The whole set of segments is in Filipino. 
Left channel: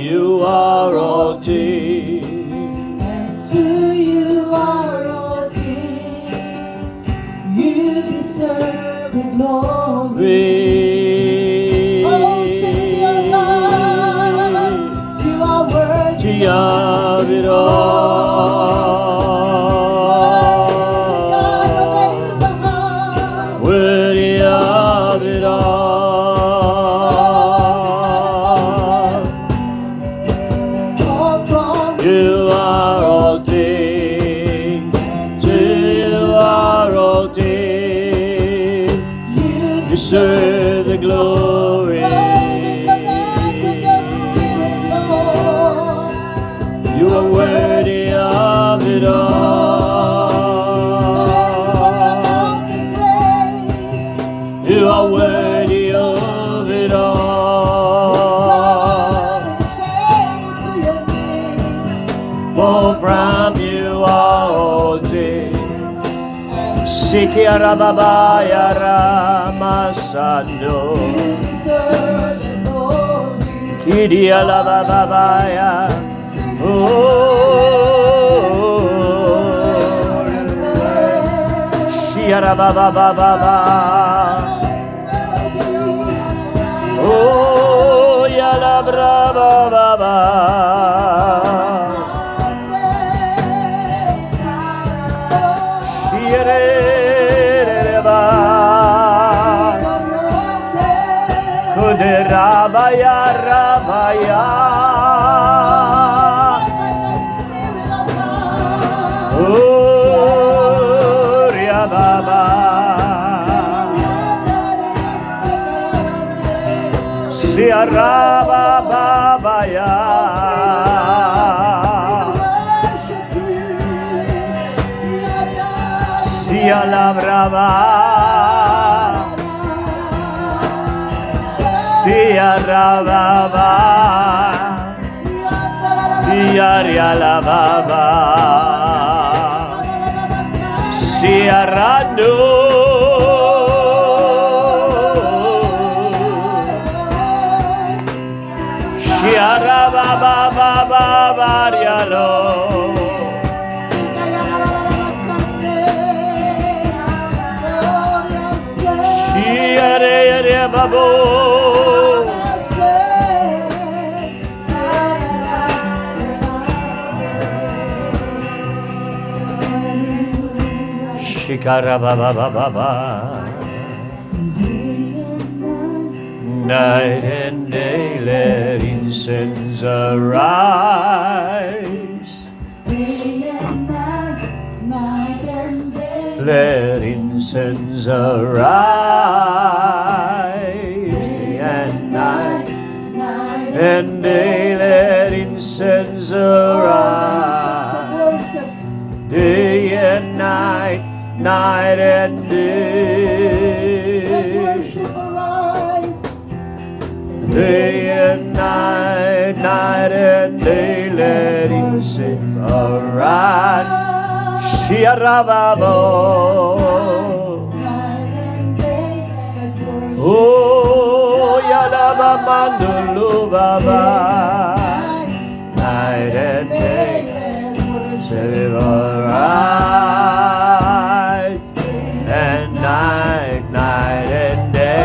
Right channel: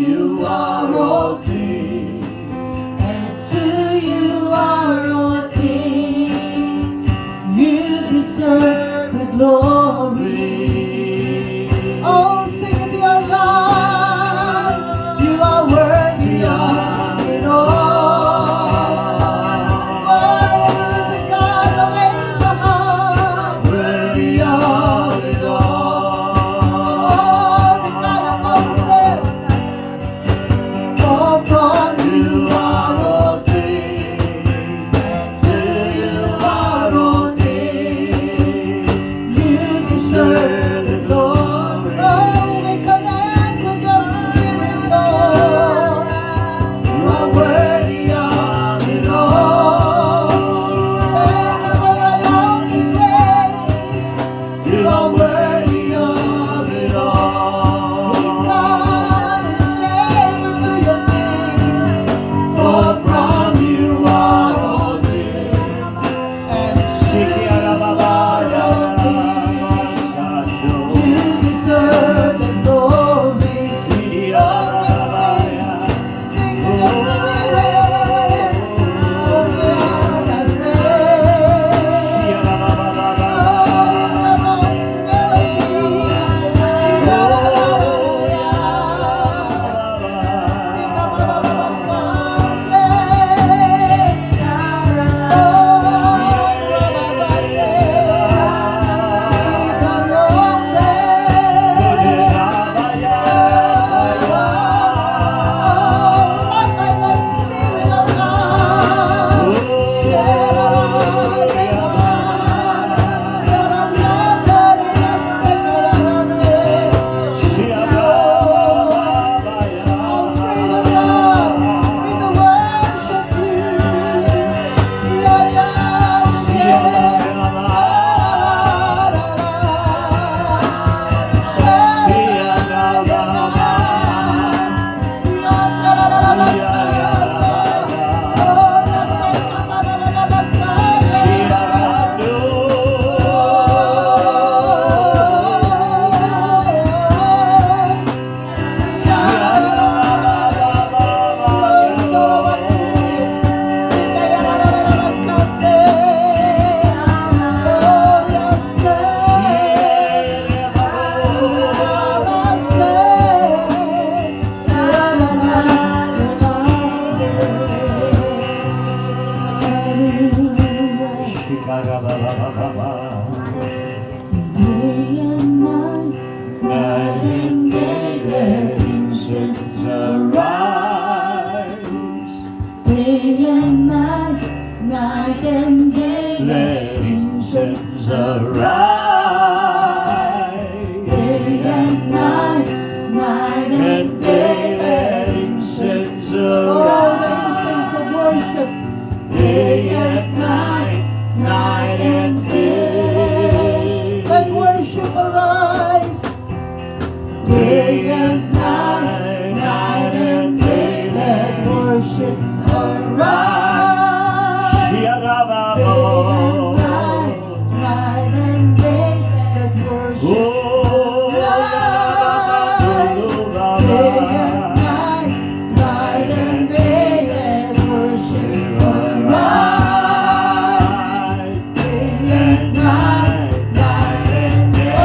You are all things, and to you are all things. You deserve the glory. Oh, sing it to your God. You are worthy of it all. worthy of it all. You are all things, to you are all things. You deserve the glory. Oh, we connect with your spirit, Lord. You are worthy of it all. You are worthy of it all. For from you are all things. Sikiara baba yara masando. You deserve the glory. Kidia la baba ya. Shiara baba baba. Oh, yala brava baba. Night and day let incense arise. Day and night, night and day. Let incense arise. Day and night, night And day let incense arise. Day and night, night and day. Let worship arise. Day and night, night and day, let incense arise. Shiaravavo. Night and day, let worship Oh, Yalava Mandulu Baba. Night and day, let worship arise. And night, night and day.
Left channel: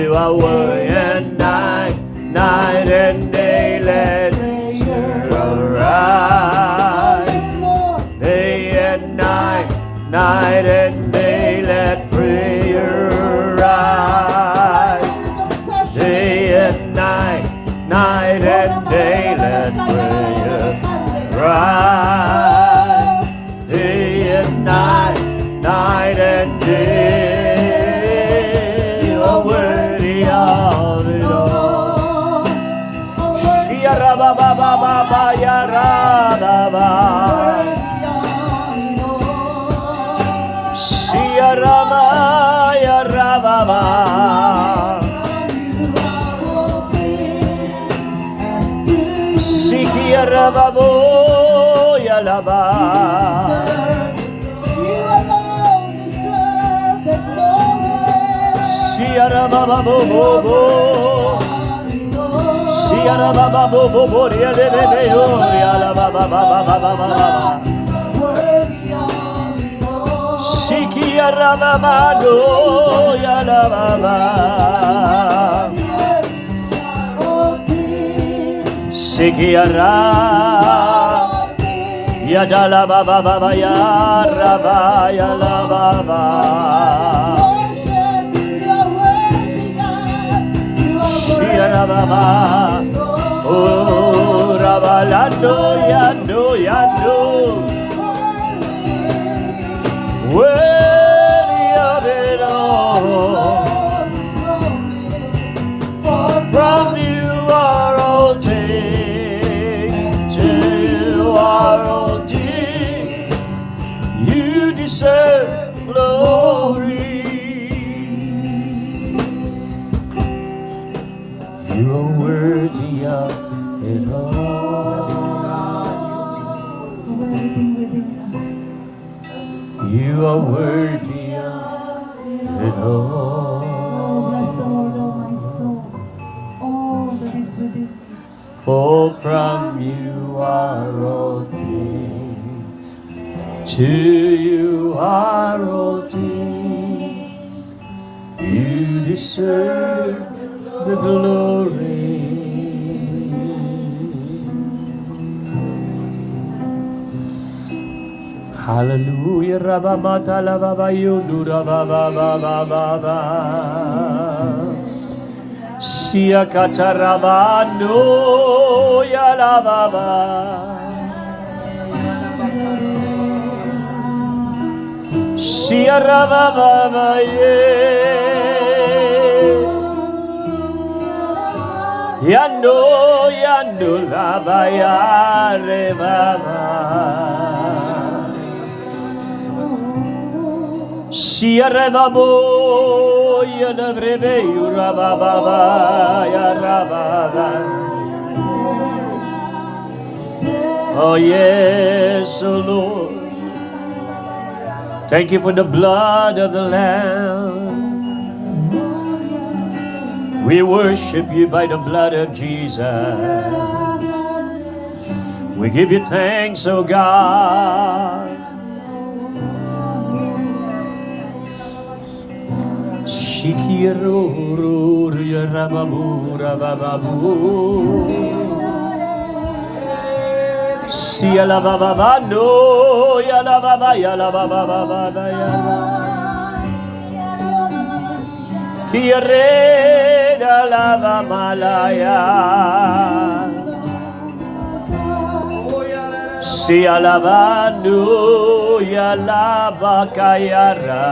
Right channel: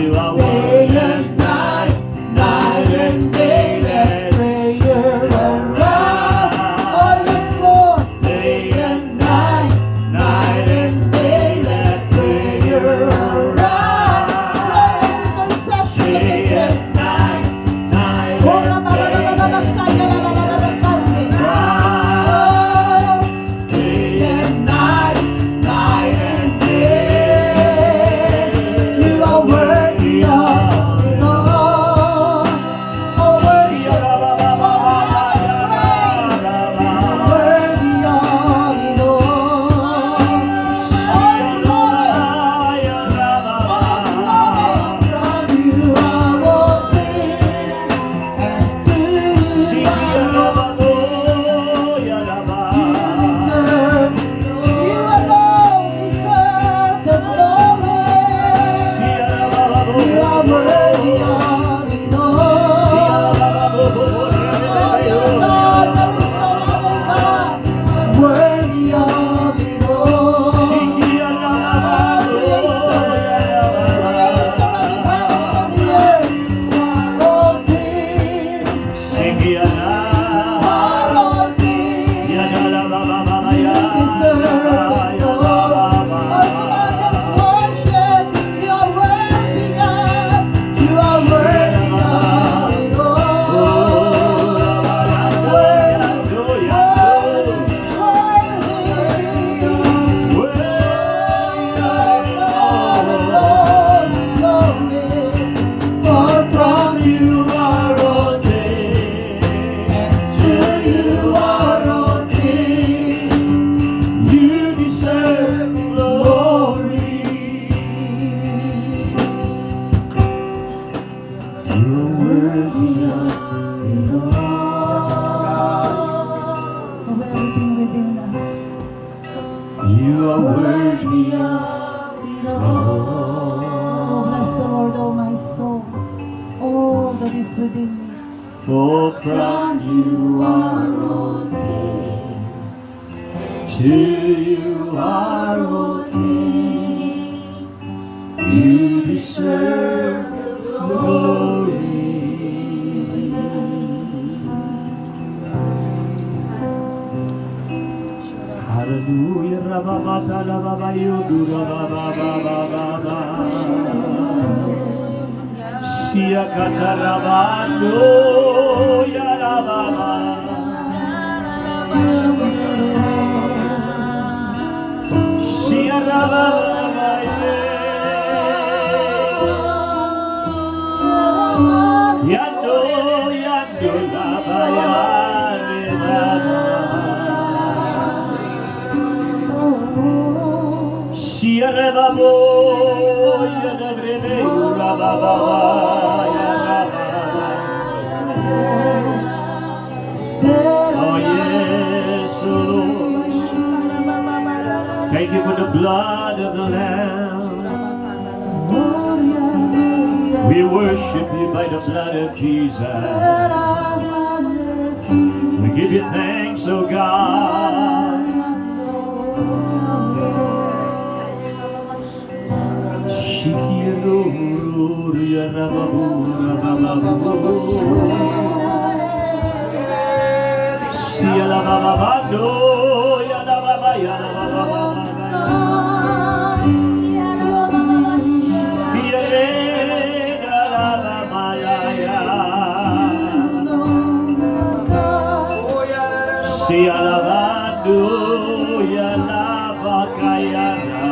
You are worthy and night, night and day, let prayer arise. Yada la ba ba ba ba ya la ba ya la ba ba. Ya la ba ba. Oh la ba la no ya no ya no. Worthy of it all. For from you are all things, to you are all things. You deserve glory. You are worthy of it all. You are worthy of it all. Bless the Lord, oh my soul, all that is within me. For from you are all things, to you are all things. You deserve the glory. Hallelujah, Rabamata Lababa Yodura Baba Baba Baba. Sia Katarabano Yalababa. Sia Rababa Yando Yando Labaya Rebaba. Sia Rebabo Yanabrebe Rababa Yalababa. Oh yes, oh Lord. Thank you for the blood of the Lamb. We worship you by the blood of Jesus. We give you thanks, oh God. Shikiru Yarababu Rababu. Sia la baba bando ya la baba ya la baba baba ya. Kiere da la baba la ya. Sia la bando ya la baka ya ra.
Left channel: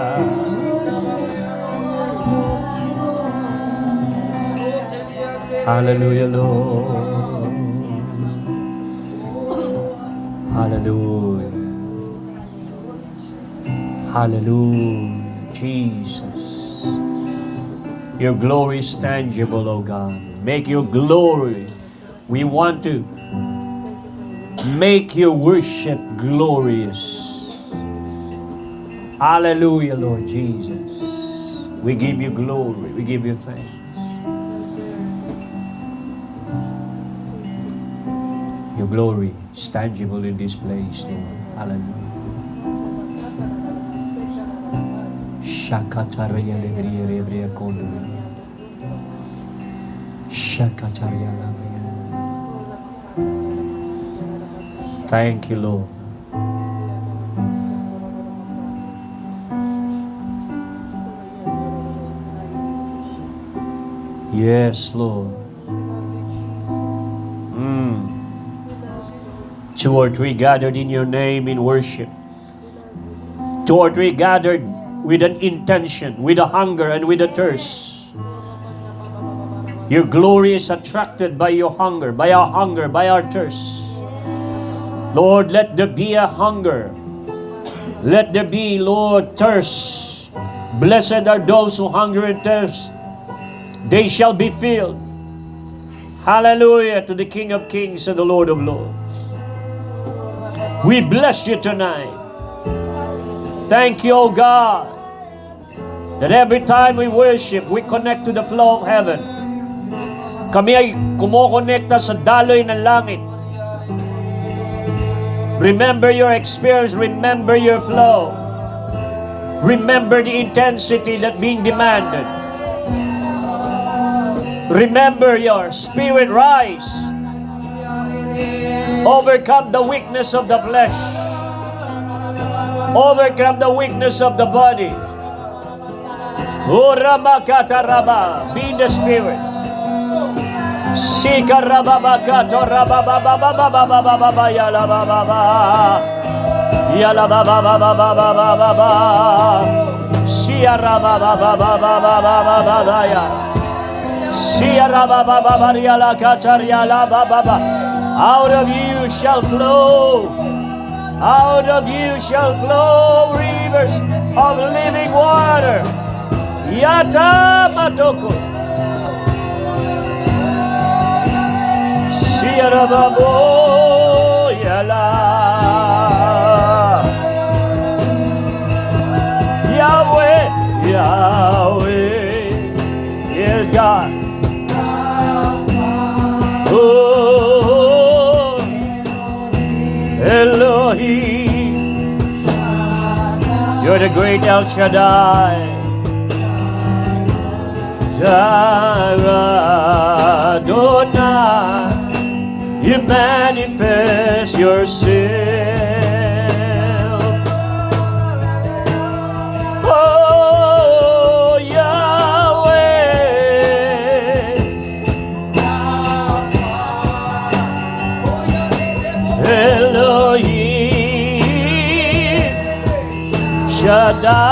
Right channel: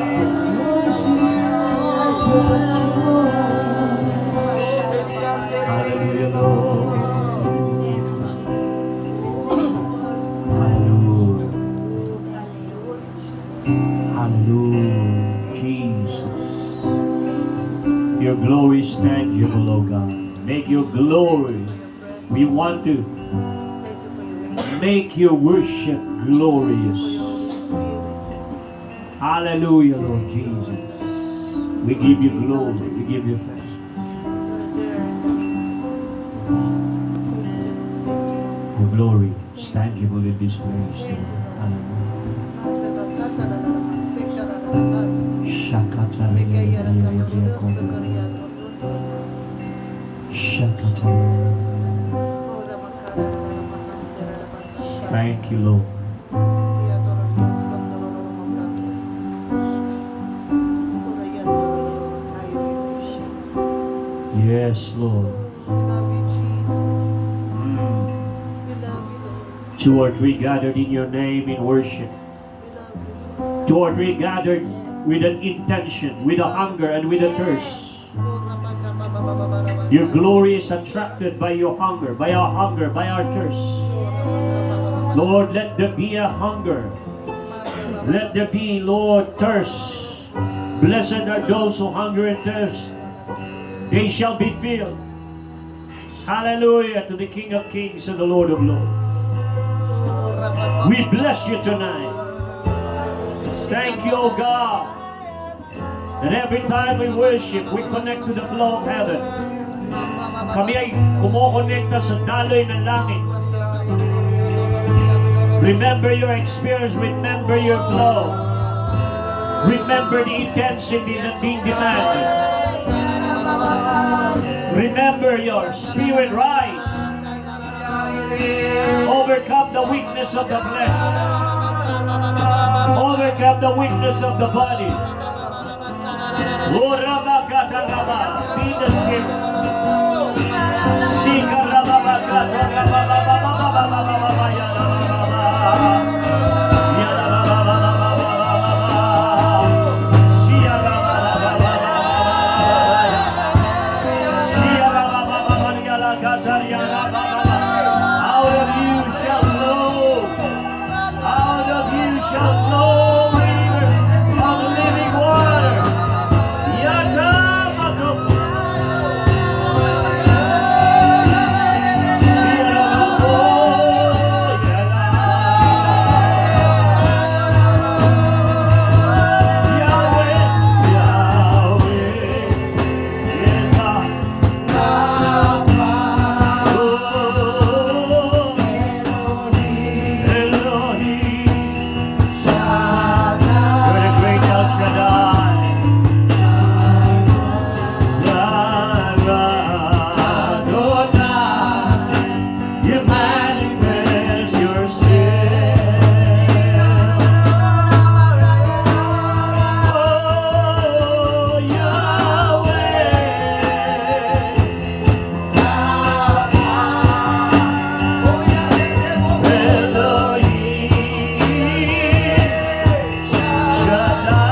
Hallelujah, Lord. Hallelujah. Hallelujah. Jesus. Your glory is tangible, oh God. Make your glory. We want to make your worship glorious. Hallelujah, Lord Jesus. We give you glory. We give you thanks. Your glory is tangible in this place, Lord. Hallelujah. Thank you, Lord. Yes, Lord. Two or three gathered in your name in worship. Two or three gathered with an intention, with a hunger and with a thirst. Your glory is attracted by your hunger, by our hunger, by our thirst. Lord, let there be a hunger. Let there be, Lord, thirst. Blessed are those who hunger and thirst. They shall be filled. Hallelujah to the King of Kings and the Lord of Lords. We bless you tonight. Thank you, O God, that every time we worship, we connect to the flow of heaven. Kami ay kumokonekta sa daloy ng langit. Remember your experience. Remember your flow. Remember the intensity that's being demanded. Remember your spirit rise. Overcome the weakness of the flesh. Overcome the weakness of the body. Urabakataraba. Be in the spirit. Sikarababakatorabababababababababa yalabababa. Yalababababababababa. Siarababababababababaya. Siarababababarialakatariyalabababa. Out of you shall flow. Out of you shall flow rivers of living water. Yata matoko. Siarababo yala. Yahweh, Yahweh is God. Oh, Elohim. You're the great El Shaddai. Jireh, Adonai, you manifest yourself. Oh, Yahweh, Elohim, Shaddai.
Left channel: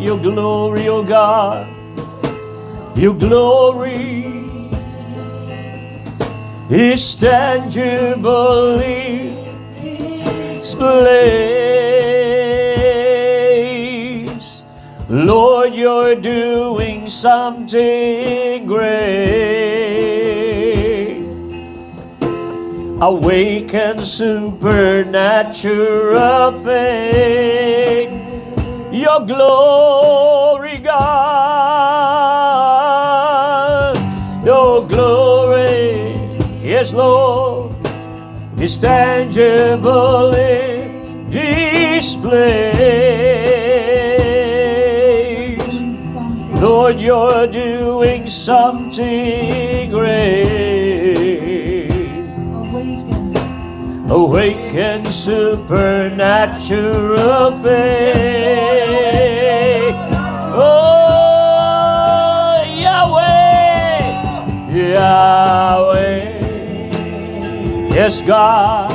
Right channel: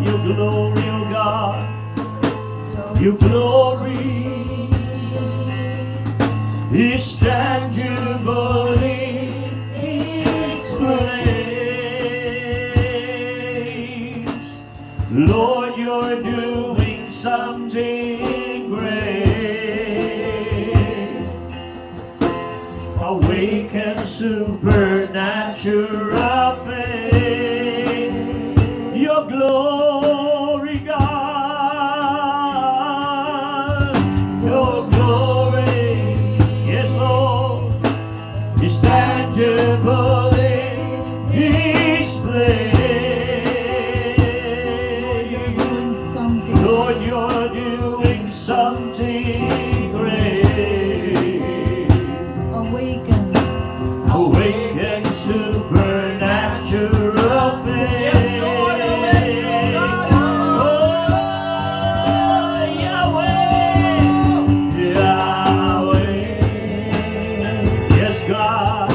Your glory, O God, your glory is tangibly displayed. Lord, you're doing something great. Awaken supernatural faith. Your glory, God. Your glory, yes, Lord, is tangibly displayed. Lord, you're doing something great. Awaken supernatural faith. Oh, Yahweh, Yahweh, yes, God.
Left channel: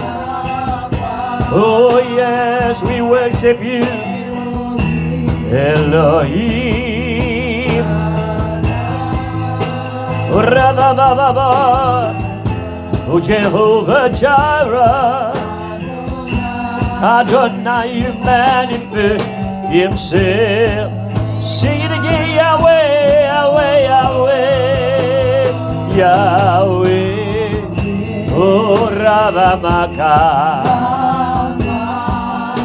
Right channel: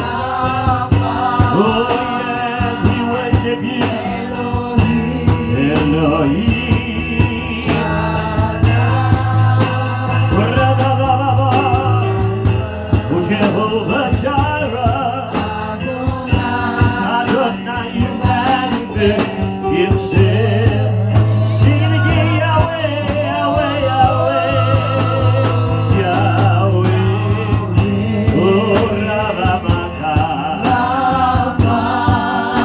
Oh, yes, we worship you, Elohim. Ra-ba-ba-ba-ba. Oh, Jehovah Jireh, Adonai, you manifest himself. Sing it again, Yahweh, Yahweh, Yahweh, Yahweh. Oh, Ravamaka.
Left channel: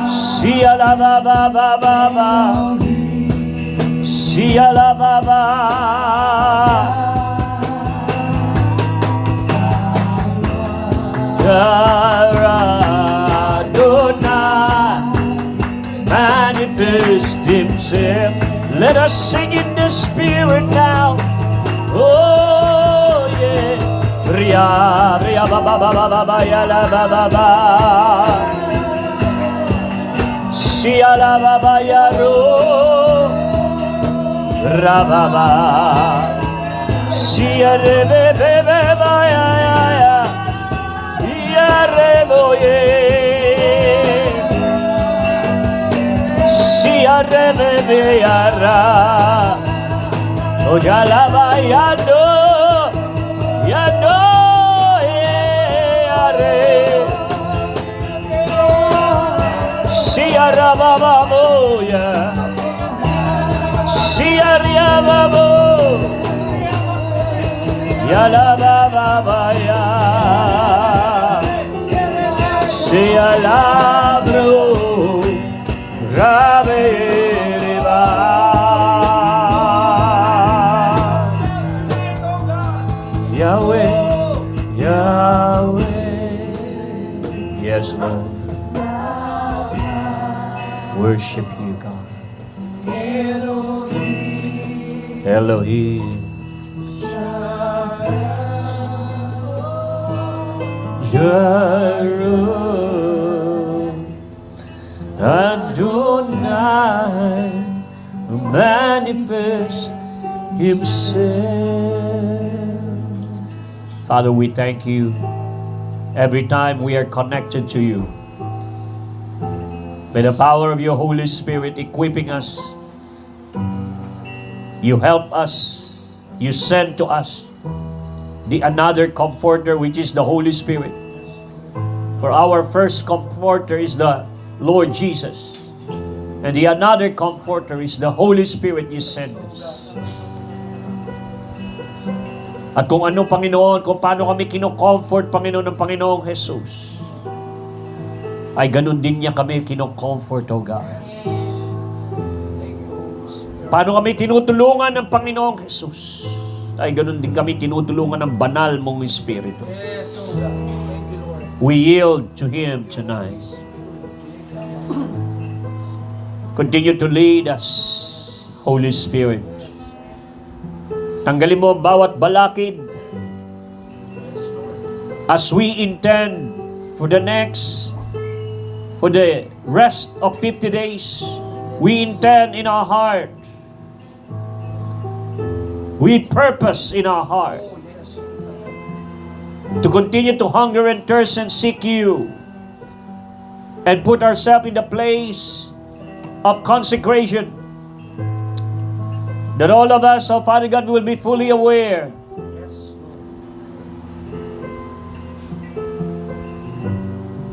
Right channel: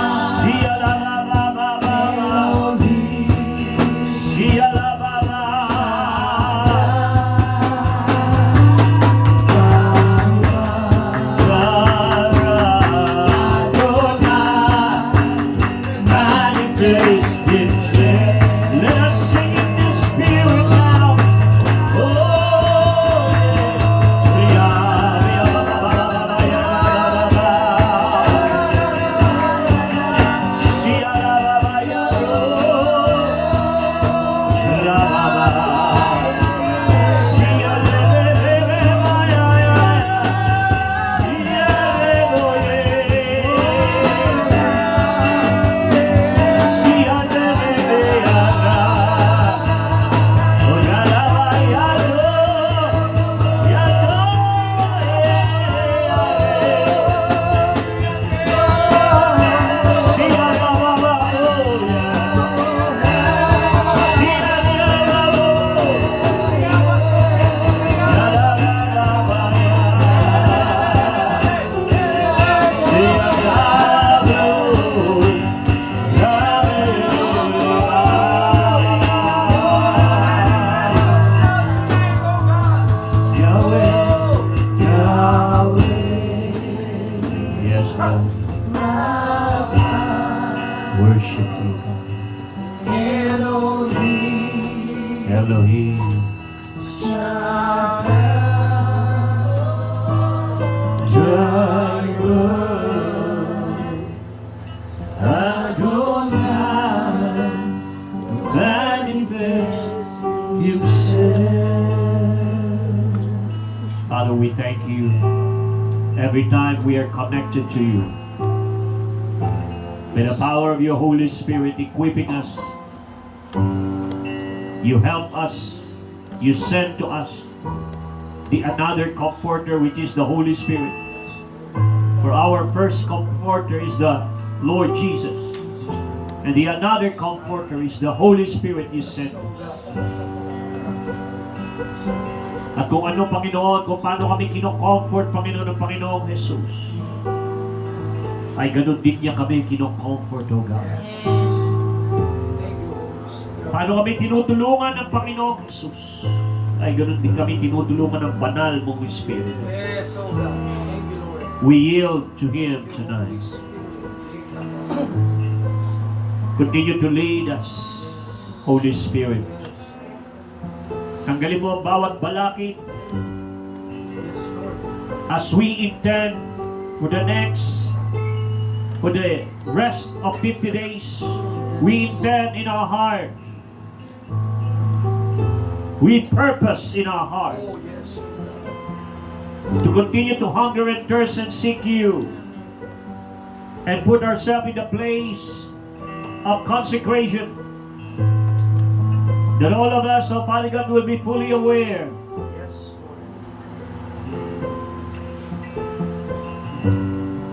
Sialababababa. Sialababa. Himself. Let us sing in the spirit now. Oh yeah. Ria, ria, ba, ba, ba, ba, ba, ba, ya, la, ba, ba, ba. Sia, la, ba, ba, ya, ro. Ra, ba, ba. Sia, re, be, be, be, ba, ya, ya, ya. Ya, re, bo, ye. Oh, ya la va, ya do, yeah, re. Si ara ba ba bo, ya. Si ara ba bo, ya la ba ba ba ya. Si ala blo. Worship you, God. Elohim. Jireh, Adonai, manifest Himself. Father, we thank you every time we are connected to you. By the power of your Holy Spirit equipping us, you help us, you send to us the another comforter, which is the Holy Spirit. For our first comforter is the Lord Jesus. And the another comforter is the Holy Spirit you send us. At kung ano, Panginoon, kung paano kami kinocomfort, Panginoon, ng Panginoong Jesus, ay ganun din niya kami kinocomfort, O God. Paano kami tinutulungan ng Panginoong Jesus, ay ganun din kami tinutulungan ng banal mong Espiritu. Yes, oh God. Thank you, Lord. We yield to Him tonight. Continue to lead us, Holy Spirit. Tanggalin mo ang bawat balakid Yes, Lord. as we intend for the rest of 50 days. We intend in our heart. We purpose in our heart Oh, yes. to continue to hunger and thirst and seek you and put ourselves in the place of consecration, that all of us, oh Father God, will be fully aware Yes,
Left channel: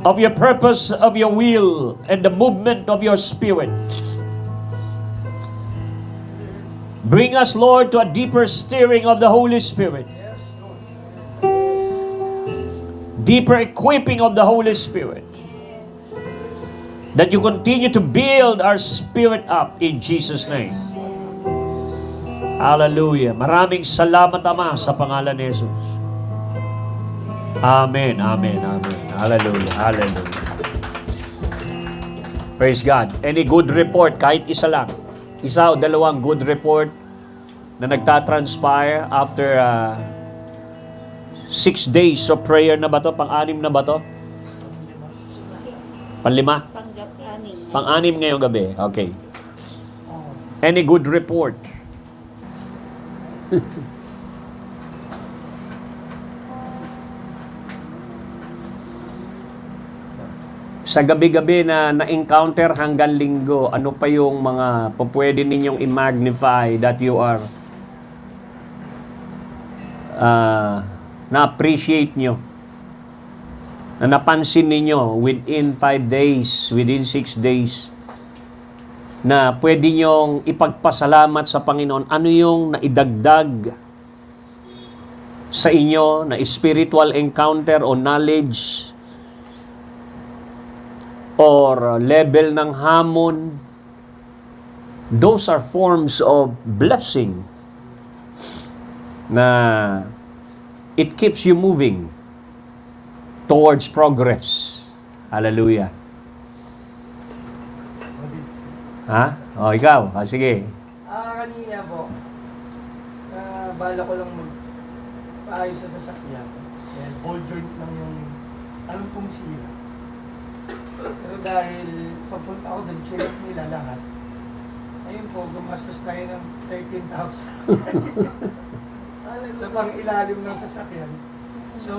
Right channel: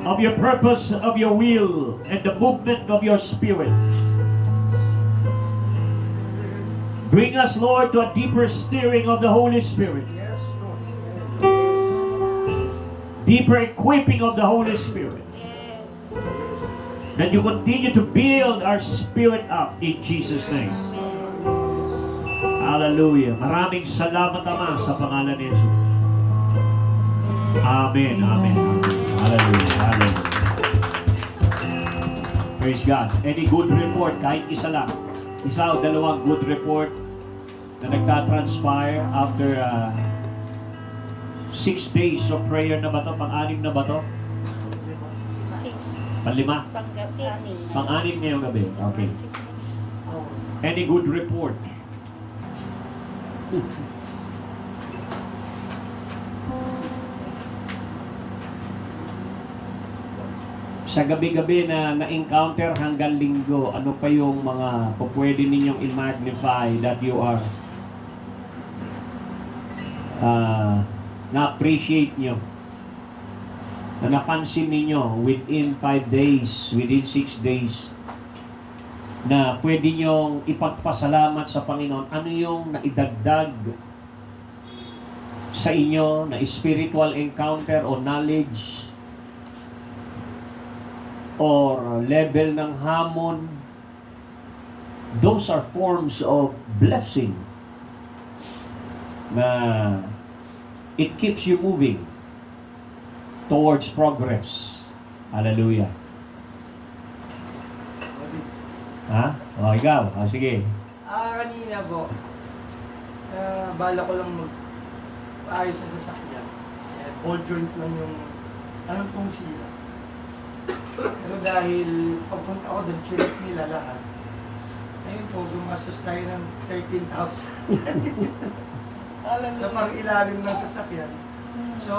of your purpose, of your will, and the movement of your Spirit. Bring us, Lord, to a deeper stirring of the Holy Spirit, yes, Lord. deeper equipping of the Holy Spirit, that you continue to build our spirit up in Jesus' name. Hallelujah. Maraming salamat, Ama, sa pangalan ni Jesus. Amen, amen, amen. Hallelujah, hallelujah. Praise God. Any good report, kahit isa lang, isa o dalawang good report na nagtatranspire after 6 days of prayer na ba to? Pang-anim na ba to? 6. Panlima? Pangasianin. Pang-anim ngayong gabi. Okay. Any good report? Sa gabi-gabi na na-encounter hanggang linggo, ano pa yung mga pwede ninyong i-magnify that you are na-appreciate nyo, na napansin ninyo within 5 days, within 6 days, na pwede nyong ipagpasalamat sa Panginoon? Ano yung naidagdag sa inyo na spiritual encounter o knowledge or level ng hamon? Those are forms of blessing na it keeps you moving towards progress. Hallelujah. Ha? O, ikaw. Sige. Kanina po, bala ko lang magpaayos sa sasakyan. Ayan, all joint lang yung, anong pong sira. Pero dahil pagpunta ko doon, chinek nila lahat. Ayun po, gumastos tayo ng 13,000. sa pang-ilalim ng sasakyan. So,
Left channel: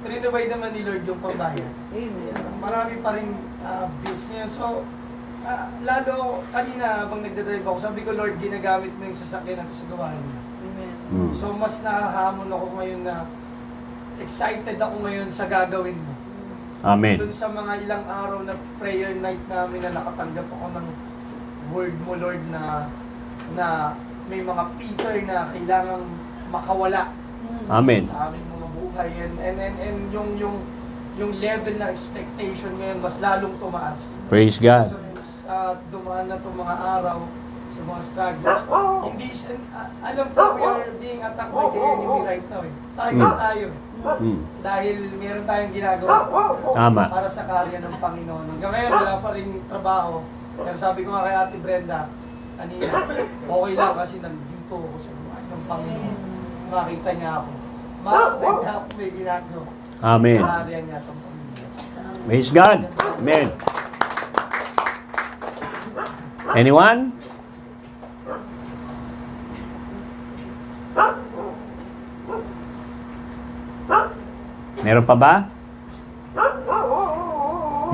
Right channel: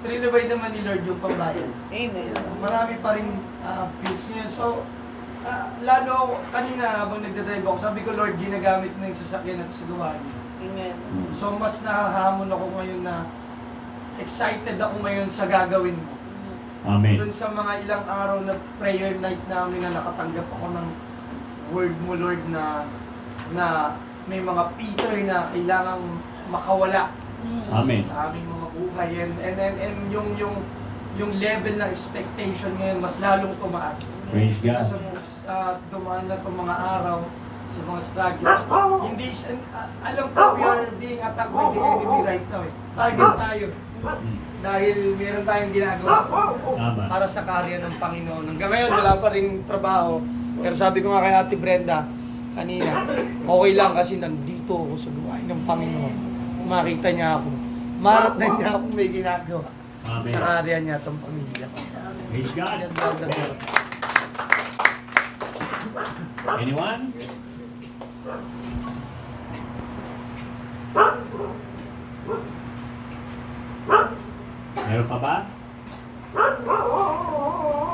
renovate naman ni Lord yung pambayan. Amen. Marami pa rin bills ngayon. So, lalo kanina habang nagdadrive ako, sabi ko, Lord, ginagamit mo yung sasakyan natin sa gawain niyo. Amen. So, mas nakahamon ako ngayon na excited ako ngayon sa gagawin mo. Amen. Doon sa mga ilang araw na prayer night namin na nakatanggap ako ng word mo, Lord, na may mga Peter na kailangang makawala Amen. sa aming mga buhay. And yung level na expectation ngayon mas lalong tumaas. Praise God. Sa dumaan na itong mga araw, sa mga struggles. Hindi siya, alam ko we are being attacked by the enemy right now. Target tayo. Dahil meron tayong ginagawa Tama. para sa karya ng Panginoon. Hanggang ngayon, wala pa rin trabaho. Pero sabi ko nga kay Ate Brenda, kanina, okay lang kasi nandito ako sa buhay ng Panginoon. Makita niya ako. Makita niya ako may ginagawa. Amen. Sa area niya itong pamilya. Praise God. Amen. Anyone? Meron pa ba?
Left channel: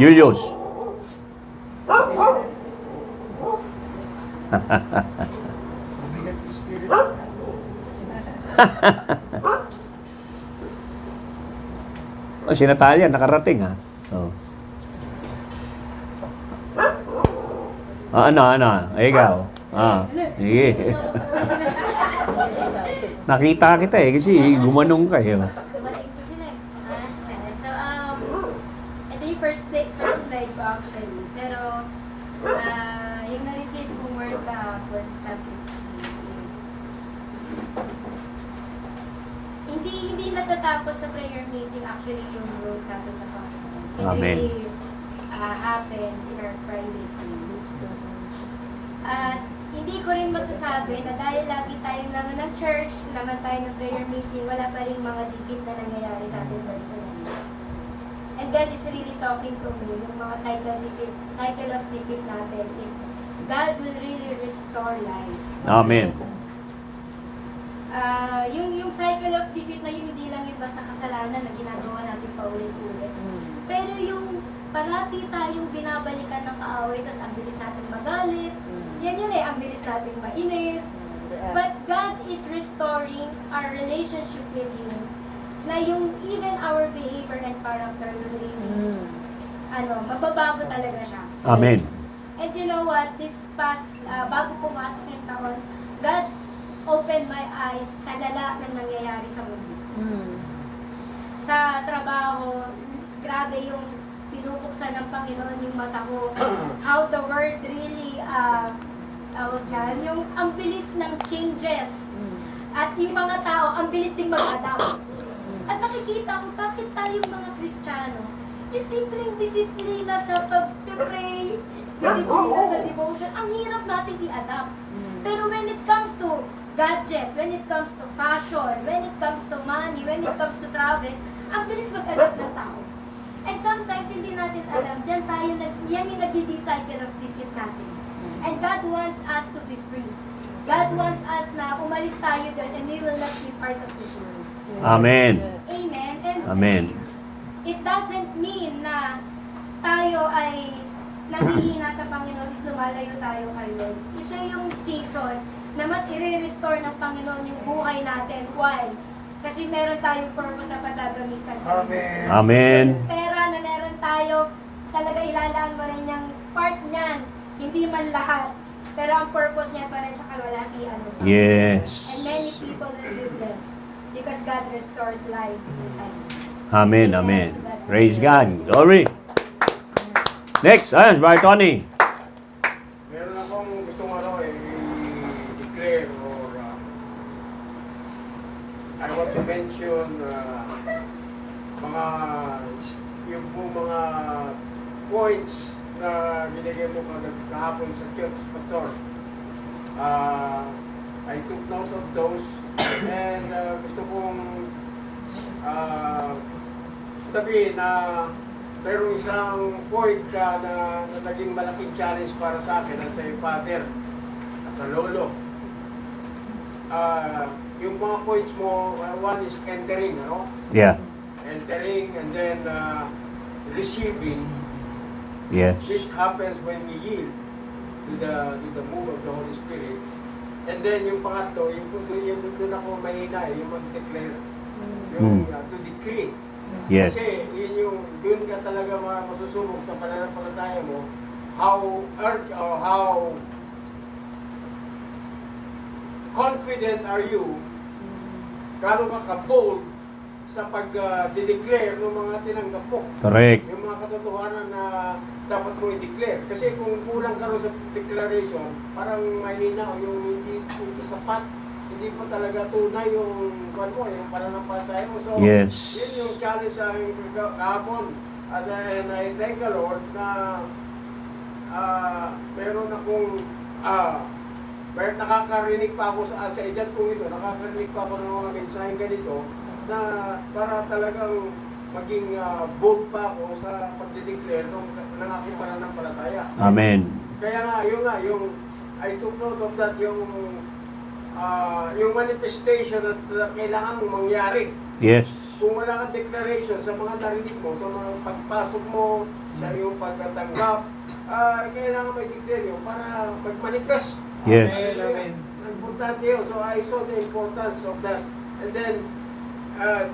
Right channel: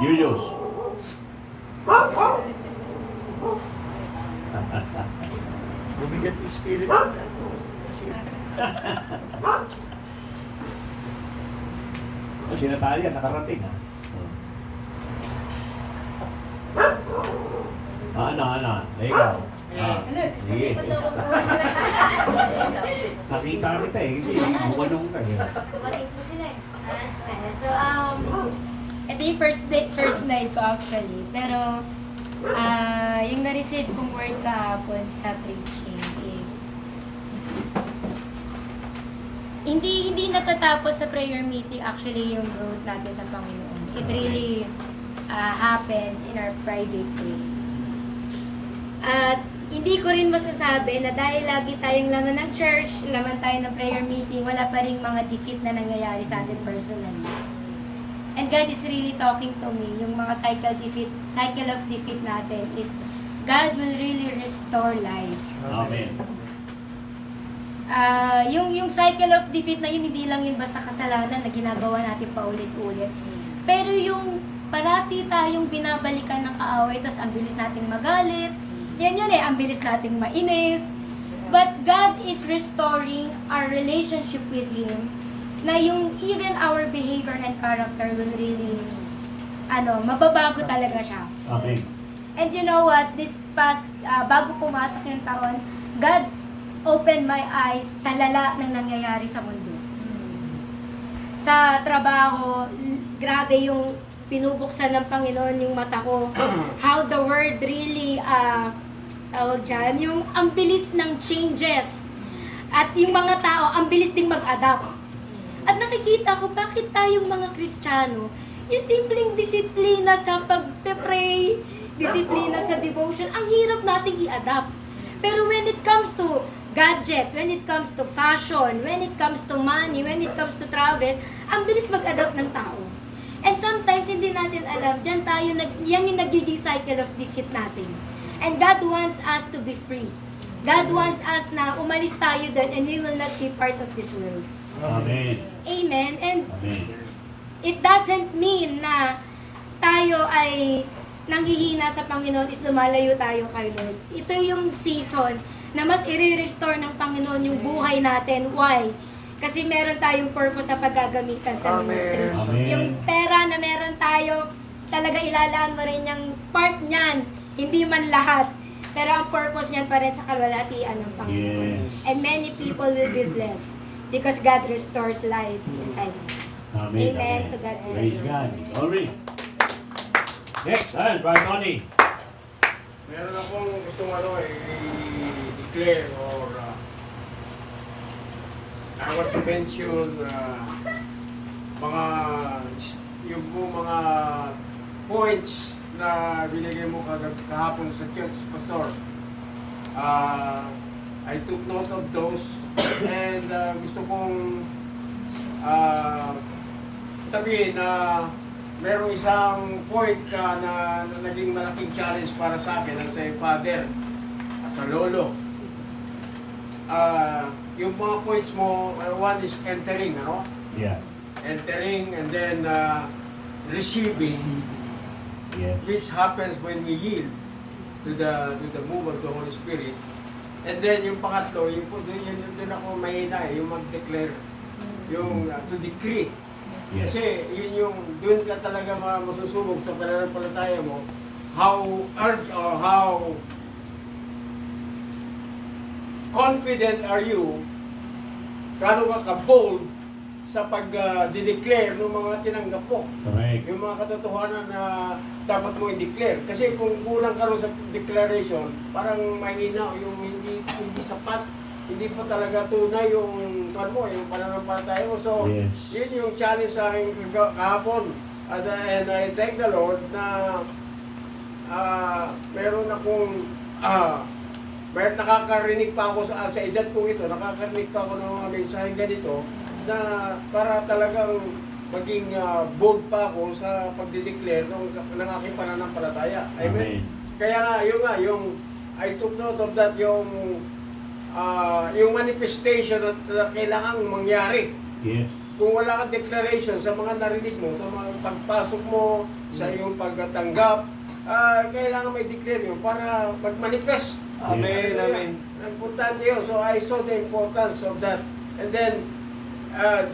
Julius. Bumigat yung spirit. Oh, si Natalia, nakarating ha. Oh. Ano? Ay, ikaw. Sige. Nakita kita kasi gumanong ka eh. Dumating po sila eh. So, ito yung first night ko actually. Pero, yung na-receive kong word kahapon sa preaching is, hindi natatapos sa prayer meeting actually yung growth natin sa Panginoon. It Amen. really happens in our private place. At hindi ko rin masasabi na dahil lagi tayong laman ng church, laman tayo ng prayer meeting, wala pa rin mga defeat na nangyayari sa atin personally. And God is really talking to me. Yung mga cycle of defeat natin is God will really restore life. Amen. Yung cycle of defeat na yun, hindi lang yung basta kasalanan na ginagawa natin paulit-ulit. Pero yung parati tayong binabalikan ng kaaway, tapos ang bilis nating magalit, yan ang bilis nating mainis. But God is restoring our relationship with Him, na yung even our behavior and character will really, mababago talaga siya. Amen. And you know what, this past, bago pumasok yung taon, God opened my eyes sa lala na nangyayari sa mundo. Sa trabaho, grabe yung pinubuksan ng Panginoon yung mata ko. How the world really, yung ang bilis ng changes. At yung mga tao, ang bilis ding mag-adapt. At nakikita ko, bakit tayong mga Kristiyano, yung simpleng disiplina sa pag-pray, disiplina sa devotion, ang hirap nating i-adapt. Pero when it comes to gadget, when it comes to fashion, when it comes to money, when it comes to travel, ang bilis mag-adapt ng tao. And sometimes hindi natin alam, yan yung nagiging cycle of defeat natin. And God wants us to be free. God wants us na umalis tayo doon and we will not be part of this world. Amen. Amen. And Amen. it doesn't mean na tayo ay nanghihina sa Panginoon is lumalayo tayo kay Lord. Ito yung season na mas i-restore ng Panginoon yung buhay natin. Why? Kasi meron tayong purpose na paggagamitan sa ministry. Amen. Yung pera na meron tayo, talaga ilalaan mo rin yung part niyan. Hindi man lahat. Pero ang purpose niyan pa rin sa kalwalhatian ng Panginoon. Yes. And many people will be blessed because God restores life inside us. Amen. Amen. Amen. To God. Praise God. Glory. Next, Brother Tony. Meron akong gustong i-declare or I want to mention yung mga points na binigay mo kahapon sa church, Pastor. I took note of those and gusto kong sabihin na merong isang point na naging malaking challenge para sa akin as a father, as a lolo. Yung mga points mo, one is entering, Yeah. entering and then receiving. Yes. This happens when we yield to the move of the Holy Spirit. And then yung pangatlo, doon ako mahina, yung mag-declare, yung to decree. Yes. Kasi yun yung, doon ka talaga masusunog sa pananampalataya mo, how urged or how confident are you, gaano ka bold sa pag-declare ng mga tinanggap mo. Correct. Yung mga katotohanan na dapat mo i-declare. Kasi kung kulang ka rin sa declaration, parang mahina yung hindi sapat, hindi pa talaga tunay yung kwan mo, yung pananampalataya mo. So, Yes. yun yung challenge sa akin kahapon. And I thank the Lord na meron akong kahit nakakarinig pa ako sa edad ko ito, nakakarinig pa ako ng mga mensahe ganito na para talagang maging bold pa ako sa pagdideclare ng aking pananampalataya. Amen. Kaya nga, yung I took note of that, yung manifestation na kailangang mangyari. Yes. Kung wala kang declaration sa mga narinig mo, sa mga pagpasok mo, sa iyong pagtanggap, kailangan may declare yun para mag-manifest. Yes. Amen. Importante yun. So I saw the importance of that. And then,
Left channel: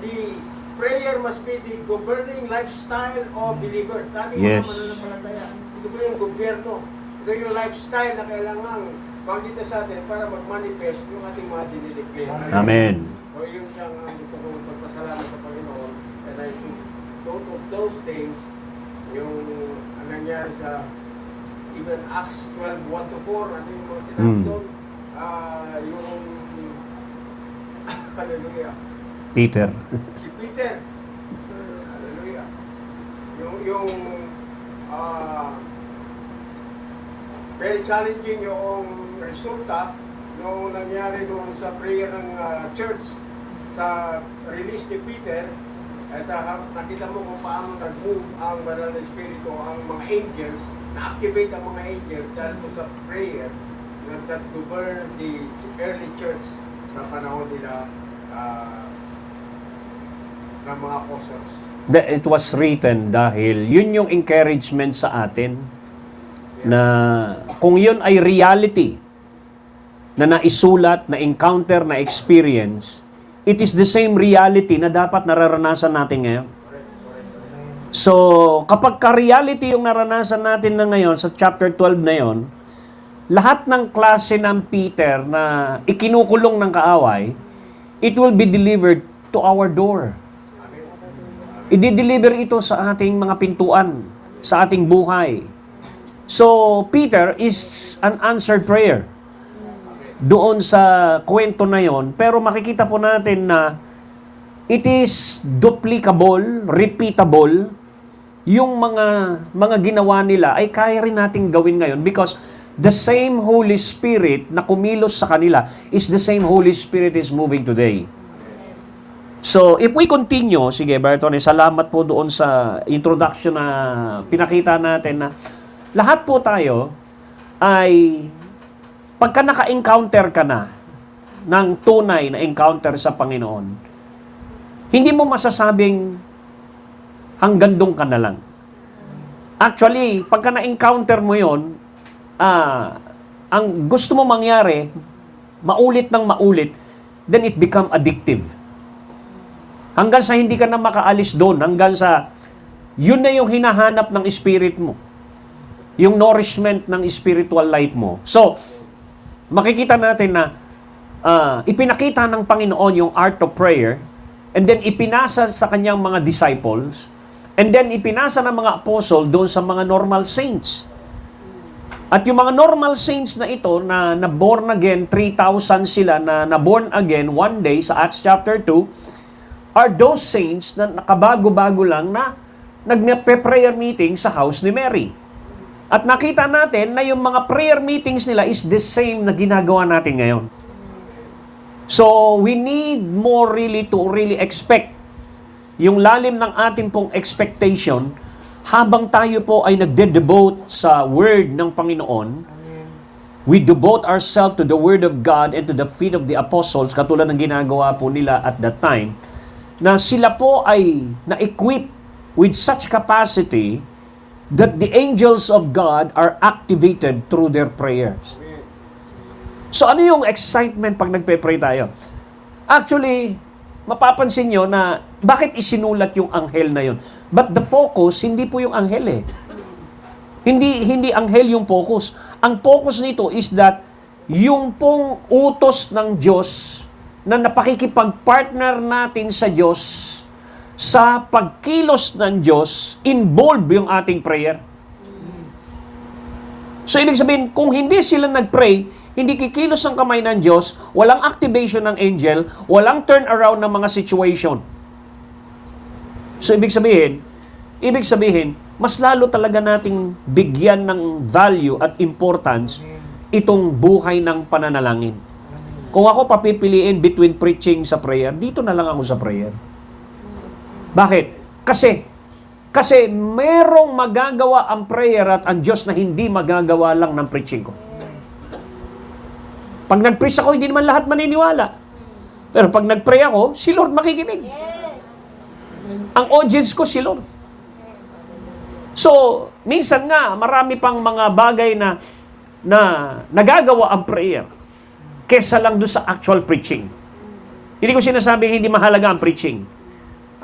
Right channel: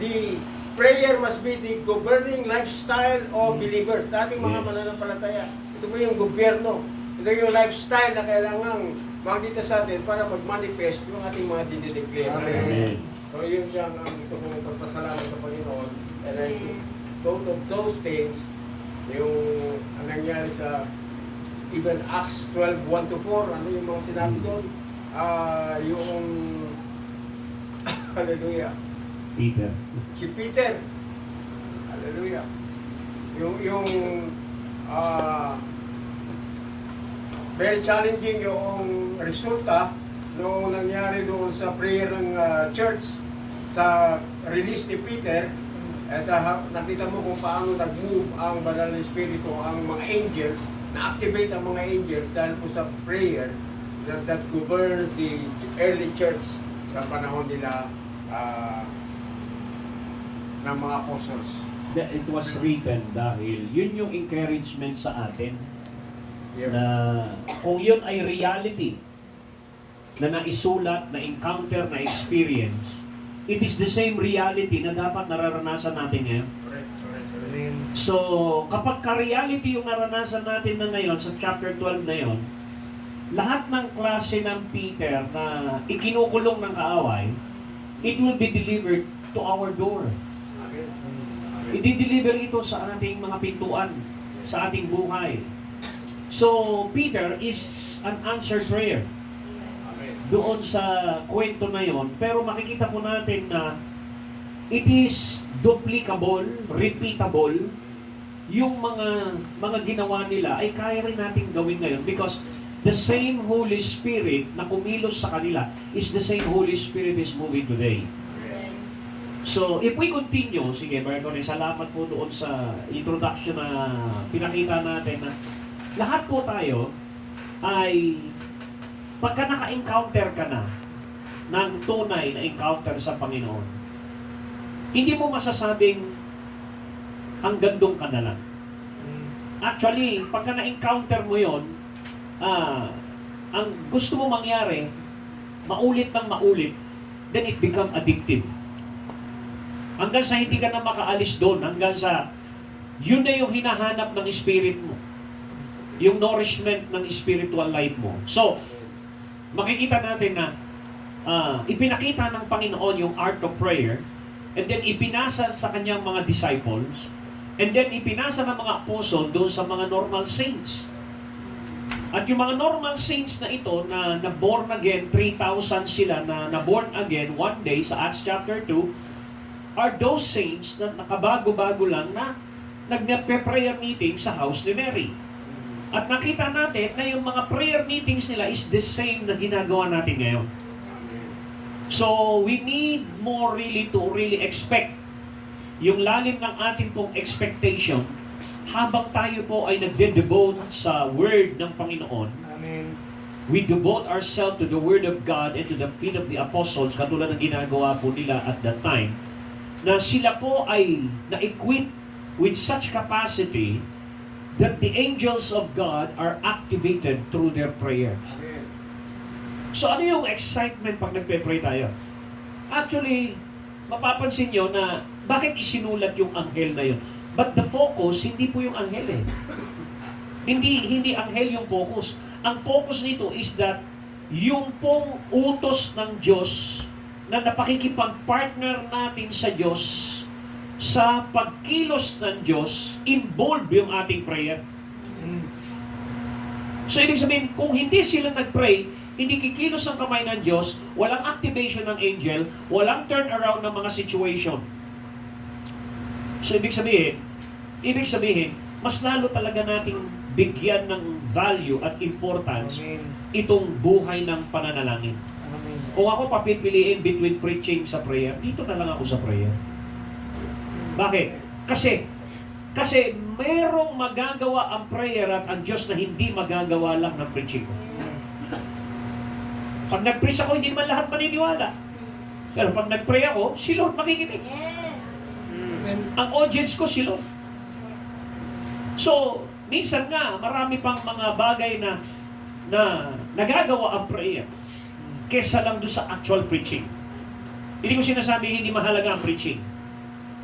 the prayer must be the governing lifestyle of believers. Dati Yes. mga mananampalataya. Ito po yung gobyerno. Ito yung lifestyle na kailangang makita sa atin para mag-manifest yung ating mga dinideclare. Amen. So yun siyang gusto ko ng pagpasalamat sa Panginoon. And I took note of those things, yung nangyari sa even Acts 12:1-4, ano yung mga sinabi doon? Yung hallelujah. Peter. Si Peter. Hallelujah. Yung very challenging yung resulta nung nangyari doon sa prayer ng church sa release ni Peter. At nakita mo kung paano nag-move ang Banal na Espiritu, ang mga angels, na-activate ang mga angels dahil po sa prayer that governs the early church sa panahon nila ng mga apostles. It was written dahil yun yung encouragement sa atin na kung yun ay reality na naisulat, na encounter, na experience, it is the same reality na dapat nararanasan natin ngayon. So, kapag ka-reality yung naranasan natin na ngayon sa chapter 12 na yon, lahat ng klase ng Peter na ikinukulong ng kaaway, it will be delivered to our door. I-deliver ito sa ating mga pintuan, sa ating buhay. So, Peter is an answered prayer doon sa kwento na yon, pero makikita po natin na it is duplicable, repeatable, yung mga ginawa nila ay kaya rin nating gawin ngayon because the same Holy Spirit na kumilos sa kanila is the same Holy Spirit is moving today. So, if we continue, sige Bertone, salamat po doon sa introduction na pinakita natin na lahat po tayo ay pagka naka-encounter ka na ng tunay na encounter sa Panginoon, hindi mo masasabing hanggang doon ka na lang. Actually, pagka na-encounter mo yon, ang gusto mo mangyari, maulit ng maulit, then it become addictive. Hanggang sa hindi ka na makaalis doon, hanggang sa yun na yung hinahanap ng spirit mo. Yung nourishment ng spiritual life mo. So, makikita natin na ipinakita ng Panginoon yung art of prayer, and then ipinasa sa kanyang mga disciples, and then ipinasa ng mga apostle doon sa mga normal saints. At yung mga normal saints na ito, na born again, 3,000 sila na born again one day sa Acts chapter 2, are those saints na nakabago-bago lang na nagpe-prayer meeting sa house ni Mary. At nakita natin na yung mga prayer meetings nila is the same na ginagawa natin ngayon. So, we need more really to really expect yung lalim ng ating pong expectation habang tayo po ay nagde-devote sa Word ng Panginoon. We devote ourselves to the Word of God and to the feet of the apostles, katulad ng ginagawa po nila at that time, na sila po ay na-equip with such capacity that the angels of God are activated through their prayers. So ano yung excitement pag nagpe-pray tayo? Actually, mapapansin nyo na bakit isinulat yung anghel na yun. But the focus, hindi po yung anghel eh. Hindi anghel yung focus. Ang focus nito is that yung pong utos ng Diyos na napakikipag-partner natin sa Diyos, sa pagkilos ng Diyos, involve yung ating prayer. So, ibig sabihin, kung hindi sila nag-pray, hindi kikilos ang kamay ng Diyos, walang activation ng angel, walang turnaround ng mga situation. So, ibig sabihin, mas lalo talaga nating bigyan ng value at importance itong buhay ng pananalangin. Kung ako papipiliin between preaching sa prayer, dito na lang ako sa prayer. Bakit? Kasi merong magagawa ang prayer at ang Diyos na hindi magagawa lang ng preaching ko. Pag nag-preach ako, hindi naman lahat maniniwala. Pero pag nag-pray ako, si Lord makikinig. Ang audience ko, si Lord. So, minsan nga, marami pang mga bagay na nagagawa ang prayer kesa lang doon sa actual preaching. Hindi ko sinasabing hindi mahalaga ang preaching.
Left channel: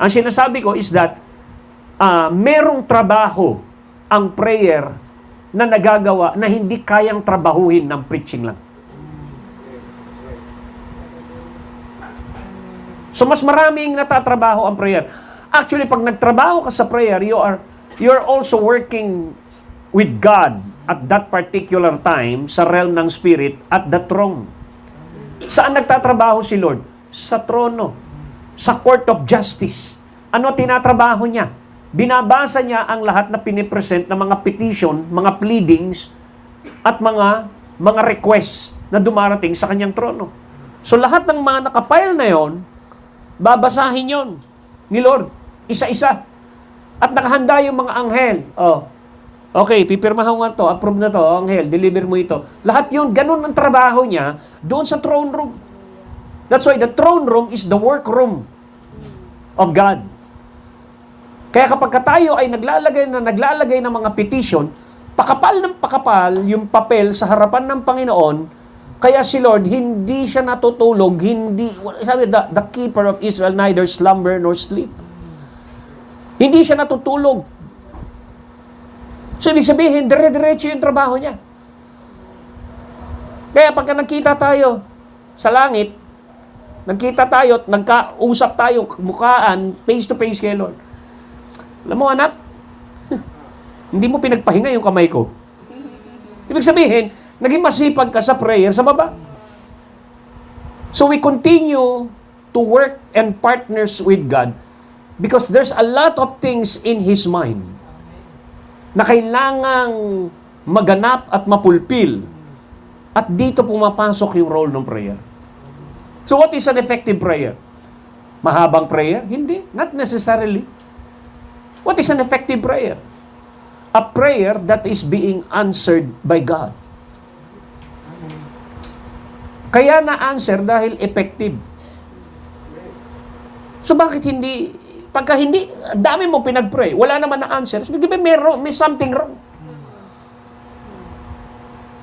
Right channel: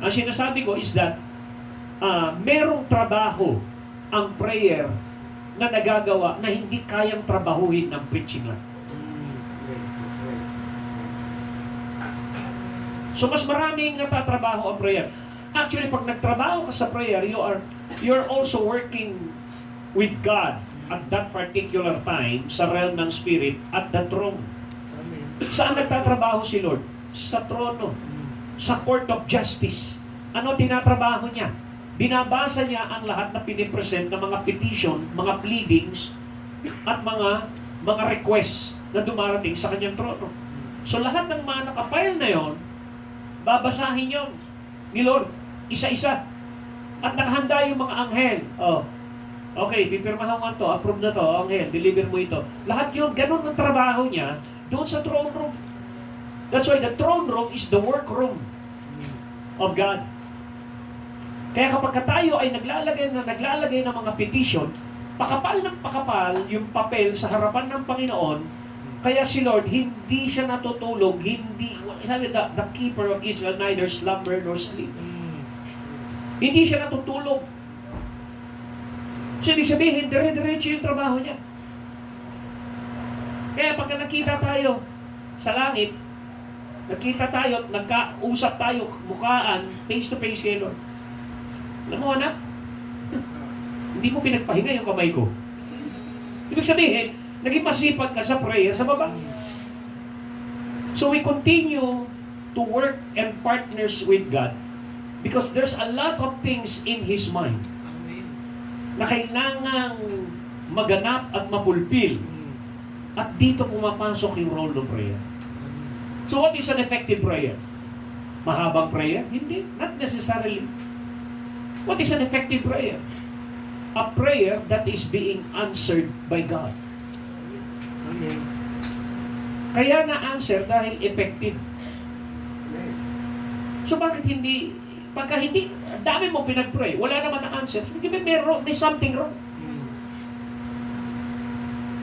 Ang sinasabi ko is that merong trabaho ang prayer na nagagawa na hindi kayang trabahuhin ng preaching lang. So, mas maraming natatrabaho ang prayer. Actually, pag nagtrabaho ka sa prayer, you're also working with God at that particular time sa realm ng spirit at the throne. Saan nagtatrabaho si Lord? Sa trono. Sa court of justice. Ano tinatrabaho niya? Binabasa niya ang lahat na pinipresent ng mga petition, mga pleadings, at mga requests na dumarating sa kanyang trono. So lahat ng mga nakapile na yon, babasahin yon ni Lord, isa-isa. At nakahanda yung mga anghel. Okay, pipirmahan nga to, approve na to, anghel, deliver mo ito. Lahat yun, ganun ang trabaho niya doon sa throne room. That's why the throne room is the workroom of God. Kaya kapag tayo ay naglalagay ng mga petition, pakapal ng pakapal yung papel sa harapan ng Panginoon, kaya si Lord, hindi siya natutulog, sabi, the keeper of Israel neither slumber nor sleep. Hindi siya natutulog. So, ibig sabihin, dire-diretso yung trabaho niya. Kaya pagka nagkita tayo sa langit, nagkita tayo at nagkausap tayo, mukhaan, face-to-face kay Lord. Alam mo, anak, hindi mo pinagpahinga yung kamay ko. Ibig sabihin, naging masipag ka sa prayer sa baba. So we continue to work and partners with God because there's a lot of things in His mind na kailangang maganap at mapulpil. At dito pumapasok yung role ng prayer. So what is an effective prayer? Mahabang prayer? Hindi. Not necessarily. What is an effective prayer? A prayer that is being answered by God. Kaya na-answer dahil effective. So bakit hindi, pagka hindi, dami mo pinag-pray, wala naman na-answer, so di ba may something wrong?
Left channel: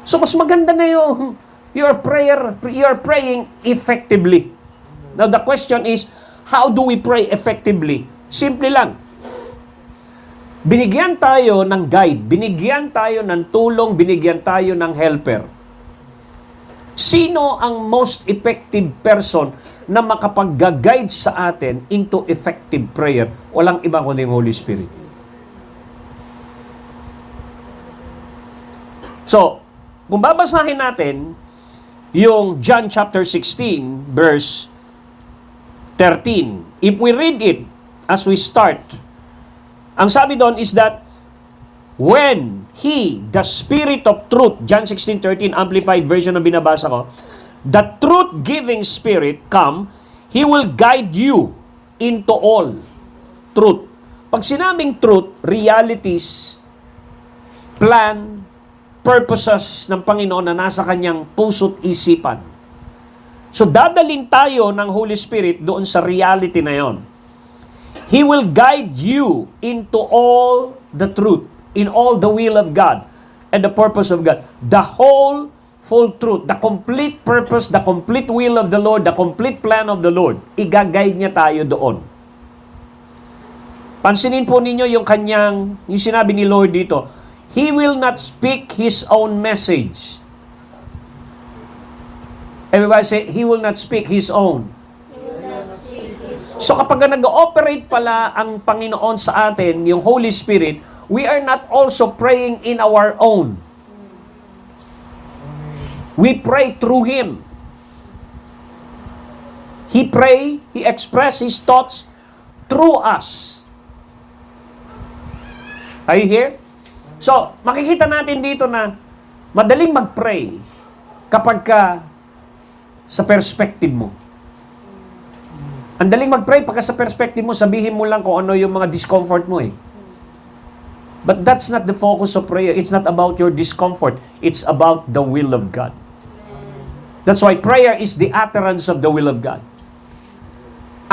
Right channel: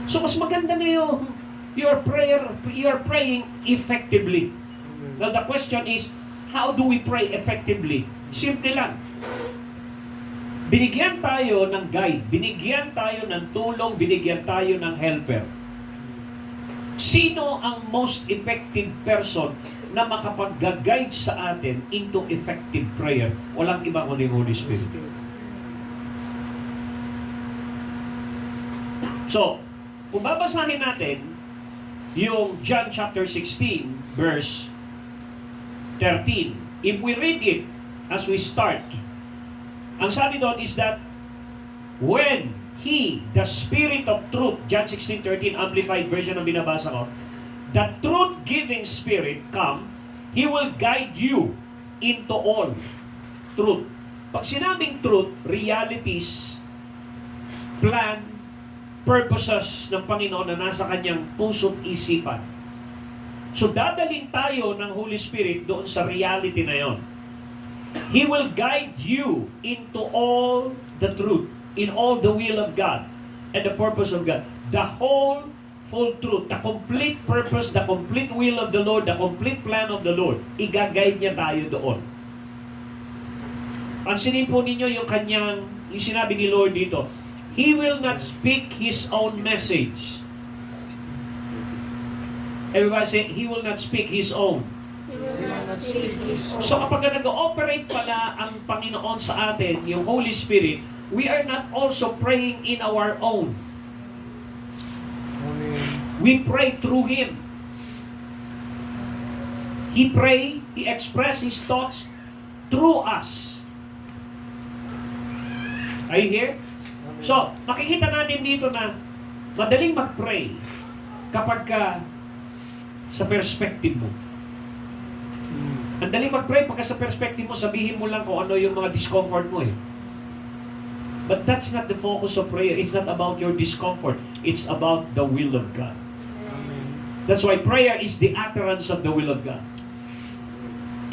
So mas maganda na yung your praying effectively. Now the question is, how do we pray effectively? Simple lang. Binigyan tayo ng guide, binigyan tayo ng tulong, binigyan tayo ng helper. Sino ang most effective person na makapag-guide sa atin into effective prayer? Walang iba kundi yung Holy Spirit. So, kung babasahin natin yung John chapter 16, verse 13, if we read it as we start, ang sabi doon is that when He, the Spirit of Truth, John 16:13, Amplified Version na binabasa ko, the truth-giving Spirit come, He will guide you into all truth. Pag sinabing truth, realities, plan, purposes ng Panginoon na nasa kanyang puso't isipan. So dadaling tayo ng Holy Spirit doon sa reality na yon. He will guide you into all the truth, in all the will of God and the purpose of God. The whole, full truth, the complete purpose, the complete will of the Lord, the complete plan of the Lord. Iga-guide niya tayo doon. Pansinin po ninyo yung sinabi ni Lord dito, He will not speak His own message. Everybody say, He will not speak His own. So kapag nag-ooperate pala ang Panginoon sa atin, yung Holy Spirit, we are not also praying in our own. We pray through Him. He express His thoughts through us. Are you here? So, makikita natin dito na madaling mag-pray kapag ka sa perspective mo. Ang daling mag-pray pagka sa perspective mo, sabihin mo lang kung ano yung mga discomfort mo eh. But that's not the focus of prayer. It's not about your discomfort. It's about the will of God. That's why prayer is the utterance of the will of God.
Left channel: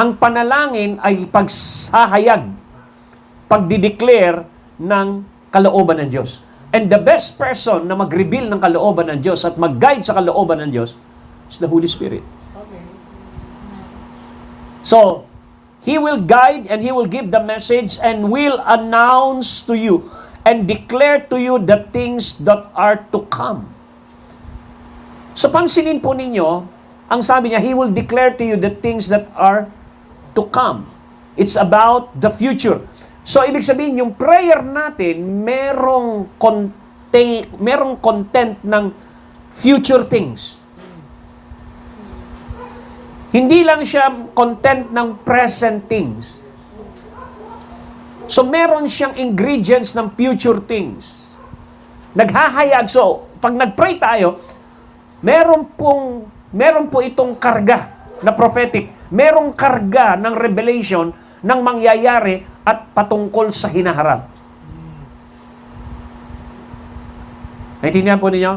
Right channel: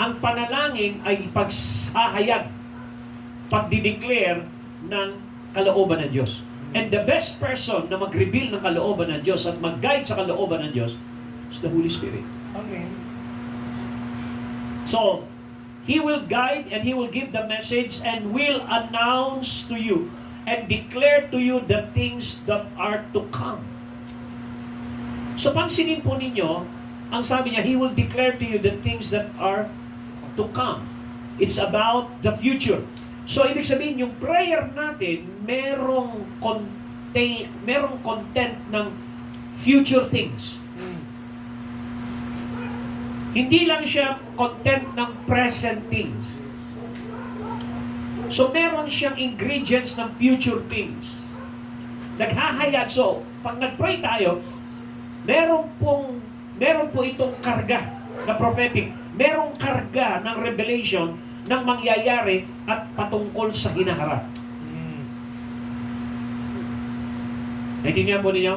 Ang panalangin ay pagsahayag, pagdideclare ng kalooban ng Diyos. And the best person na mag-reveal ng kalooban ng Diyos at mag-guide sa kalooban ng Diyos is the Holy Spirit. Amen. So, He will guide and He will give the message and will announce to you and declare to you the things that are to come. So, pansinin po ninyo, ang sabi niya, He will declare to you the things that are to come. It's about the future. So, ibig sabihin, yung prayer natin, merong content ng future things. Hindi lang siya content ng present things. So, meron siyang ingredients ng future things. Naghahayag. So, pag nag-pray tayo, meron po itong karga na prophetic. Merong karga ng revelation ng mangyayari at patungkol sa hinaharap. Naintindihan po ninyo?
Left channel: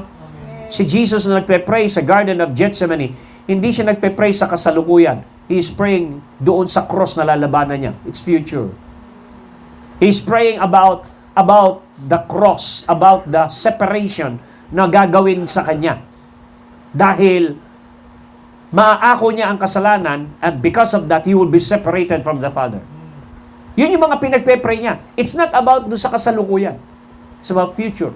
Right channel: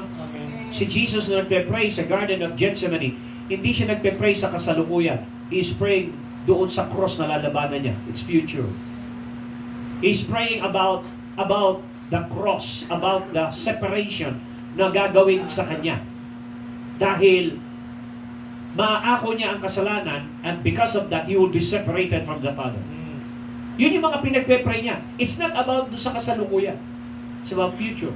Si Jesus na nagpe-pray sa Garden of Gethsemane, hindi siya nagpe-pray sa kasalukuyan. He is praying doon sa cross na lalabanan niya. It's future. He is praying about the cross, about the separation na gagawin sa kanya. Dahil maaako niya ang kasalanan and because of that, he will be separated from the Father. Yun yung mga pinagpe-pray niya. It's not about doon sa kasalukuyan. It's about future.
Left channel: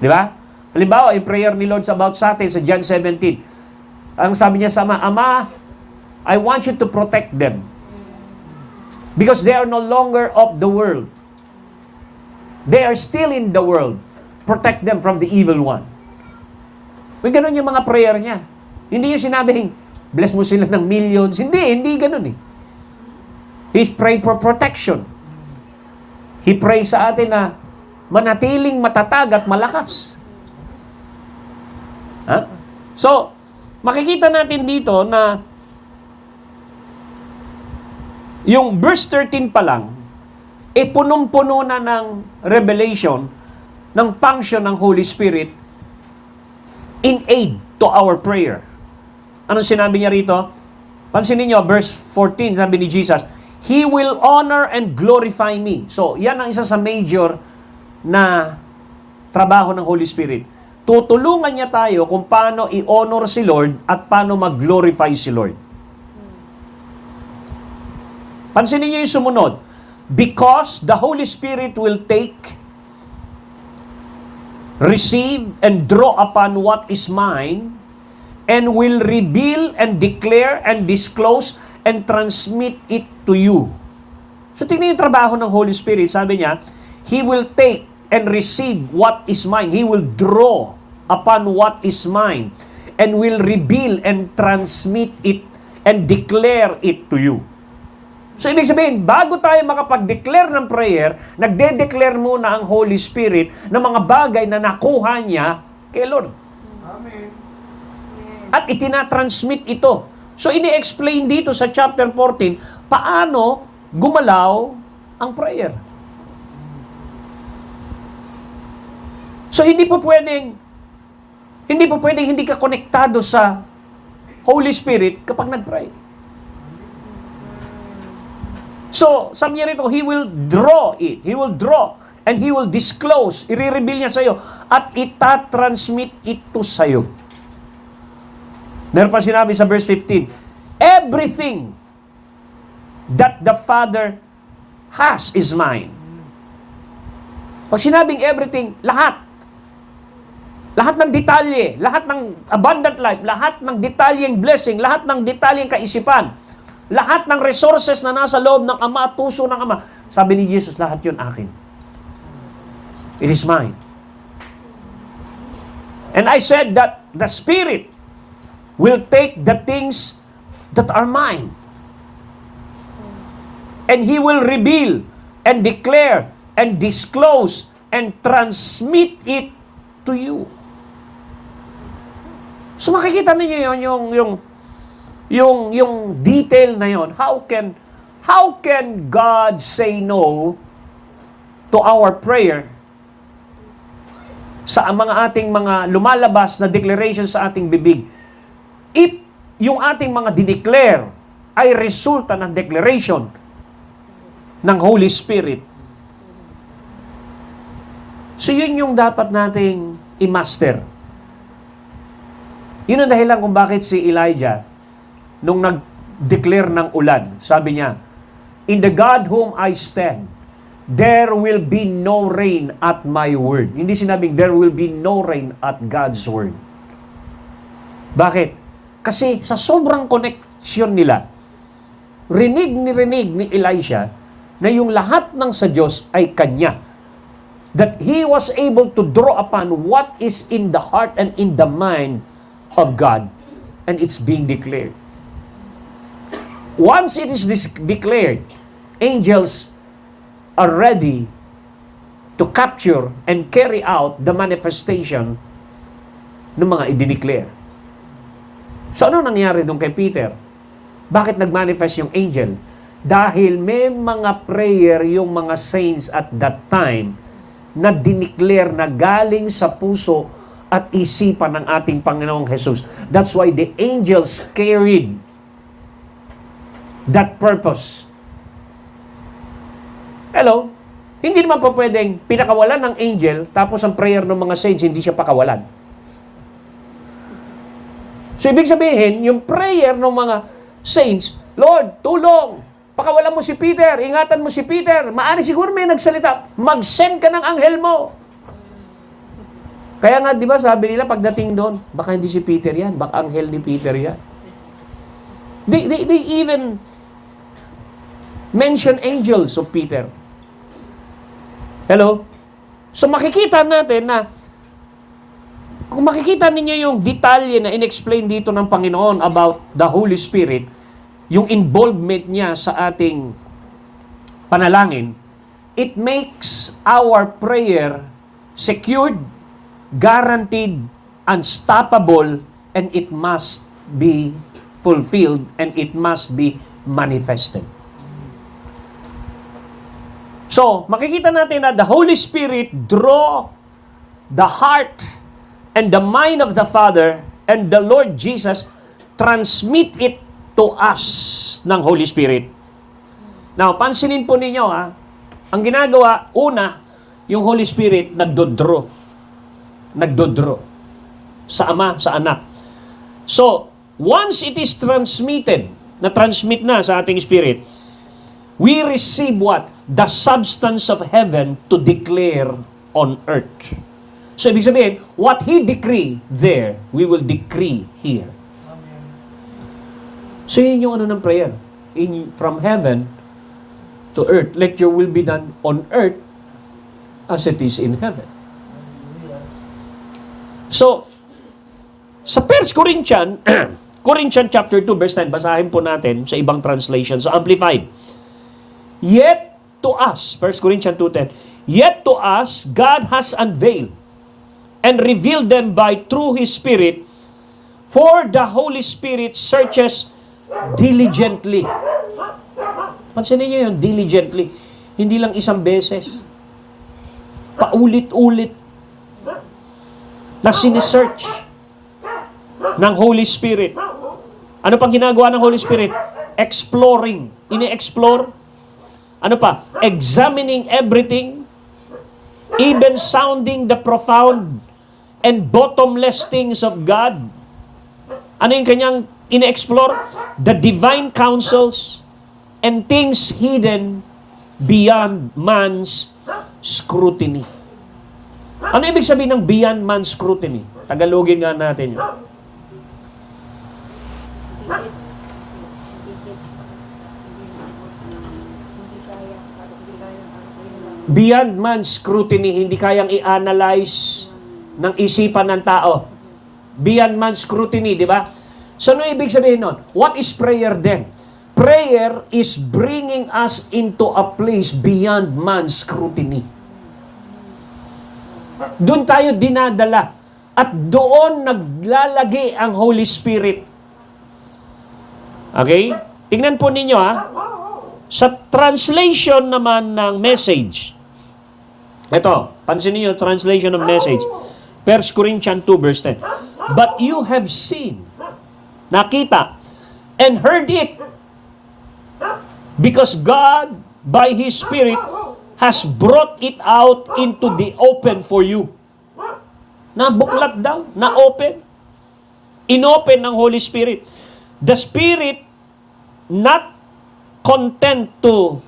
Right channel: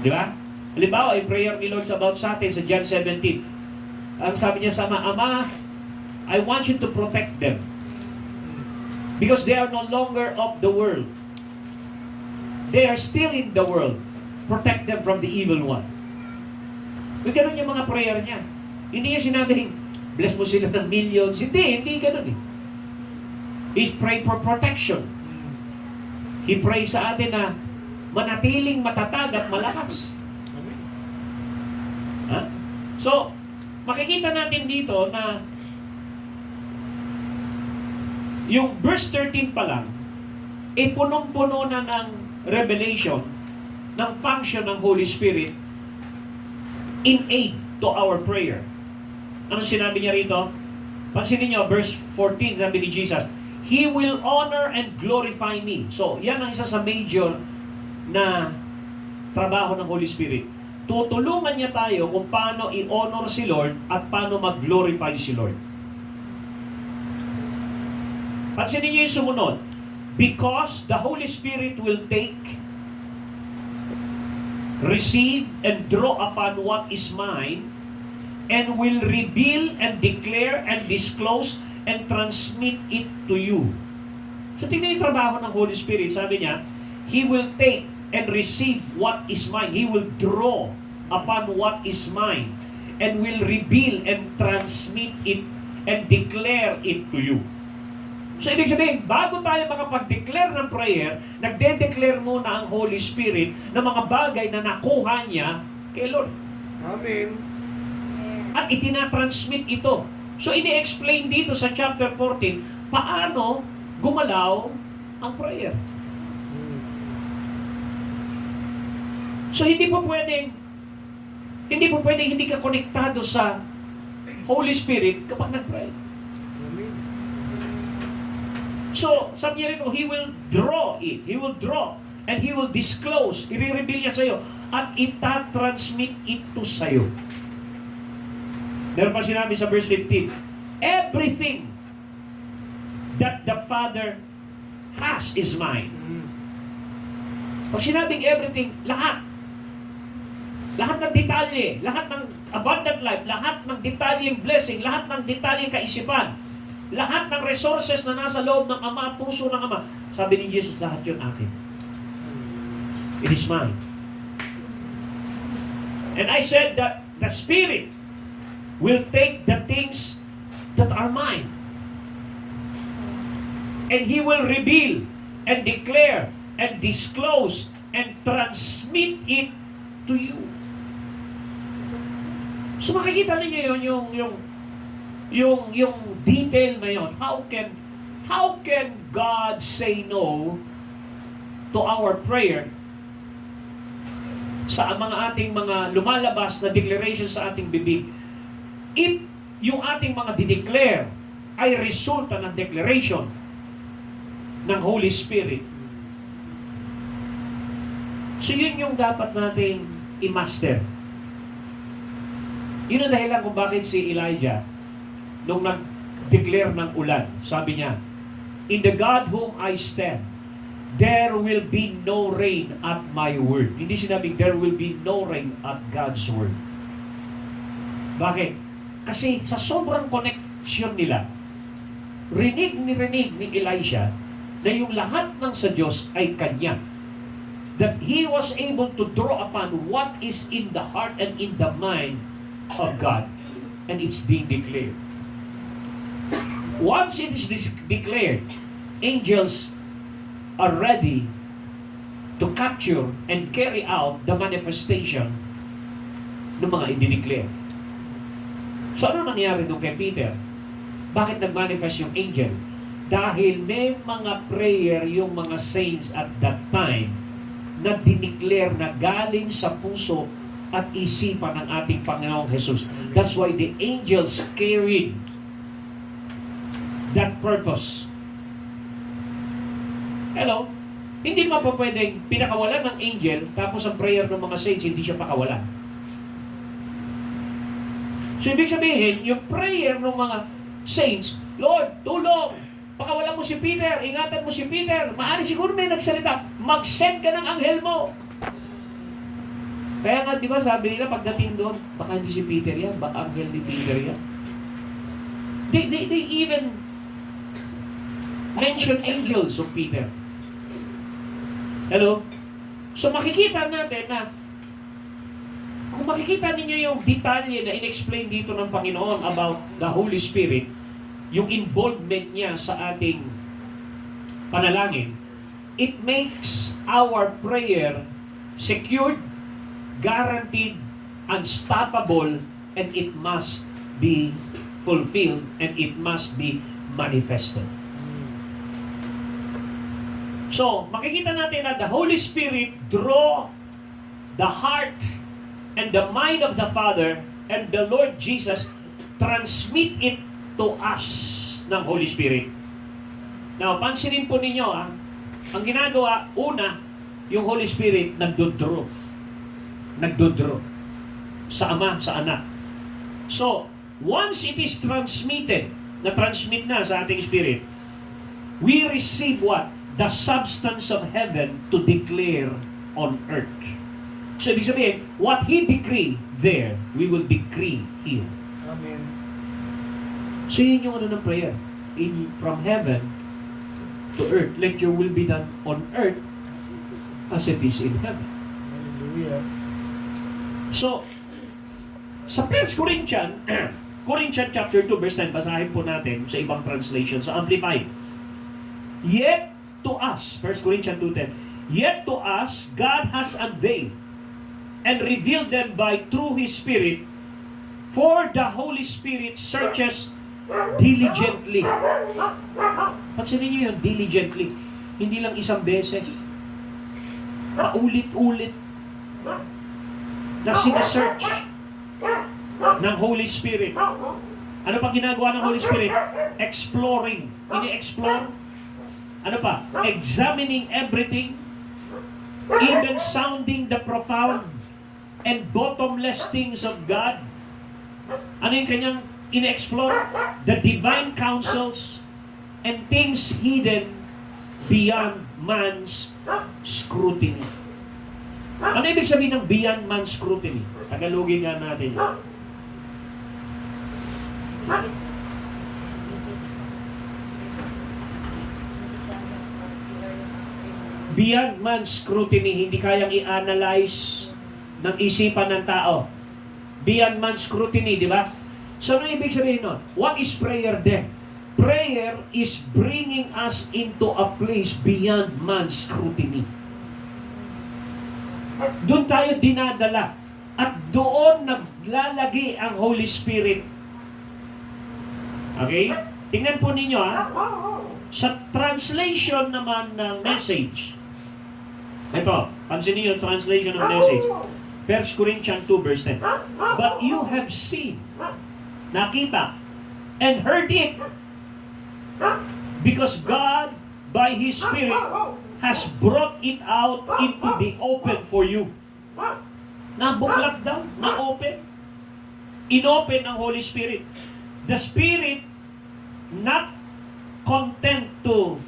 Di ba? Halimbawa, yung prayer ni Lord about sa atin sa John 17. Ang sabi niya sa Ama, Ama, I want you to protect them because they are no longer of the world. They are still in the world. Protect them from the evil one. May ganun yung mga prayer niya. Hindi niya sinabing, bless mo sila ng millions. Hindi ganun eh. He's praying for protection. He prays sa atin na manatiling matatag at malakas. Ha? So, makikita natin dito na yung verse 13 pa lang, punong-puno na ng revelation ng function ng Holy Spirit in aid to our prayer. Anong sinabi niya rito? Pansinin niyo, verse 14, sabi ni Jesus, He will honor and glorify me. So, yan ang isa sa major na trabaho ng Holy Spirit. Tutulungan niya tayo kung paano i-honor si Lord at paano mag-glorify si Lord. Pansinin niyo yung sumunod. Because the Holy Spirit will take, receive, and draw upon what is mine, and will reveal and declare and disclose and transmit it to you. So tingnan yung trabaho ng Holy Spirit. Sabi niya, He will take and receive what is mine. He will draw upon what is mine and will reveal and transmit it and declare it to you. So, ibig sabihin, bago tayo makapag-declare ng prayer, nagde-declare muna ang Holy Spirit ng mga bagay na nakuha niya kay Lord. Amen. At itinatransmit ito. So, ini-explain dito sa chapter 14, paano gumalaw ang prayer. So, hindi po pwedeng hindi ka konektado sa Holy Spirit kapag nag-pray. So, sabi niya rito, He will draw it. He will draw and He will disclose. I-reveal niya sa'yo at itatransmit ito sa'yo. Meron pa sinabi sa verse 15, everything that the Father has is mine. Pag sinabing everything, lahat. Lahat ng detalye, lahat ng abundant life, lahat ng detalyeng blessing, lahat ng detalyeng kaisipan, lahat ng resources na nasa loob ng Ama at puso ng Ama. Sabi ni Jesus, lahat yun akin. It is mine. And I said that the Spirit will take the things that are mine. And He will reveal and declare and disclose and transmit it to you. So makikita niyo yung detail na yon. How can God say no to our prayer sa ating mga lumalabas na declaration sa ating bibig? If yung ating mga dideclare ay resulta ng declaration ng Holy Spirit, so yun yung dapat nating i-master. Yun ang dahilan kung bakit si Elijah, nung nag-declare ng ulan, sabi niya, "In the God whom I stand, there will be no rain at my word." Hindi sinabing, there will be no rain at God's word. Bakit? Kasi sa sobrang connection nila, rinig ni Elisha na yung lahat ng sa Diyos ay kanya. That he was able to draw upon what is in the heart and in the mind of God. And it's being declared. Once it is declared, angels are ready to capture and carry out the manifestation ng mga i-declare. So ano nangyari doon kay Peter? Bakit nag-manifest yung angel? Dahil may mga prayer yung mga saints at that time na dineclare na galing sa puso at isipan ng ating Panginoong Jesus. That's why the angels carried that purpose. Hello? Hindi naman po pwedeng pinakawalan ng angel tapos ang prayer ng mga saints hindi siya pakawalan. So ibig sabihin, yung prayer ng mga saints, Lord, tulong! Pakawalan mo si Peter, ingatan mo si Peter. Maari siguro may nagsalita, mag-send ka ng anghel mo. Kaya nga, di ba, sabi nila pagdating doon, baka hindi si Peter yan, baka anghel ni Peter yan. They even mention angels of Peter. Hello? So makikita natin na kung makikita ninyo yung detalye na in-explain dito ng Panginoon about the Holy Spirit, yung involvement niya sa ating panalangin, it makes our prayer secured, guaranteed, unstoppable, and it must be fulfilled, and it must be manifested. So, makikita natin na the Holy Spirit draw the heart and the mind of the Father, and the Lord Jesus transmit it to us ng Holy Spirit. Now, pansinin po ninyo, ang ginagawa, una, yung Holy Spirit nagdodraw sa Ama, sa Anak. So, once it is transmitted, na-transmit na sa ating spirit, we receive what? The substance of heaven to declare on earth. So, ibig sabihin, what He decree there, we will decree here. Amen. So, yun yung ng prayer. From heaven to earth. Let your will be done on earth as it is in heaven. Hallelujah. So, sa 1 Corinthians, Corinthians chapter 2, verse 9, basahin po natin sa ibang translation, sa Amplified. Yet to us, 1 Corinthians 2:10, yet to us, God has unveiled and revealed them by through His Spirit, for the Holy Spirit searches diligently. Pansinin niyo yun, diligently. Hindi lang isang beses. Paulit-ulit na sinesearch ng Holy Spirit. Ano pang ginagawa ng Holy Spirit? Exploring. Ini-explore. Ano pa? Examining everything. Even sounding the profound and bottomless things of God. Ano yung kanyang ine-explore? The divine counsels and things hidden beyond man's scrutiny. Ano ibig sabihin ng beyond man's scrutiny? Tagalogin nga natin yun. Beyond man's scrutiny, hindi kayang i-analyze ng isipan ng tao. Beyond man's scrutiny, di ba? So, ano ibig sabihin nun? What is prayer then? Prayer is bringing us into a place beyond man's scrutiny. Doon tayo dinadala. At doon naglalagi ang Holy Spirit. Okay? Tingnan po ninyo Sa translation naman ng message. Ito, pansin niyo translation ng message. 1 Corinthians 2 verse 10. But you have seen, nakita, and heard it, because God, by His Spirit, has brought it out into the open for you. Nabuklat daw, na-open. Inopen ng Holy Spirit. The Spirit, not content to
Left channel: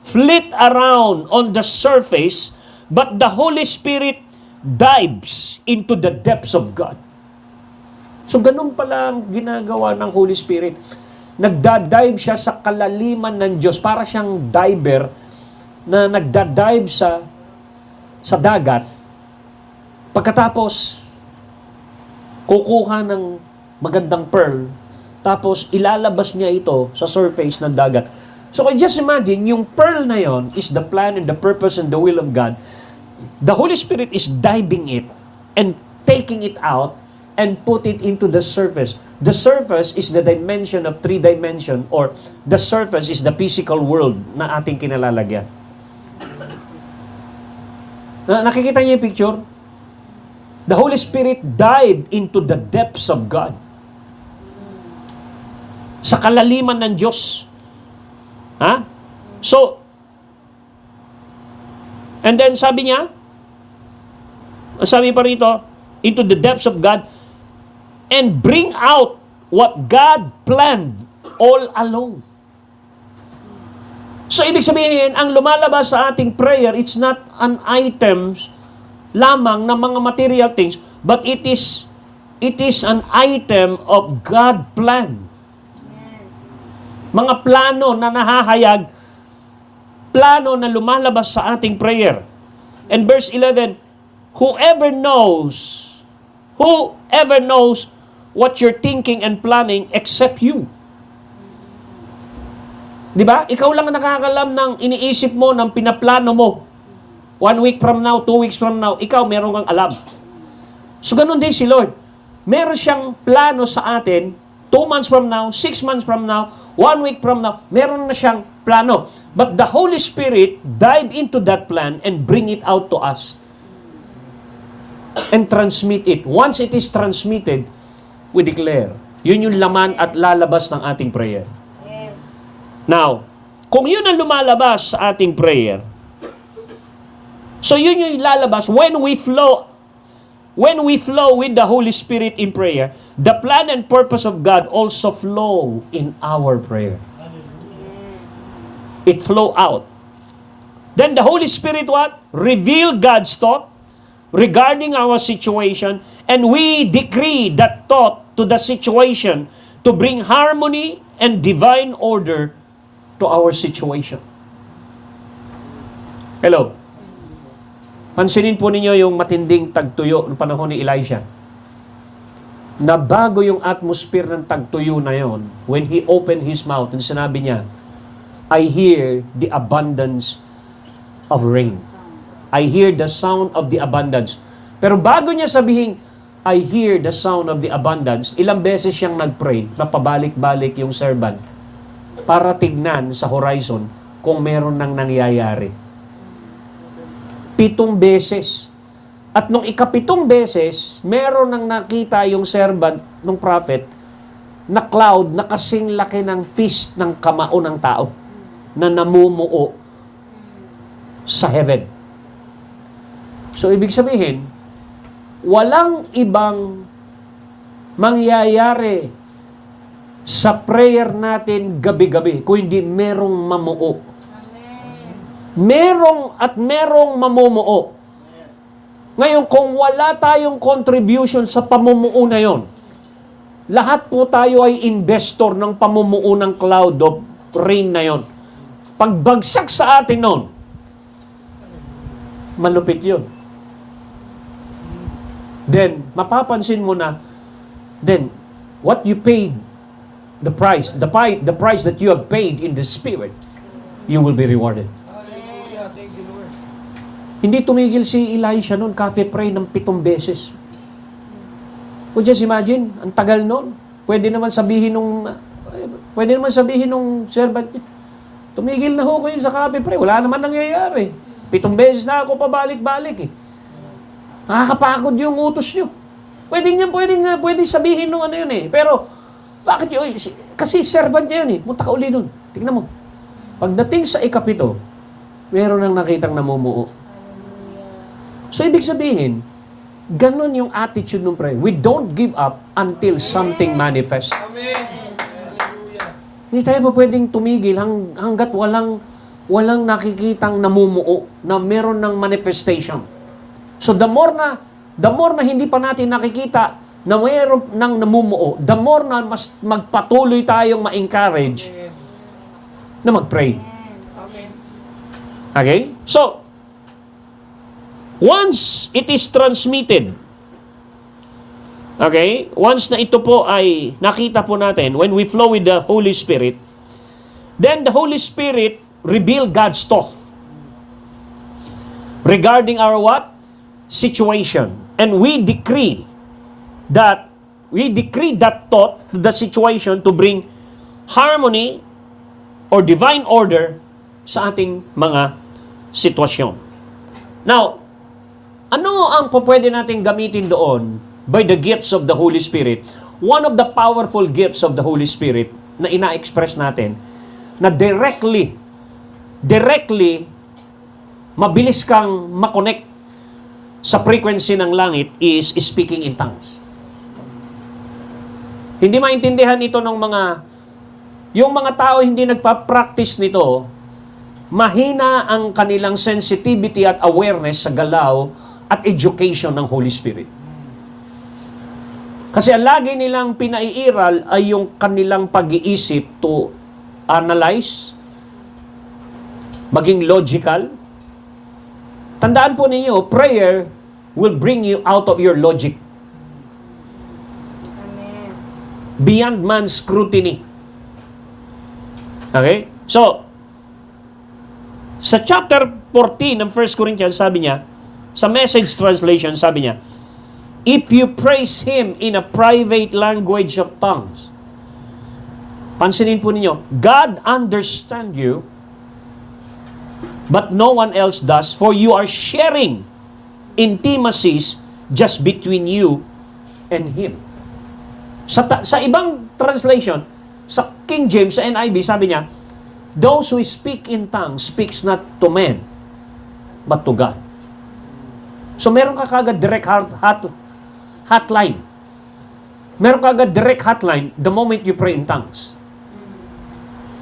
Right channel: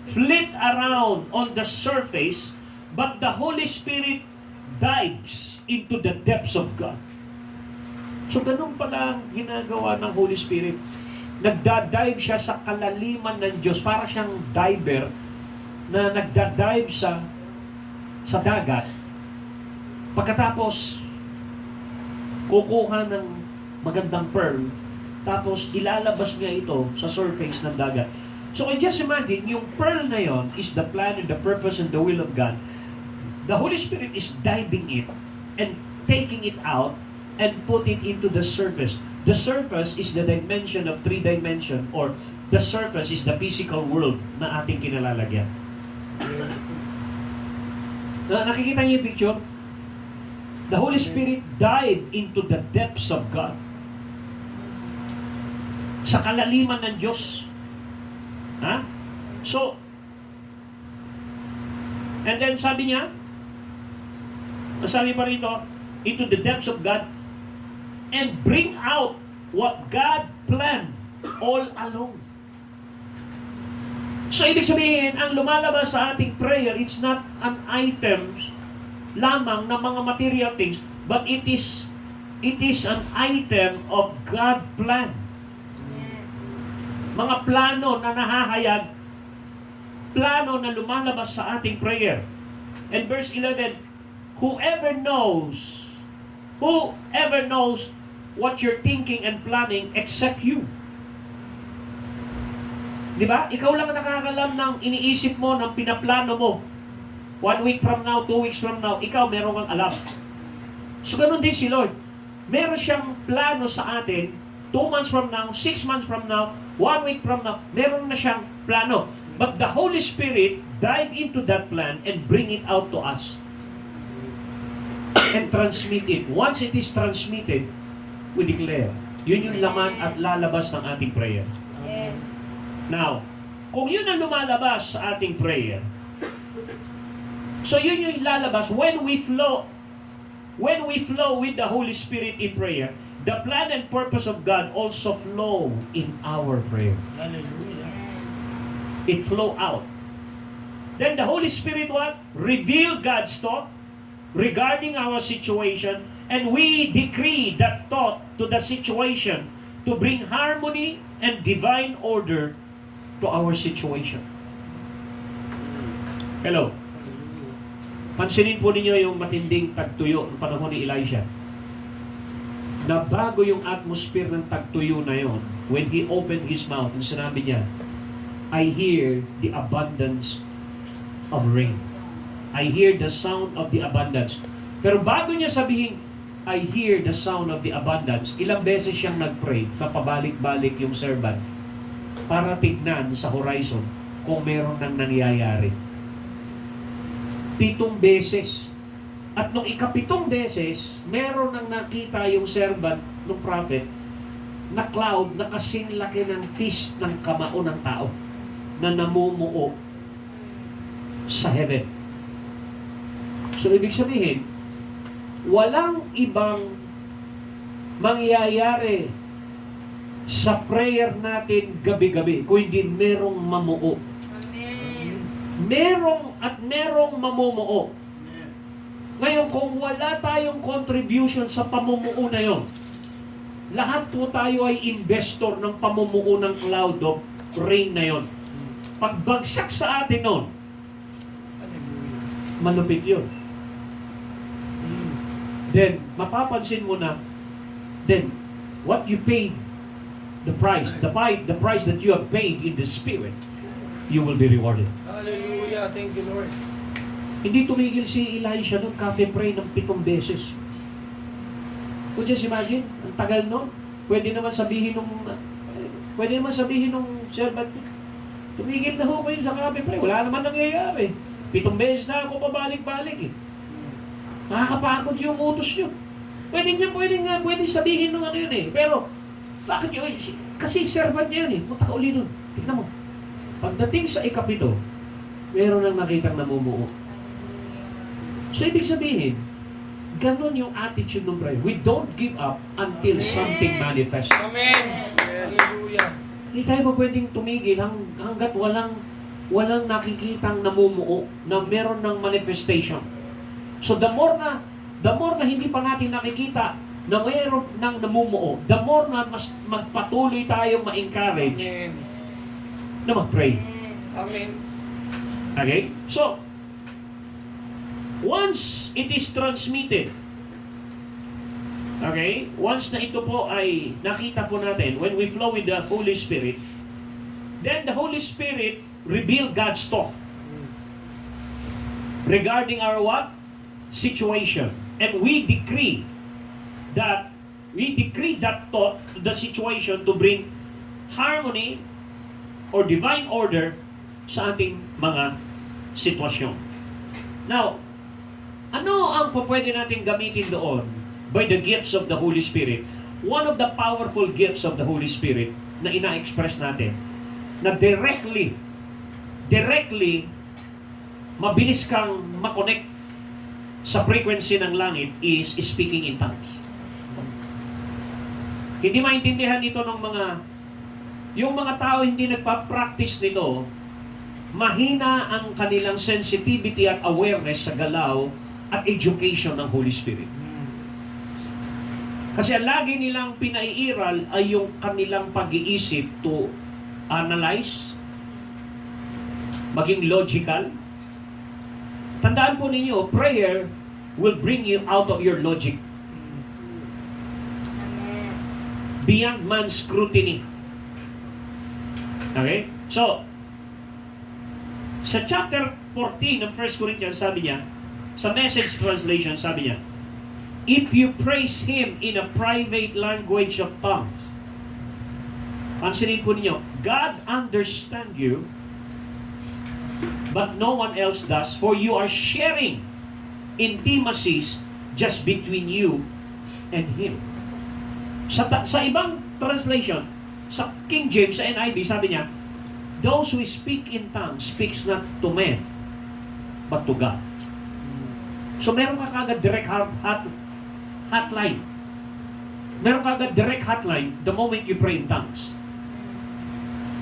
flit around on the surface, but the Holy Spirit dives into the depths of God. So ganun pala ang ginagawa ng Holy Spirit. Nagda-dive siya sa kalaliman ng Diyos. Para siyang diver na nagda-dive sa dagat. Pagkatapos, kukuha ng magandang pearl, tapos ilalabas niya ito sa surface ng dagat. So just imagine, yung pearl na yon is the plan and the purpose and the will of God. The Holy Spirit is diving it and taking it out and put it into the surface. The surface is the dimension of 3 dimension, or the surface is the physical world na ating kinalalagyan. Nakikita niyo yung picture? The Holy Spirit dived into the depths of God. Sa kalaliman ng Diyos. So, and then sabi niya, sabi pa rito, into the depths of God, and bring out what God planned all along. So, ibig sabihin, ang lumalabas sa ating prayer, it's not an items lamang ng mga material things, but it is an item of God plan. Mga plano na nahahayag, plano na lumalabas sa ating prayer. And verse 11, whoever knows what you're thinking and planning except you. Di ba? Ikaw lang nakakalam ng iniisip mo, ng pinaplano mo. 1 week from now, 2 weeks from now, ikaw meron kang alam. So ganun din si Lord. Meron siyang plano sa atin, 2 months from now, 6 months from now, 1 week from now, meron na siyang plano. But the Holy Spirit dive into that plan and bring it out to us. And transmit it. Once it is transmitted, we declare. Yun yung laman at lalabas ng ating prayer. Yes. Now, kung yun ang lumalabas sa ating prayer, so yun yung lalabas when we flow with the Holy Spirit in prayer, the plan and purpose of God also flow in our prayer. It flow out. Then the Holy Spirit what? Reveal God's thought regarding our situation, and we decree that thought to the situation to bring harmony and divine order to our situation. Hello? Pansinin po ninyo yung matinding tagtuyo ng panahon ni Elijah. Nabago yung atmosphere ng tagtuyo na yon when he opened his mouth and sinabi niya, I hear the abundance of rain. I hear the sound of the abundance. Pero bago niya sabihin, I hear the sound of the abundance, ilang beses siyang nag-pray na pabalik-balik yung servant para tignan sa horizon kung meron nang nangyayari. 7 beses. At nung ika-7 beses, meron nang nakita yung servant ng prophet na cloud na kasing laki ng fist ng kamao ng tao na namumuo sa heaven. So, ibig sabihin, walang ibang mangyayari sa prayer natin gabi-gabi kung hindi merong mamuo. Merong mamumuo. Ngayon, kung wala tayong contribution sa pamumuo na yon, lahat po tayo ay investor ng pamumuo ng cloud of rain na yon. Pagbagsak sa atin nun, malupit yun. then mapapansin mo na, then, what you paid, the price that you have paid in the Spirit, you will be rewarded. Hallelujah. Thank you, Lord. Hindi tumigil si Elisha noon, kape-pray ng 7 beses. Well, just imagine, ang tagal noon. Pwede naman sabihin nung servant, tumigil na ho kayo sa kape-pray. Wala naman nangyayari. 7 beses na ako pabalik-balik eh. Nakakapagod yung utos nyo. Pwede sabihin nung ano yun eh. Pero, bakit yun? Kasi servant niya yun eh. Punta ka uli dun. Tingnan mo. Pagdating sa ikapito, meron nang nakitang namumuo. So, ibig sabihin, ganon yung attitude ng prayer. We don't give up until something manifests. Amen. Hallelujah. Hindi tayo pa pwedeng tumigil hanggat walang nakikitang namumuo na meron ng manifestation. So, the more na hindi pa natin nakikita na mayroon ng namumuo, the more na mas magpatuloy tayong ma-encourage Amen. na mag-pray. Amen. Okay? So, once it is transmitted, okay? Once na ito po ay nakita po natin, when we flow with the Holy Spirit, then the Holy Spirit reveal God's thought regarding our what? Situation. And we decree that thought to the situation to bring harmony or divine order sa ating mga sitwasyon. Now, ano ang pwede natin gamitin doon by the gifts of the Holy Spirit? One of the powerful gifts of the Holy Spirit na ina-express natin na directly mabilis kang makonect sa frequency ng langit is speaking in tongues. Hindi maintindihan ito ng yung mga tao hindi nagpa-practice nito, mahina ang kanilang sensitivity at awareness sa galaw at education ng Holy Spirit. Kasi ang lagi nilang pinaiiral ay yung kanilang pag-iisip to analyze, maging logical. Tandaan po ninyo, prayer will bring you out of your logic. Amen. Beyond man's scrutiny. Okay? So, sa chapter 14 ng 1 Corinthians, sabi niya, sa Message translation, sabi niya, if you praise Him in a private language of tongues, pansinin po ninyo, God understand you, but no one else does, for you are sharing intimacies just between you and Him. Sa ibang translation, sa King James, sa NIV, sabi niya, those who speak in tongues speaks not to men, but to God. So meron ka kagad direct hotline. Meron ka kagad direct hotline the moment you pray in tongues.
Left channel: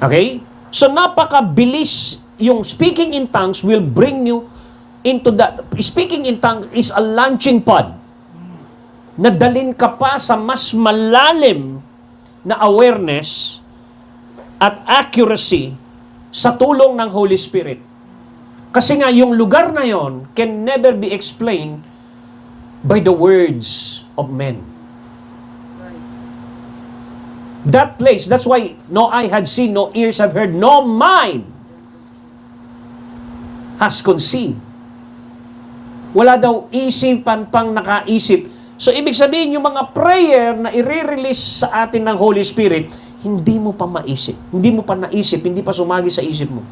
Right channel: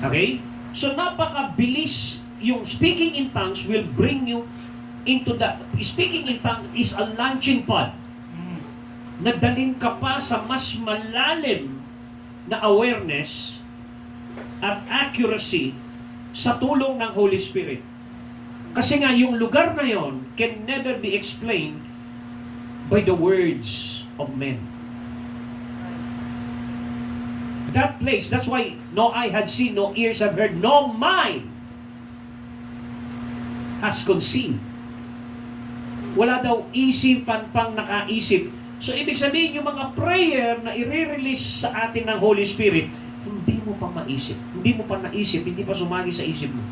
Okay? So napakabilis yung speaking in tongues will bring you into that. Speaking in tongues is a launching pad na dalhin ka pa sa mas malalim na awareness at accuracy sa tulong ng Holy Spirit. Kasi nga, yung lugar na yon can never be explained by the words of men. That place, that's why no eye had seen, no ears have heard, no mind has conceived. Wala daw isipan pang nakaisip. So, ibig sabihin, yung mga prayer na i-release sa atin ng Holy Spirit, hindi mo pa maisip. Hindi mo pa naisip, hindi pa sumagi sa isip mo.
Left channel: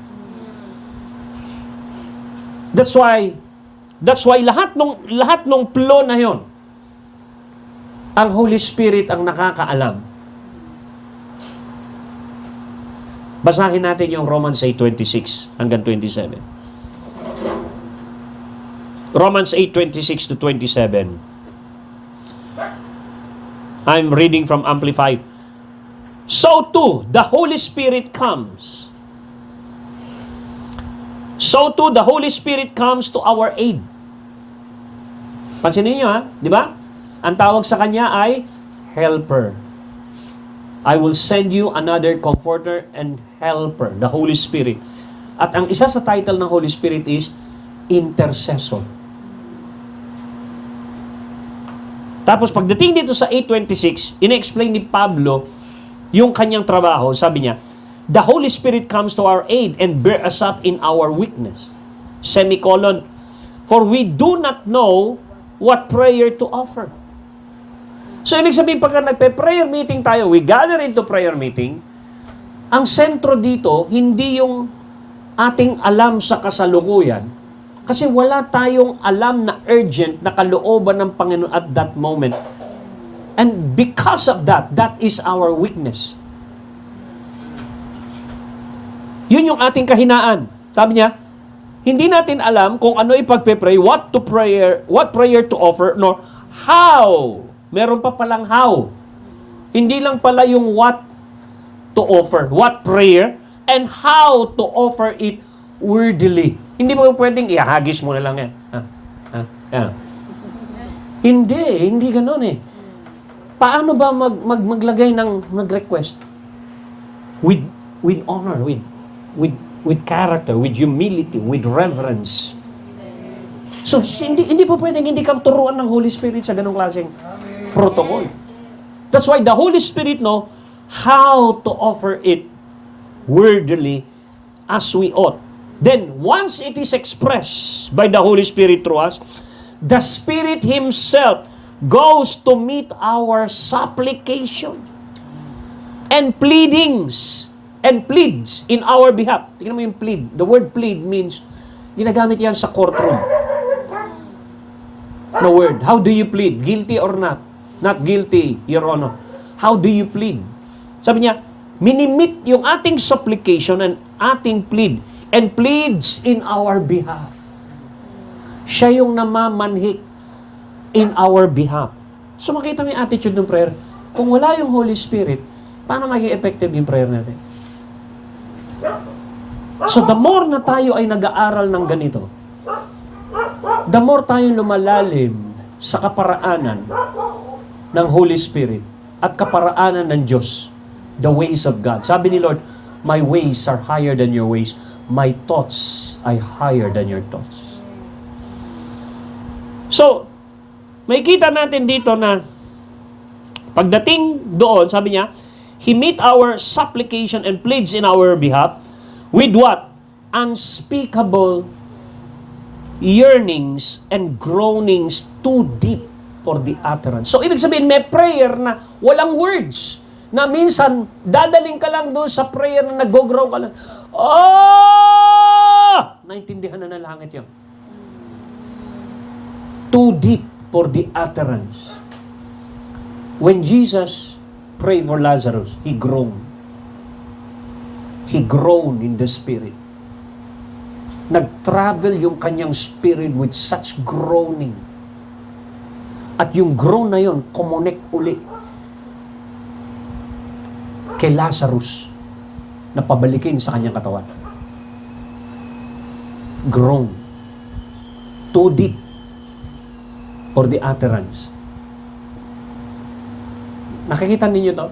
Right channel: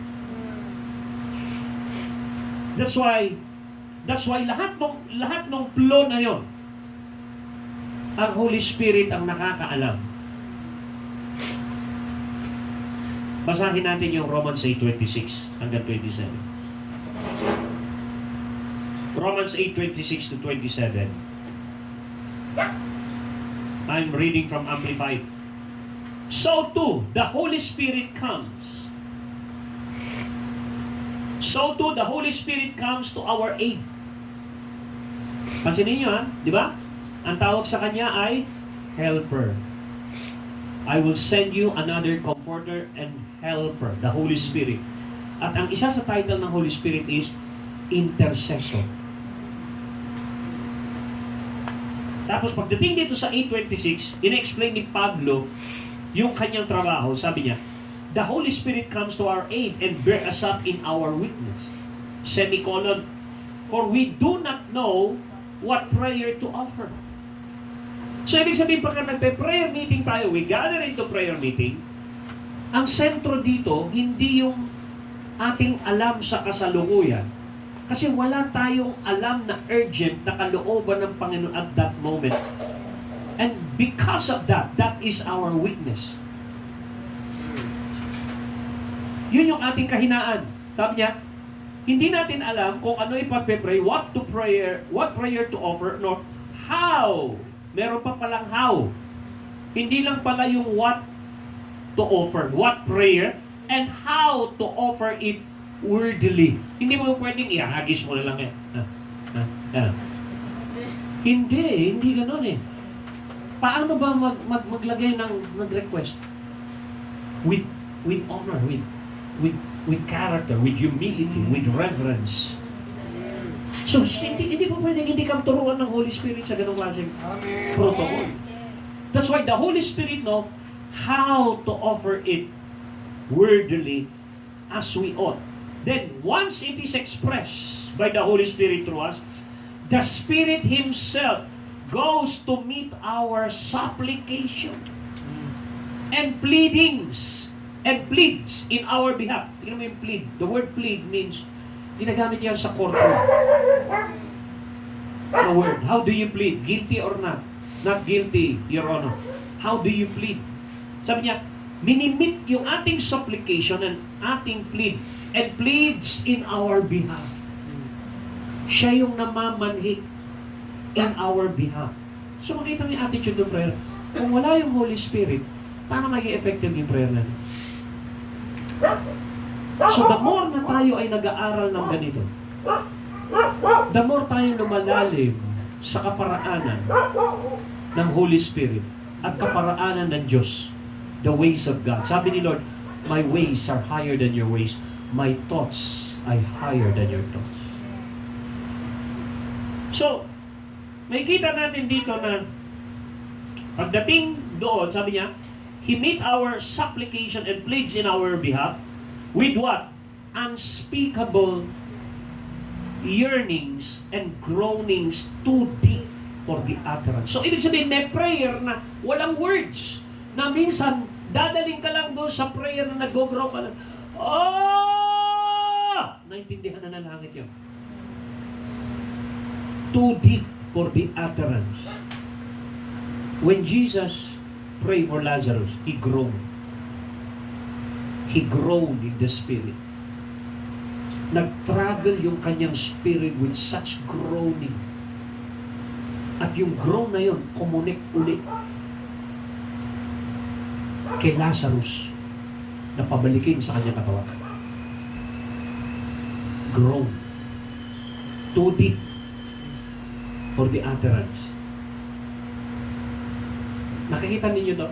That's why lahat nung flow na yon, ang Holy Spirit ang nakakaalam. Basahin natin yung Romans 8:26 hanggang 27. Romans 8:26 to 27. I'm reading from Amplified. So too, the Holy Spirit comes. So too, the Holy Spirit comes to our aid. Pansinin niyo ha, di ba? Ang tawag sa Kanya ay helper. I will send you another comforter and helper, the Holy Spirit. At ang isa sa title ng Holy Spirit is intercessor. Tapos pagdating dito sa 8:26, ina-explain ni Pablo yung kanyang trabaho. Sabi niya, the Holy Spirit comes to our aid and bear us up in our weakness. Semicolon, for we do not know what prayer to offer. So, ibig sabihin, pagka nagpe-prayer meeting tayo, we gather into prayer meeting, ang sentro dito, hindi yung ating alam sa kasalukuyan, kasi wala tayong alam na urgent na kalooban ng Panginoon at that moment. And because of that, that is our weakness. Yun yung ating kahinaan. Sabi niya, hindi natin alam kung ano ipagpe-pray, what prayer to offer, nor how. Meron pa palang how. Hindi lang pala yung what to offer, what prayer, and how to offer it wordily. Hindi mo pwedeng ihagis mo na lang yan. Hindi ganoon eh. Paano ba maglagay ng request? With honor, with character, with humility, with reverence. So, hindi po pwedeng hindi ka turuan ng Holy Spirit sa ganung klaseng protocol. That's why the Holy Spirit know how to offer it wordily as we ought. Then, once it is expressed by the Holy Spirit through us, the Spirit Himself goes to meet our supplication and pleadings and pleads in our behalf. Tingnan mo yung plead. The word plead means, ginagamit yan sa courtroom. No word. How do you plead? Guilty or not? Not guilty, Your Honor. How do you plead? Sabi niya, minimit yung ating supplication and ating plead and pleads in our behalf. Siya yung namamanhik in our behalf. So makita mo yung attitude ng prayer. Kung wala yung Holy Spirit, paano maging effective yung prayer natin? So the more na tayo ay nag-aaral ng ganito, the more tayo lumalalim sa kaparaanan ng Holy Spirit at kaparaanan ng Diyos, the ways of God. Sabi ni Lord, my ways are higher than your ways. My thoughts are higher than your thoughts. So, may kita natin dito na pagdating doon, sabi niya, He meet our supplication and pleads in our behalf with what? Unspeakable yearnings and groanings too deep for the utterance. So, ibig sabihin, may prayer na walang words. Na minsan, dadaling ka lang doon sa prayer na nag-groan ka lang. Oh! Naintindihan na ng langit yun. Too deep for the utterance. When Jesus prayed for Lazarus, He groaned. He groaned in the Spirit. Nag-travel yung kanyang spirit with such groaning. At yung groan na yun, connect ulit kay Lazarus na pabalikin sa kanyang katawan. Groan. Too deep for the utterance. Nakikita ninyo to?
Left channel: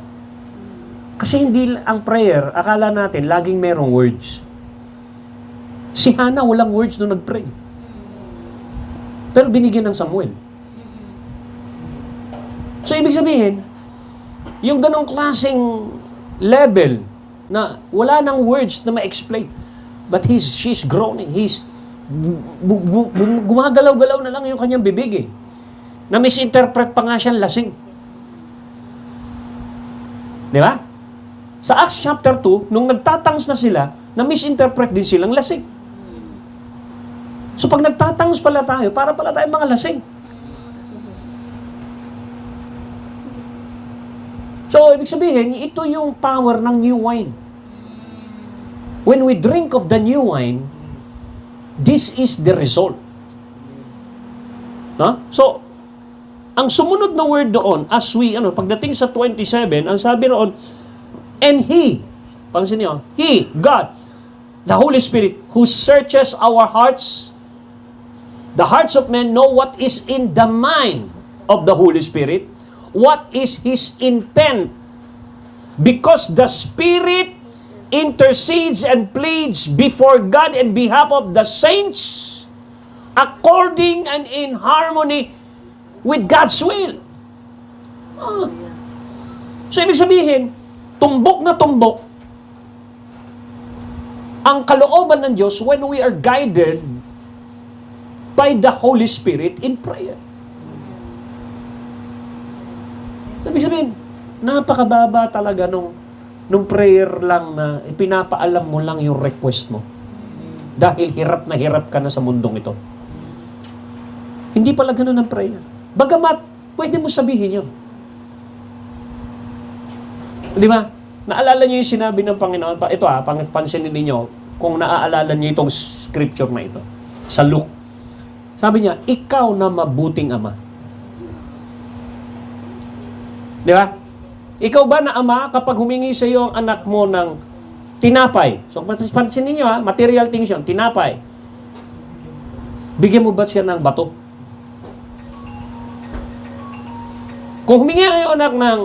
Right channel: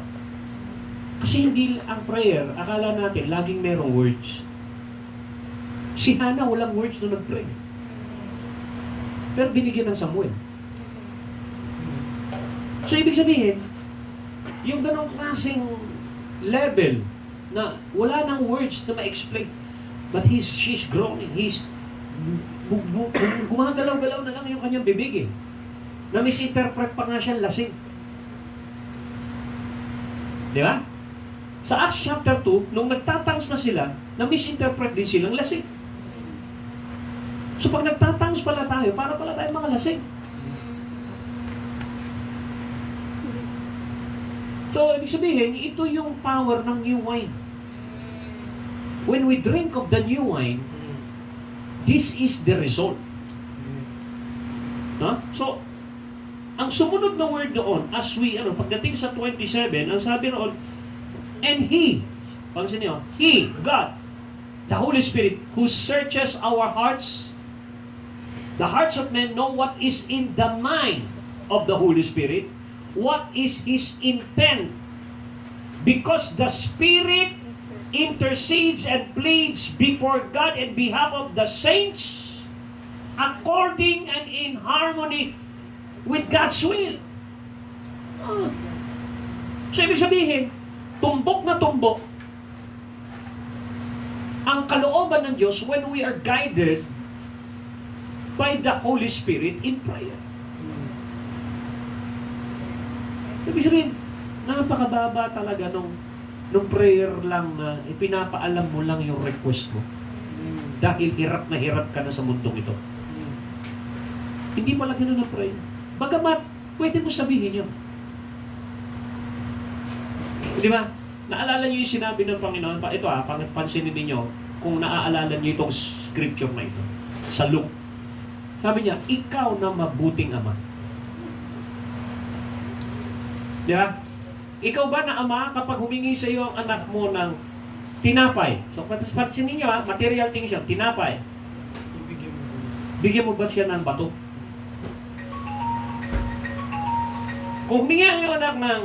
Kasi hindi ang prayer, akala natin, laging merong words. Si Hannah, walang words nung nag-pray. Pero binigyan ng Samuel. So, ibig sabihin, yung ganong klaseng level na wala nang words na ma-explain. But she's groaning. Gumagalaw-galaw na lang yung kanyang bibig eh. Na-misinterpret pa nga siyang lasing. Di ba? Sa Acts chapter 2, nung nagtatangs na sila, na-misinterpret din silang lasing. So pag nagtatangs pala tayo, para pala tayo mga lasing. So, ibig sabihin, ito yung power ng new wine. When we drink of the new wine, this is the result. No? So, ang sumunod na word doon, as we, pagdating sa 27, ang sabi roon, and He, pansin niyo, He, God, the Holy Spirit, who searches our hearts, the hearts of men know what is in the mind of the Holy Spirit, what is His intent, because the Spirit intercedes and pleads before God in behalf of the saints according and in harmony with God's will. So, ibig sabihin, tumbok na tumbok ang kalooban ng Diyos when we are guided by the Holy Spirit in prayer. Ibig sabihin, napakababa talaga nung prayer lang na ipinapaalam mo lang yung request mo. Dahil hirap na hirap ka na sa mundong ito. Hindi pala ganun ang prayer. Bagamat, pwede mo sabihin yun. Di ba? Naalala niyo yung sinabi ng Panginoon? Ito pansinin ninyo kung naaalala niyo itong scripture na ito. Sa Luke. Sabi niya, ikaw na mabuting ama. Di ba? Ikaw ba na ama kapag humingi sa iyo ang anak mo ng tinapay? So, pansinin niyo material things yun, tinapay. Bigyan mo ba siya ng bato? Kung humingi ang iyong anak ng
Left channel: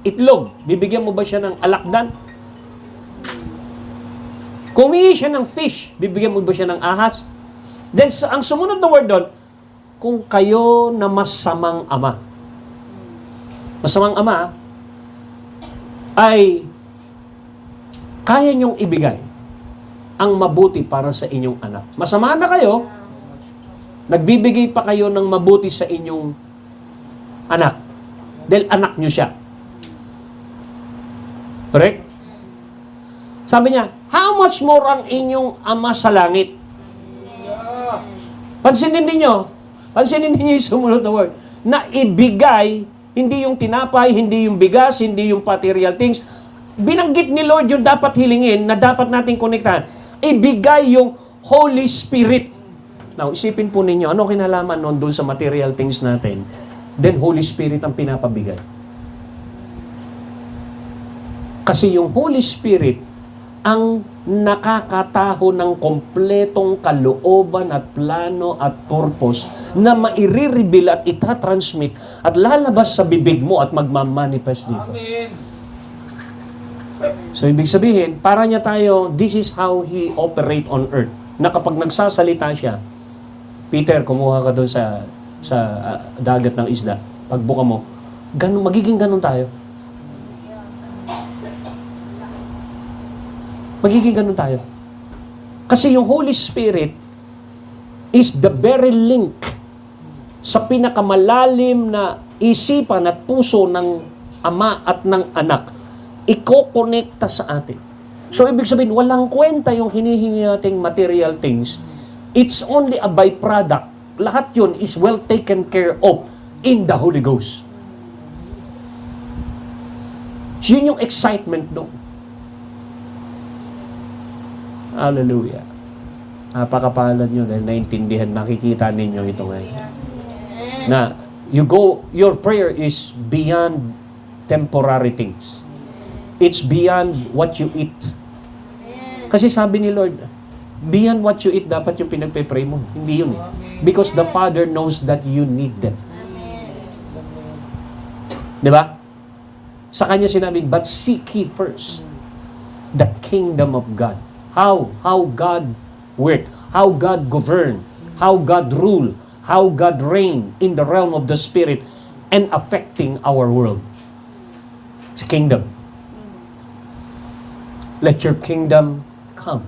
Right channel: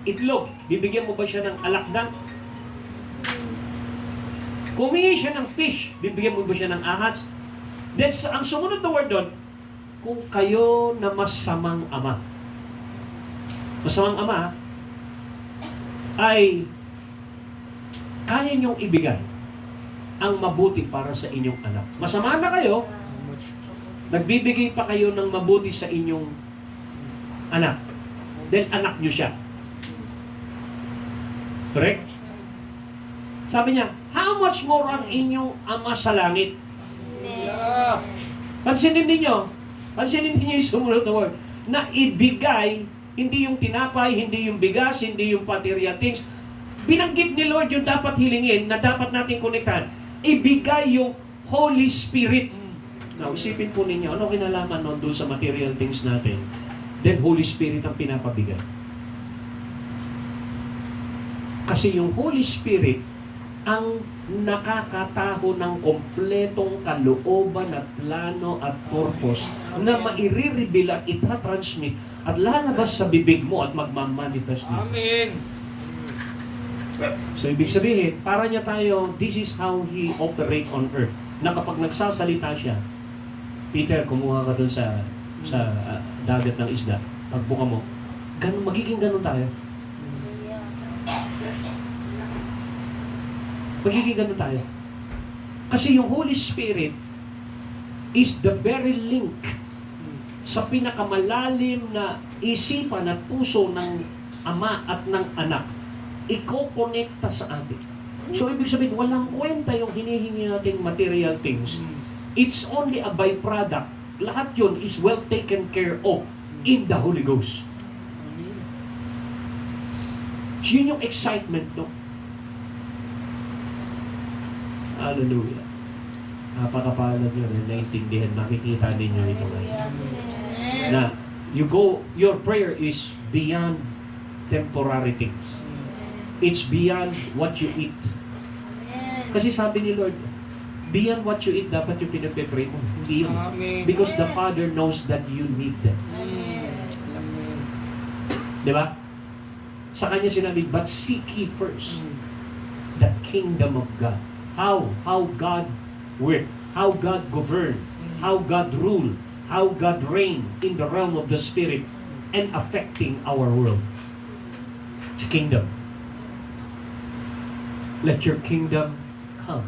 itlog, bibigyan mo ba siya ng alakdan? Kung humingi siya ng fish, bibigyan mo ba siya ng ahas? Then, ang sumunod na word doon, kung kayo na masamang ama. Masamang ama, ay kaya niyong ibigay ang mabuti para sa inyong anak. Masama na kayo, nagbibigay pa kayo ng mabuti sa inyong anak. Dahil anak niyo siya. Correct? Sabi niya, how much more ang inyong ama sa langit? Pansinin ninyo yung sumunod na word, na ibigay, hindi yung tinapay, hindi yung bigas, hindi yung material things. Binanggit ni Lord yung dapat hilingin na dapat natin konektahan. Ibigay yung Holy Spirit. Now, isipin po ninyo, ano kinalaman nun doon sa material things natin? Then Holy Spirit ang pinapabigay. Kasi yung Holy Spirit ang nakakataho ng kompletong kalooban at plano at purpose na maire-reveal at itatransmit at lalabas sa bibig mo at magmamanifest dito. Amen. So, ibig sabihin, para niya tayo, this is how He operate on earth. Na kapag nagsasalita siya, Peter, kumuha ka doon sa dagat ng isda. Pagbuka mo, magiging ganun tayo. Magiging ganun tayo. Kasi yung Holy Spirit is the very link sa pinakamalalim na isipan at puso ng ama at ng anak. Iko-connecta sa atin. So, ibig sabihin, walang kwenta yung hinihingi nating material things. It's only a byproduct. Lahat yun is well taken care of in the Holy Ghost. Yun yung excitement doon. Hallelujah. Napakapalad nyo dahil naintindihan, nakikita ninyo ito ngayon. Na, your prayer is beyond temporary things. It's beyond what you eat. Kasi sabi ni Lord, beyond what you eat, dapat yung pinagpe-pray mo. Hindi yun. Because the Father knows that you need them. Diba? Sa kanya sinabi, but seek ye first the kingdom of God. How God work, how God govern, how God rule, how God reign in the realm of the Spirit and affecting our world. It's a kingdom. Let your kingdom come.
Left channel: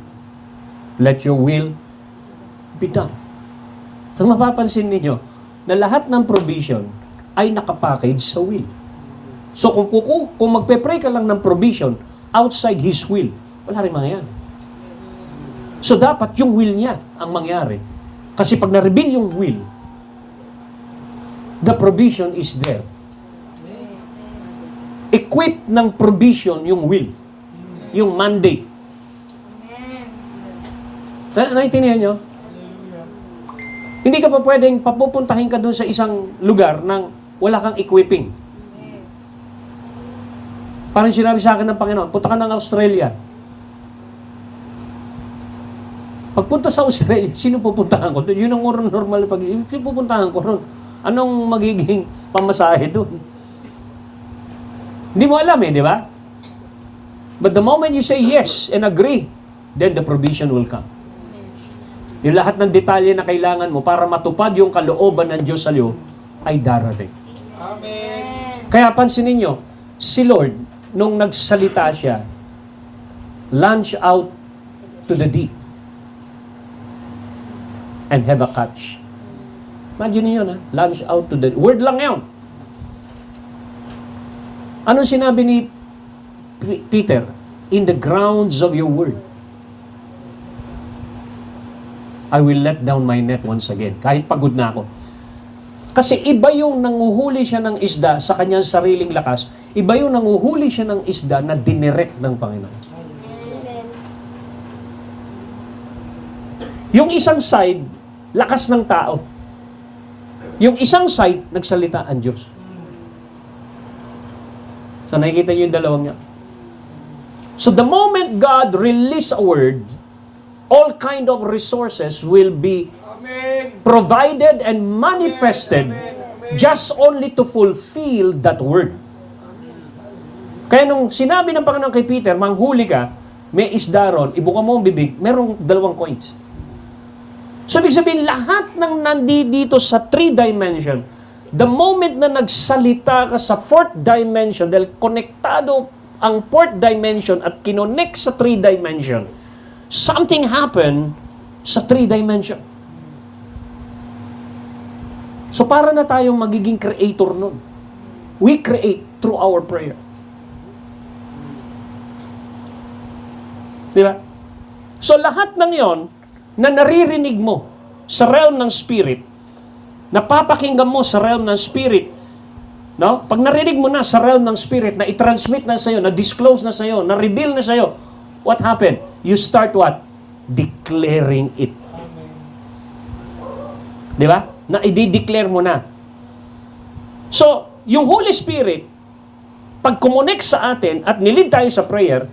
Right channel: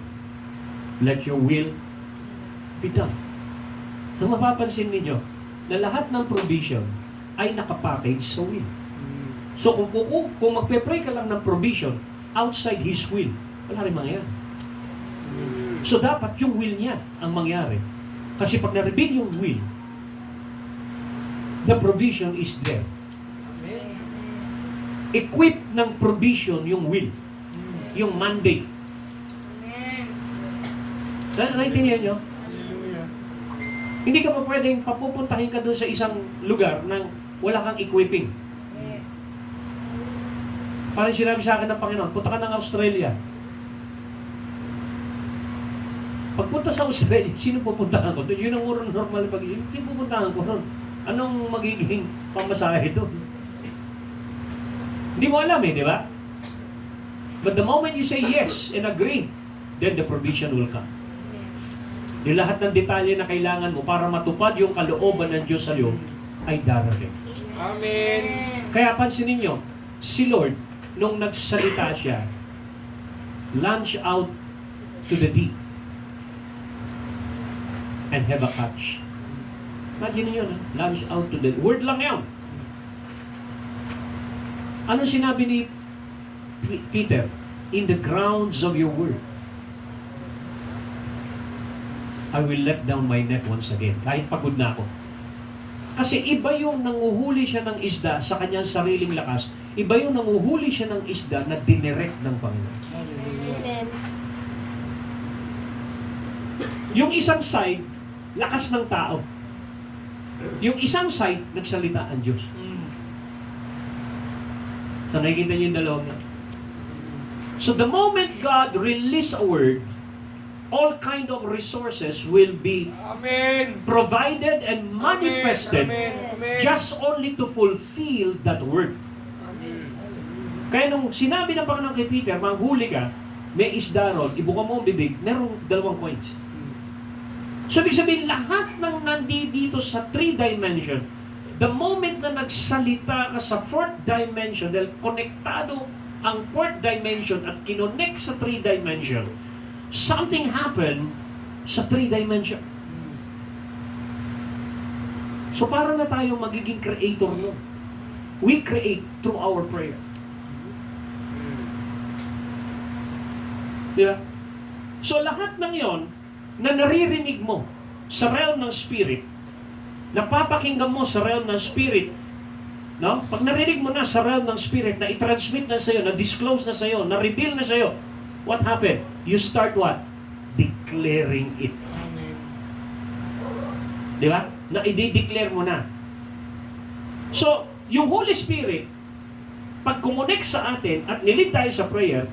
Let your will be done. So mapapansin ninyo na lahat ng provision ay nakapackage sa will. So kung magpe-pray ka lang ng provision outside His will, wala rin mangyayari. So dapat yung will niya ang mangyari. Kasi pag na-reveal yung will, the provision is there. Equip ng provision yung will. Yung mandate. Naintindihan nyo? Hindi ka pa pwedeng papupuntahin ka doon sa isang lugar nang wala kang equipping. Parang sinabi sa akin ng Panginoon, punta ka ng Australia. Pagpunta sa Australia, sino pupuntahan ko? Yun ang normal pag-isip. Sino pupuntahan ko ron? Anong magiging pamasahe doon? Hindi mo alam di ba? But the moment you say yes and agree, then the provision will come. Yung lahat ng detalye na kailangan mo para matupad yung kalooban ng Diyos sa iyo ay darating. Amen. Kaya pansinin nyo, si Lord, nung nagsalita siya, launch out to the deep and have a catch. Imagine niyo na, launch out to the... Word lang yun. Anong sinabi ni Peter? In the grounds of your word, I will let down my net once again. Kahit pagod na ako. Kasi iba yung nanguhuli siya ng isda sa kanyang sariling lakas, iba yung nanguhuli siya ng isda na dinirect ng Panginoon. Amen. Yung isang side, lakas ng tao. Yung isang side, nagsalita ang Diyos. So nakikita niyo yung dalawang yan. So the moment God release a word, all kind of resources will be Amen. provided and manifested just only to fulfill that word. Kaya nung sinabi ng Panginoon kay Peter, manghuli ka, may isda ron, ibuka mo ang bibig, merong 2 coins. So ibig sabihin, lahat ng nandito sa 3 dimension, the moment na nagsalita ka sa 4th dimension, dahil konektado ang 4th dimension at kinonect sa 3 dimension, something happened sa 3 dimension. So para na tayong magiging creator nun. We create through our prayer. Diba? So lahat ng yon na naririnig mo sa realm ng spirit, napapakinggan mo sa realm ng spirit, no? Pag narinig mo na sa realm ng spirit, na i-transmit na sa'yo, na disclose na sa'yo, na reveal na sa'yo, what happened? You start what? Declaring it. Di ba? Na i-declare mo na. So, yung Holy Spirit, pag kumonek sa atin at nilid tayo sa prayer,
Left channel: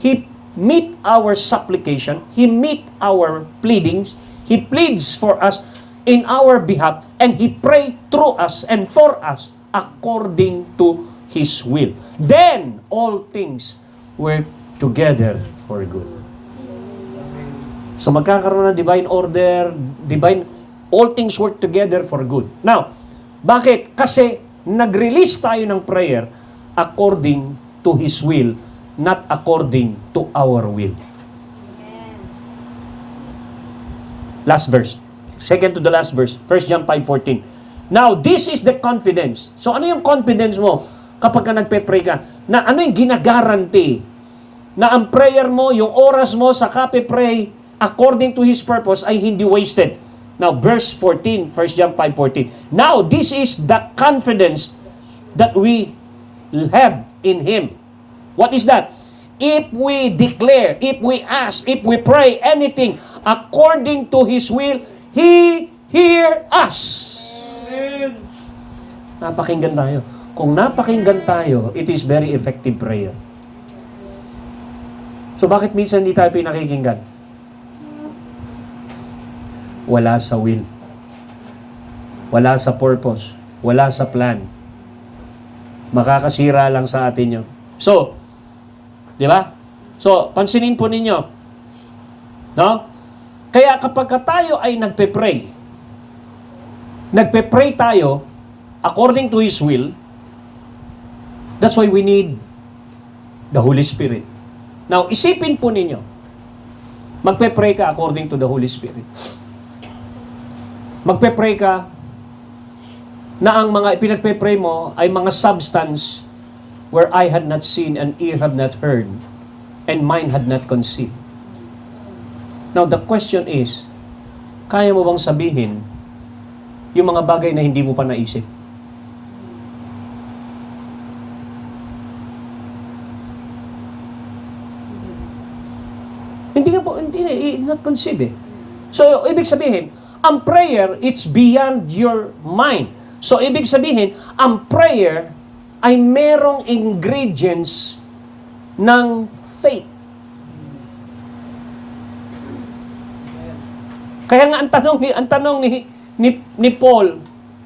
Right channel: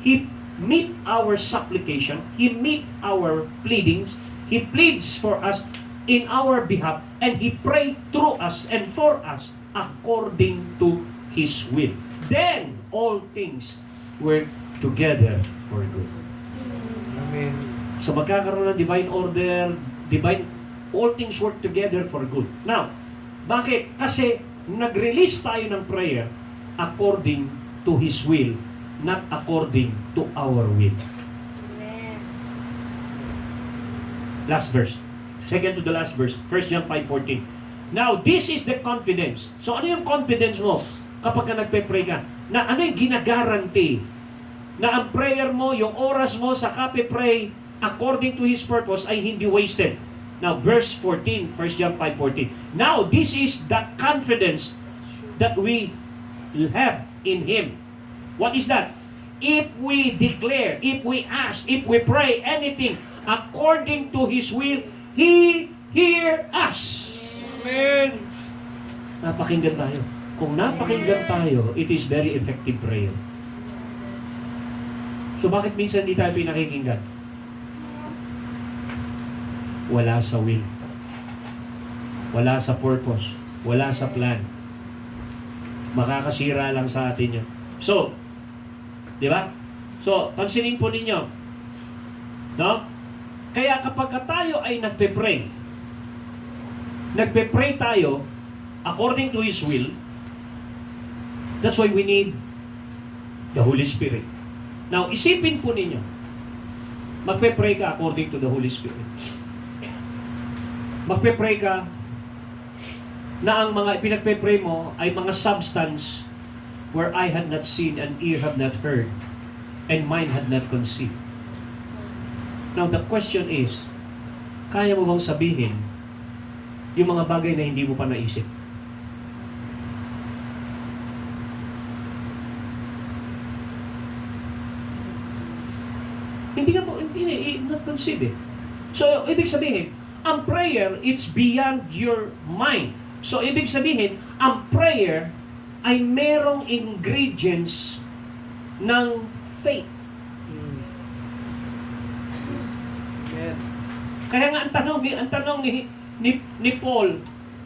He meet our supplication, He meet our pleadings, He pleads for us in our behalf, and He pray through us and for us according to His will. Then, all things work together for good. Amen. So magkakaroon ng divine order, all things work together for good. Now, bakit? Kasi nag-release tayo ng prayer according to His will, not according to our will. Last verse. Second to the last verse. 1 John 5:14. Now, this is the confidence. So ano yung confidence mo kapag ka nagpe-pray ka? Na ano yung ginagaranti? Na ang prayer mo, yung oras mo sa kape-pray according to His purpose ay hindi wasted. Now, verse 14, 1 John 5:14. Now, this is the confidence that we have in Him. What is that? If we declare, if we ask, if we pray anything according to His will, He hear us. Amen. Napakinggan tayo. Kung napakinggan tayo, it is very effective prayer. So bakit minsan hindi tayo pinakikinggan? Wala sa will. Wala sa purpose. Wala sa plan. Makakasira lang sa atin yun. So, di ba? So, pansinin po ninyo. No? Kaya kapag tayo ay nagpe-pray tayo according to His will, that's why we need the Holy Spirit. Now, isipin po ninyo, magpe-pray ka according to the Holy Spirit. Magpe-pray ka na ang mga pinagpe-pray mo ay mga substance where eye had not seen and ear have not heard and mind had not conceived. Now, the question is, kaya mo bang sabihin yung mga bagay na hindi mo pa naisip? Hindi nga po, it's not conceived eh. So, ibig sabihin, ang prayer, it's beyond your mind. So, ibig sabihin, ang prayer ay merong ingredients ng faith. Kaya nga ang tanong ni Paul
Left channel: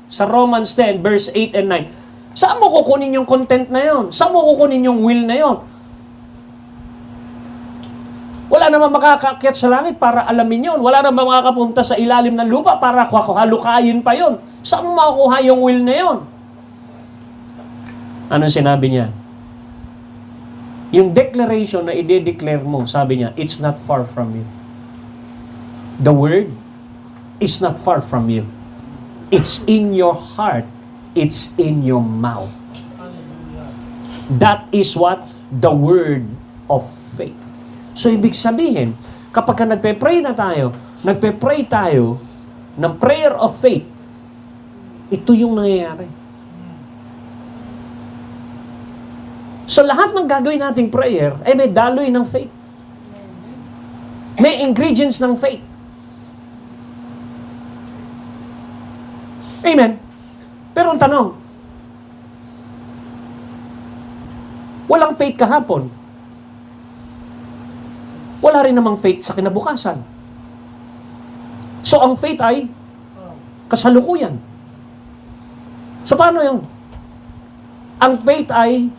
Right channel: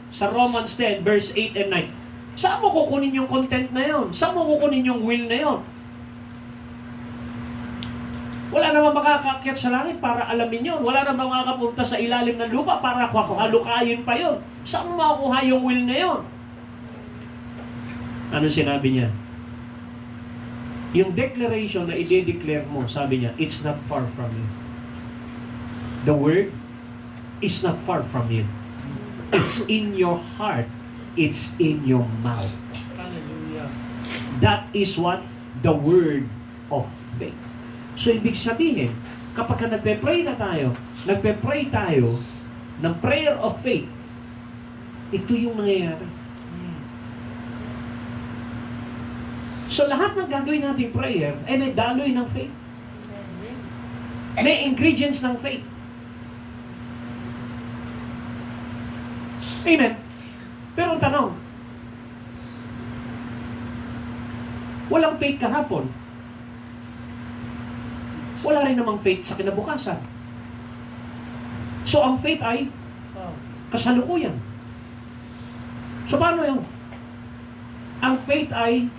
sa Romans 10 verse 8 and 9, saan mo kukunin yung content na yon? Saan mo kukunin yung will na yon? Wala naman makakaakyat sa langit para alamin yon. Wala naman makakapunta sa ilalim ng lupa para halukayin pa yon. Saan mo makukuha yung will na yon? Anong sinabi niya? Yung declaration na i-declare mo, sabi niya, it's not far from you. The word is not far from you. It's in your heart. It's in your mouth. That is what? The word of faith. So, ibig sabihin, kapag nagpe-pray tayo ng prayer of faith, ito yung nangyayari. So, lahat ng gagawin nating prayer, ay may daloy ng faith. May ingredients ng faith. Amen. Pero ang tanong, walang faith kahapon. Wala rin namang faith sa kinabukasan. So, ang faith ay kasalukuyan. So, paano yun? Ang faith ay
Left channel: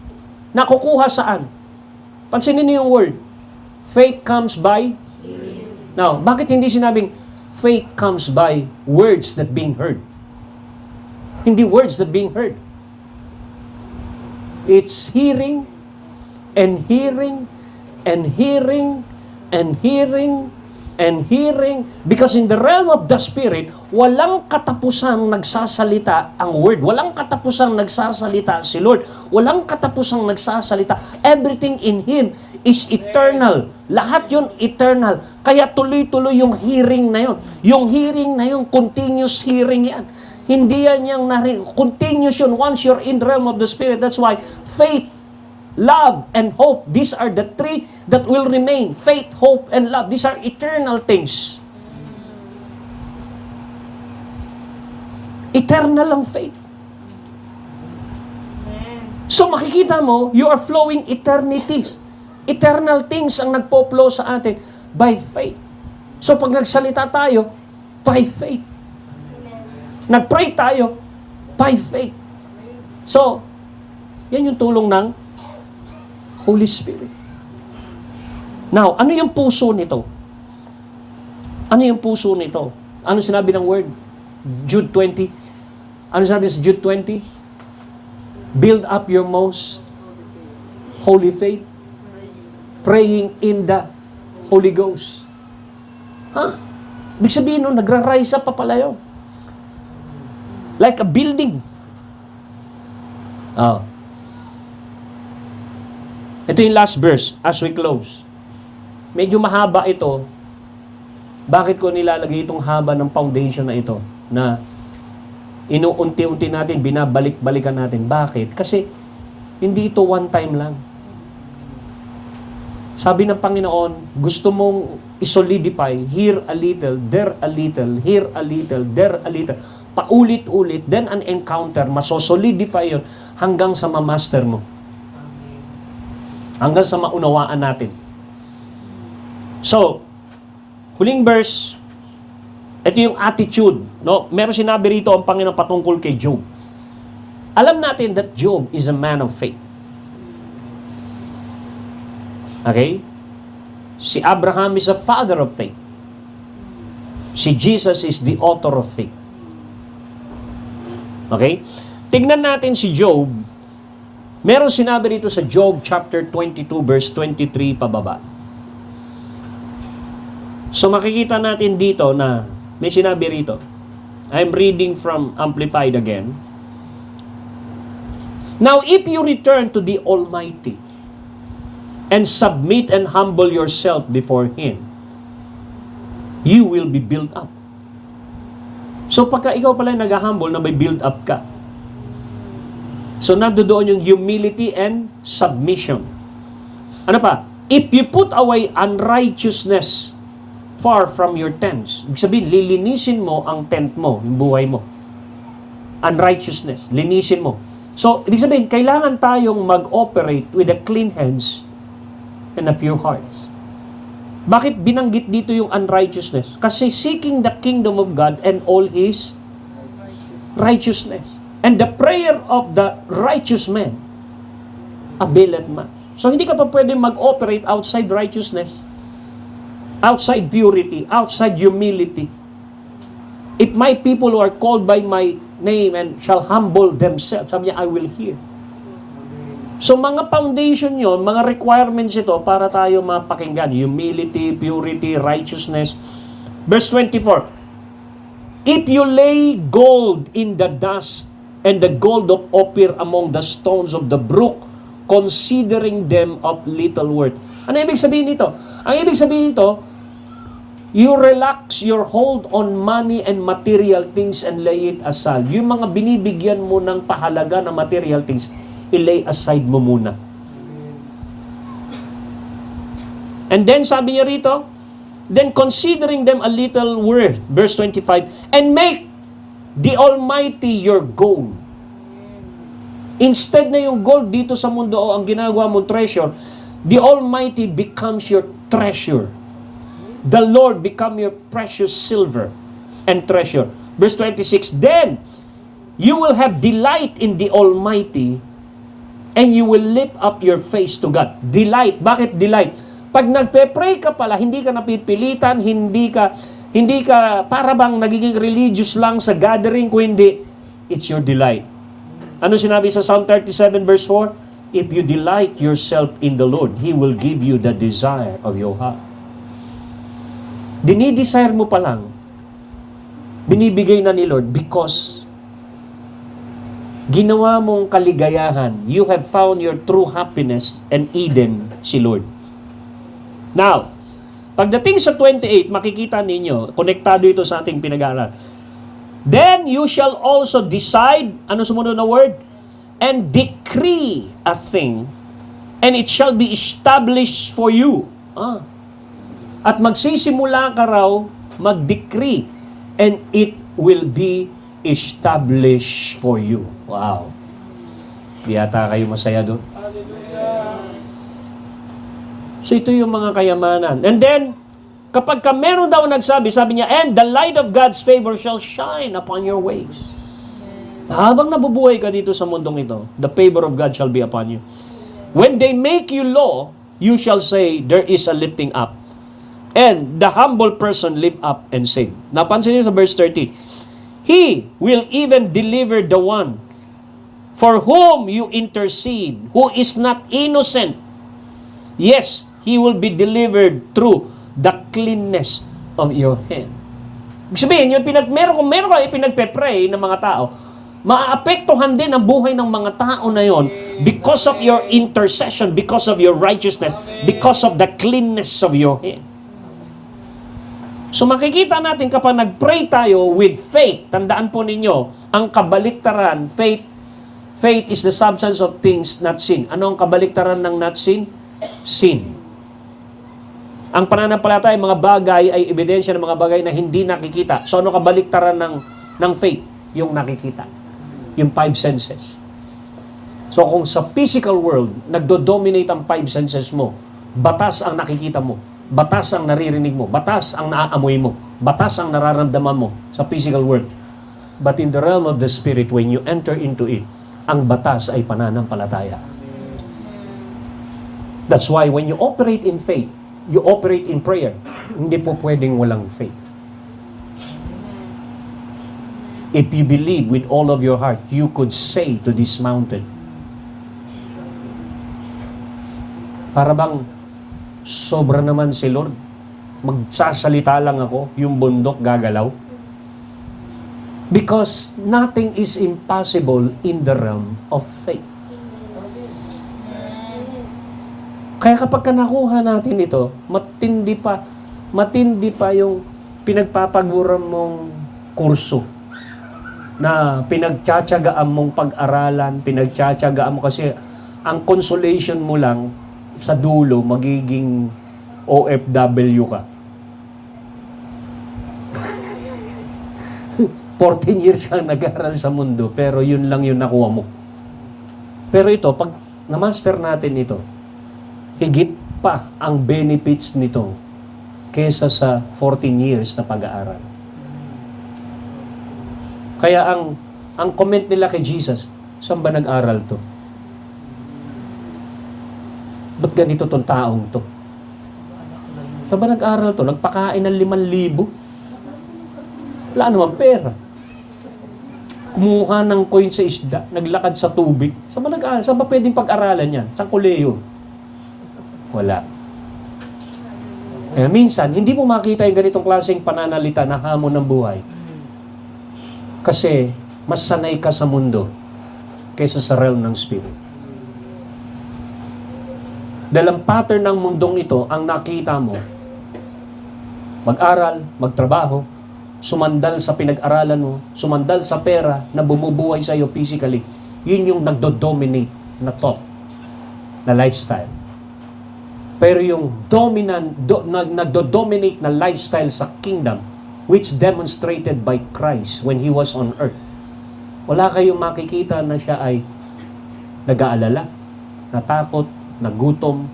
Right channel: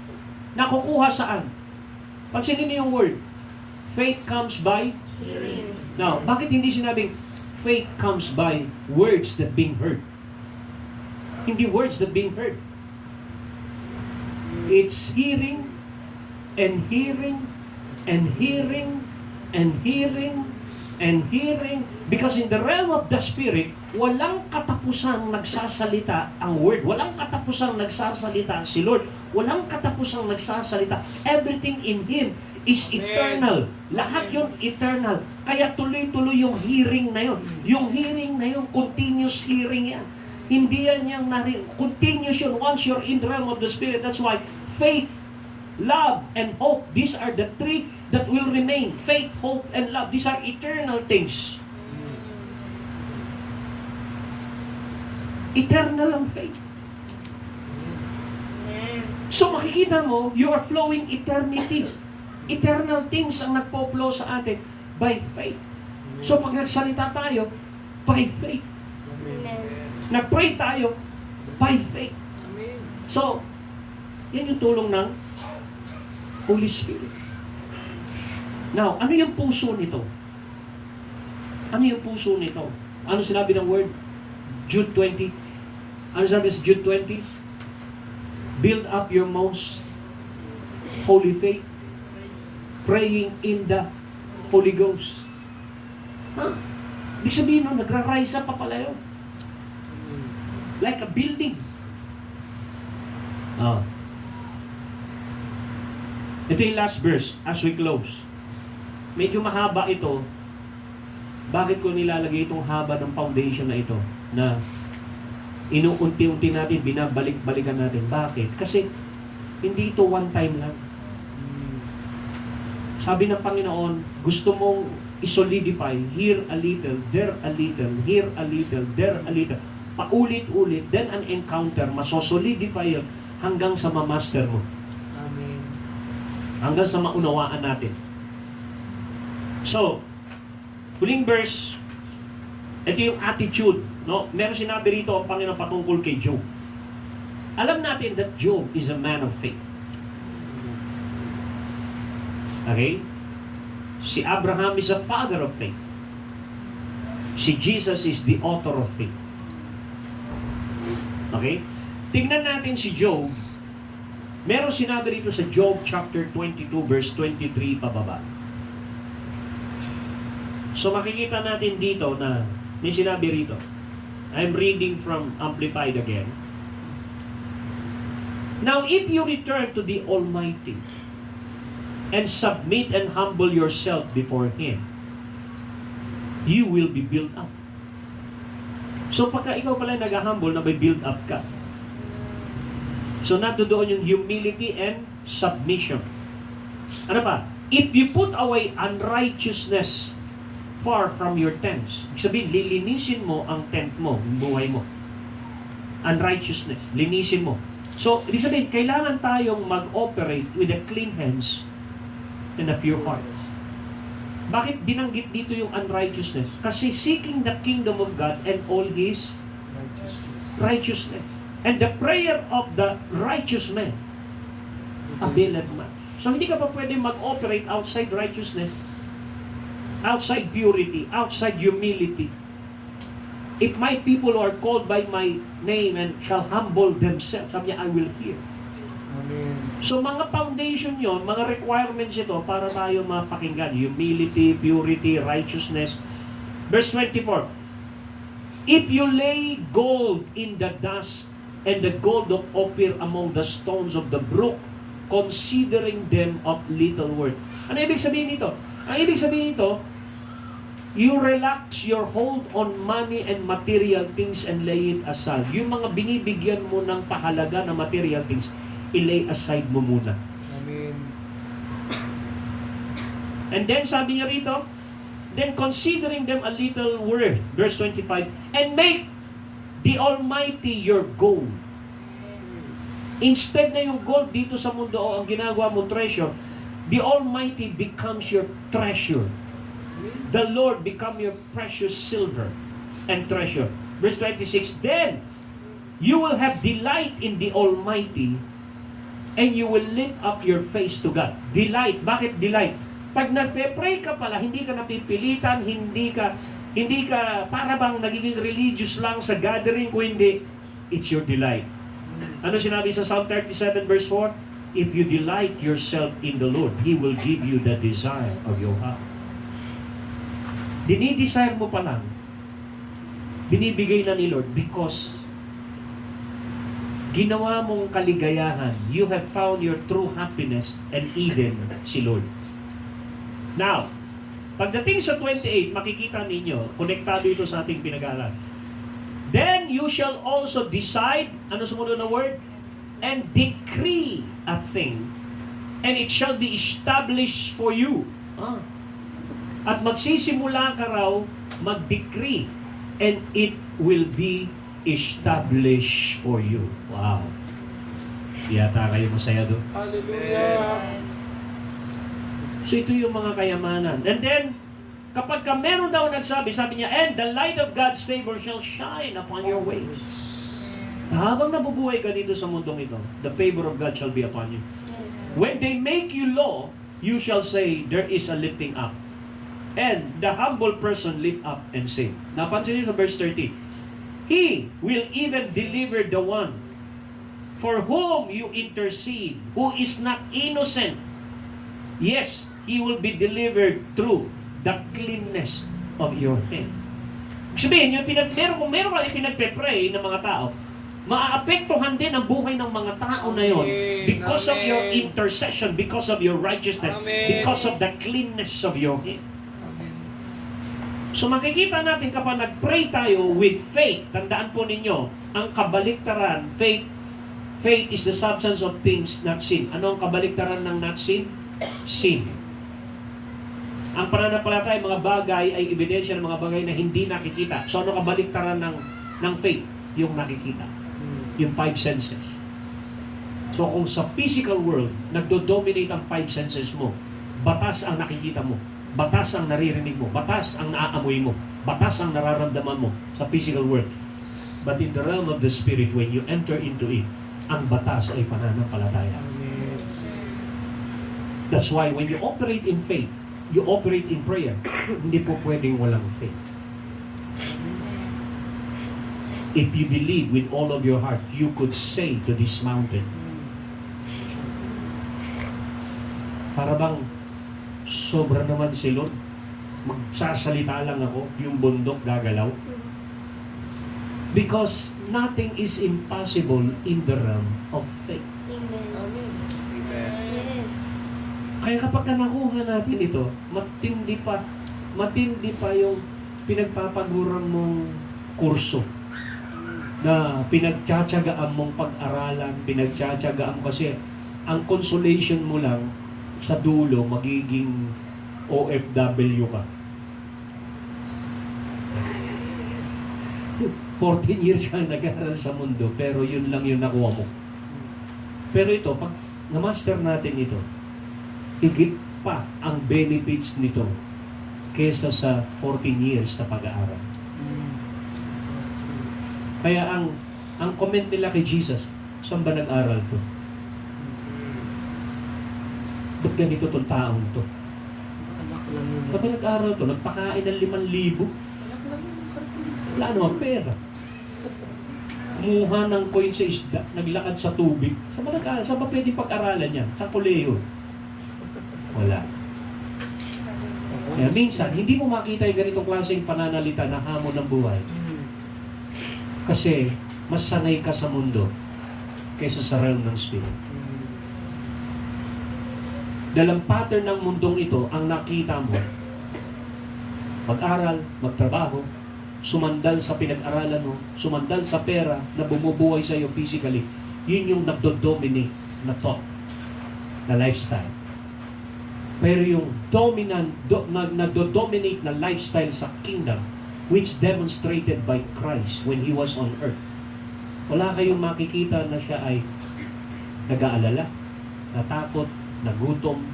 nakukuha saan? Pansinin niyo yung word. Faith comes by hearing. Now, bakit hindi sinabing faith comes by words that being heard? Hindi words that being heard. It's hearing and hearing and hearing and hearing and hearing, because in the realm of the Spirit, walang katapusang nagsasalita ang Word. Walang katapusang nagsasalita si Lord. Walang katapusang nagsasalita. Everything in Him is eternal. Lahat yun eternal. Kaya tuloy-tuloy yung hearing na yun. Yung hearing na yun, continuous hearing yan. Hindi yan yung continuous yun once you're in the realm of the Spirit. That's why faith, love, and hope, these are the three that will remain. Faith, hope, and love. These are eternal things. Eternal ang faith. So makikita mo, you are flowing eternity. Eternal things ang nagpo-flow sa atin by faith. So pag nagsalita tayo, by faith. Nag-pray tayo, by faith. So, yan yung tulong ng Holy Spirit. Now, ano yung puso nito? Ano yung puso nito? Ano sinabi ng word? Jude 20. Ano sinabi sa Jude 20? Build up your most holy faith, praying in the Holy Ghost. Ibig sabihin, no, nagra-rise up pa pala yun. Like a building. Ito yung last verse as we close. Medyo mahaba ito. Bakit ko nilalagay itong haba ng foundation na ito? Na inuunti-unti natin, binabalik-balikan natin. Bakit? Kasi hindi ito one time lang. Sabi ng Panginoon, gusto mong isolidify, here a little, there a little, here a little, there a little. Paulit-ulit, then an encounter, masosolidify yun hanggang sa ma-master mo. Amen. Hanggang sa maunawaan natin. So, huling verse, ito yung attitude. No? Meron sinabi rito ang Panginoon patungkol kay Job. Alam natin that Job is a man of faith. Okay? Si Abraham is a father of faith. Si Jesus is the author of faith. Okay? Tignan natin si Job. Meron sinabi rito sa Job chapter 22 verse 23 pababa. So makikita natin dito na may sinabi rito. I'm reading from Amplified again. Now if you return to the Almighty and submit and humble yourself before Him, you will be built up. So pagka ikaw pala nag-humble na may build up ka. So nandoon yung humility and submission. Ano pa? If you put away unrighteousness far from your tents. Ibig sabihin, lilinisin mo ang tent mo, yung buhay mo. Unrighteousness, linisin mo. So, ibig sabihin, kailangan tayong mag-operate with a clean hands and a pure heart. Bakit binanggit dito yung unrighteousness? Kasi seeking the kingdom of God and all His righteousness. And the prayer of the righteous man availeth much. So hindi ka pa pwede mag-operate outside righteousness, outside purity, outside humility. If my people who are called by my name and shall humble themselves, sabi niya, I will hear. So mga foundation yon, mga requirements ito para tayo mapakinggan. Humility, purity, righteousness. Verse 24, if you lay gold in the dust and the gold of Ophir among the stones of the brook, considering them of little worth. Ano ibig sabihin nito? Ang ibig sabihin nito, you relax your hold on money and material things and lay it aside. Yung mga binibigyan mo ng pahalaga na material things, i-lay aside mo muna. Amen. And then sabi niya rito, then considering them a little worth, verse 25, and make the Almighty your goal. Instead na yung gold dito sa mundo o ang ginagawa mong treasure, the Almighty becomes your treasure. The Lord become your precious silver and treasure. Verse 26, then you will have delight in the Almighty and you will lift up your face to God. Delight. Bakit delight? Pag nagpe-pray ka pala, hindi ka napipilitan, hindi ka para bang nagiging religious lang sa gathering, kundi it's your delight. Ano sinabi sa Psalm 37 verse 4? If you delight yourself in the Lord, He will give you the desire of your heart. Dinidesire mo pa lang, binibigay na ni Lord because ginawa mong kaligayahan. You have found your true happiness and Eden si Lord. Now, pagdating sa 28, makikita ninyo, konektado ito sa ating pinag-aaral. Then you shall also decide, ano sumunod na word? And decree a thing, and it shall be established for you. At magsisimula ka raw mag-decree, and it will be established for you. Wow. Di yata kayo masaya doon. So ito yung mga kayamanan. And then, kapag ka meron daw nagsabi, sabi niya, and the light of God's favor shall shine upon your ways. Habang nabubuhay ka dito sa mundong ito, the favor of God shall be upon you. When they make you low, you shall say, there is a lifting up. And the humble person lift up and save. Napansin niyo sa verse 30, He will even deliver the one for whom you intercede, who is not innocent. Yes, he will be delivered through the cleanness of your hands. Ibig sabihin, kung meron ka ipinagpe-pray ng mga tao, maaapektuhan din ang buhay ng mga tao na yon because of your intercession, because of your righteousness, because of the cleanness of your hands. So makikita natin kapag nag-pray tayo with faith, tandaan po ninyo, ang kabaliktaran, faith is the substance of things not seen. Ano ang kabaliktaran ng not seen? Sin. Ang pananampalataya, mga bagay ay ebidensya ng mga bagay na hindi nakikita. So ano kabaliktaran ng faith? Yung nakikita. Yung 5 senses. So kung sa physical world, nagdo-dominate ang 5 senses mo, batas ang nakikita mo, batas ang naririnig mo, batas ang naaamoy mo, batas ang nararamdaman mo sa physical world. But in the realm of the Spirit, when you enter into it, ang batas ay pananampalataya. That's why when you operate in faith, you operate in prayer, hindi po pwedeng walang faith. If you believe with all of your heart, you could say to this mountain, para bang sobra naman si Lord, magsasalita lang ako, yung bundok gagalaw. Because nothing is impossible in the realm of faith. Kaya kapag nakuha natin ito, matindi pa yung pinagpapaguran mong kurso na pinagtsatsagaan mong pag-aralan, pinagtsatsagaan mo kasi ang consolation mo lang sa dulo, magiging OFW ka. 14 years kang nag-aaral sa mundo, pero yun lang yung nakuha mo. Pero ito, pag na-master natin ito, higit pa ang benefits nito kesa sa 14 years na pag-aaral. Kaya ang comment nila kay Jesus, saan ba nag-aral to? Ba't ganito tong taong to? Saan ba nag-aral to? Nagpakain ng 5,000? Wala naman pera. kumuha ng coin sa isda, naglakad sa tubig. Saan ba nag-aaral? Saan ba pwedeng pag-aralan yan? Saan kolehiyo? Wala. Kaya minsan, hindi mo makita yung ganitong klaseng pananalita na hamon ng buhay. Kasi, mas sanay ka sa mundo kaysa sa realm ng spirit. Dahil ang pattern ng mundong ito, ang nakita mo, mag-aral, magtrabaho, sumandal sa pinag-aralan mo, sumandal sa pera na bumubuhay sa iyo physically, yun yung nagdo-dominate na thought, na lifestyle. Pero yung nagdo-dominate na lifestyle sa kingdom, which demonstrated by Christ when He was on earth, wala kayong makikita na siya ay nag-aalala, natakot, nagutom.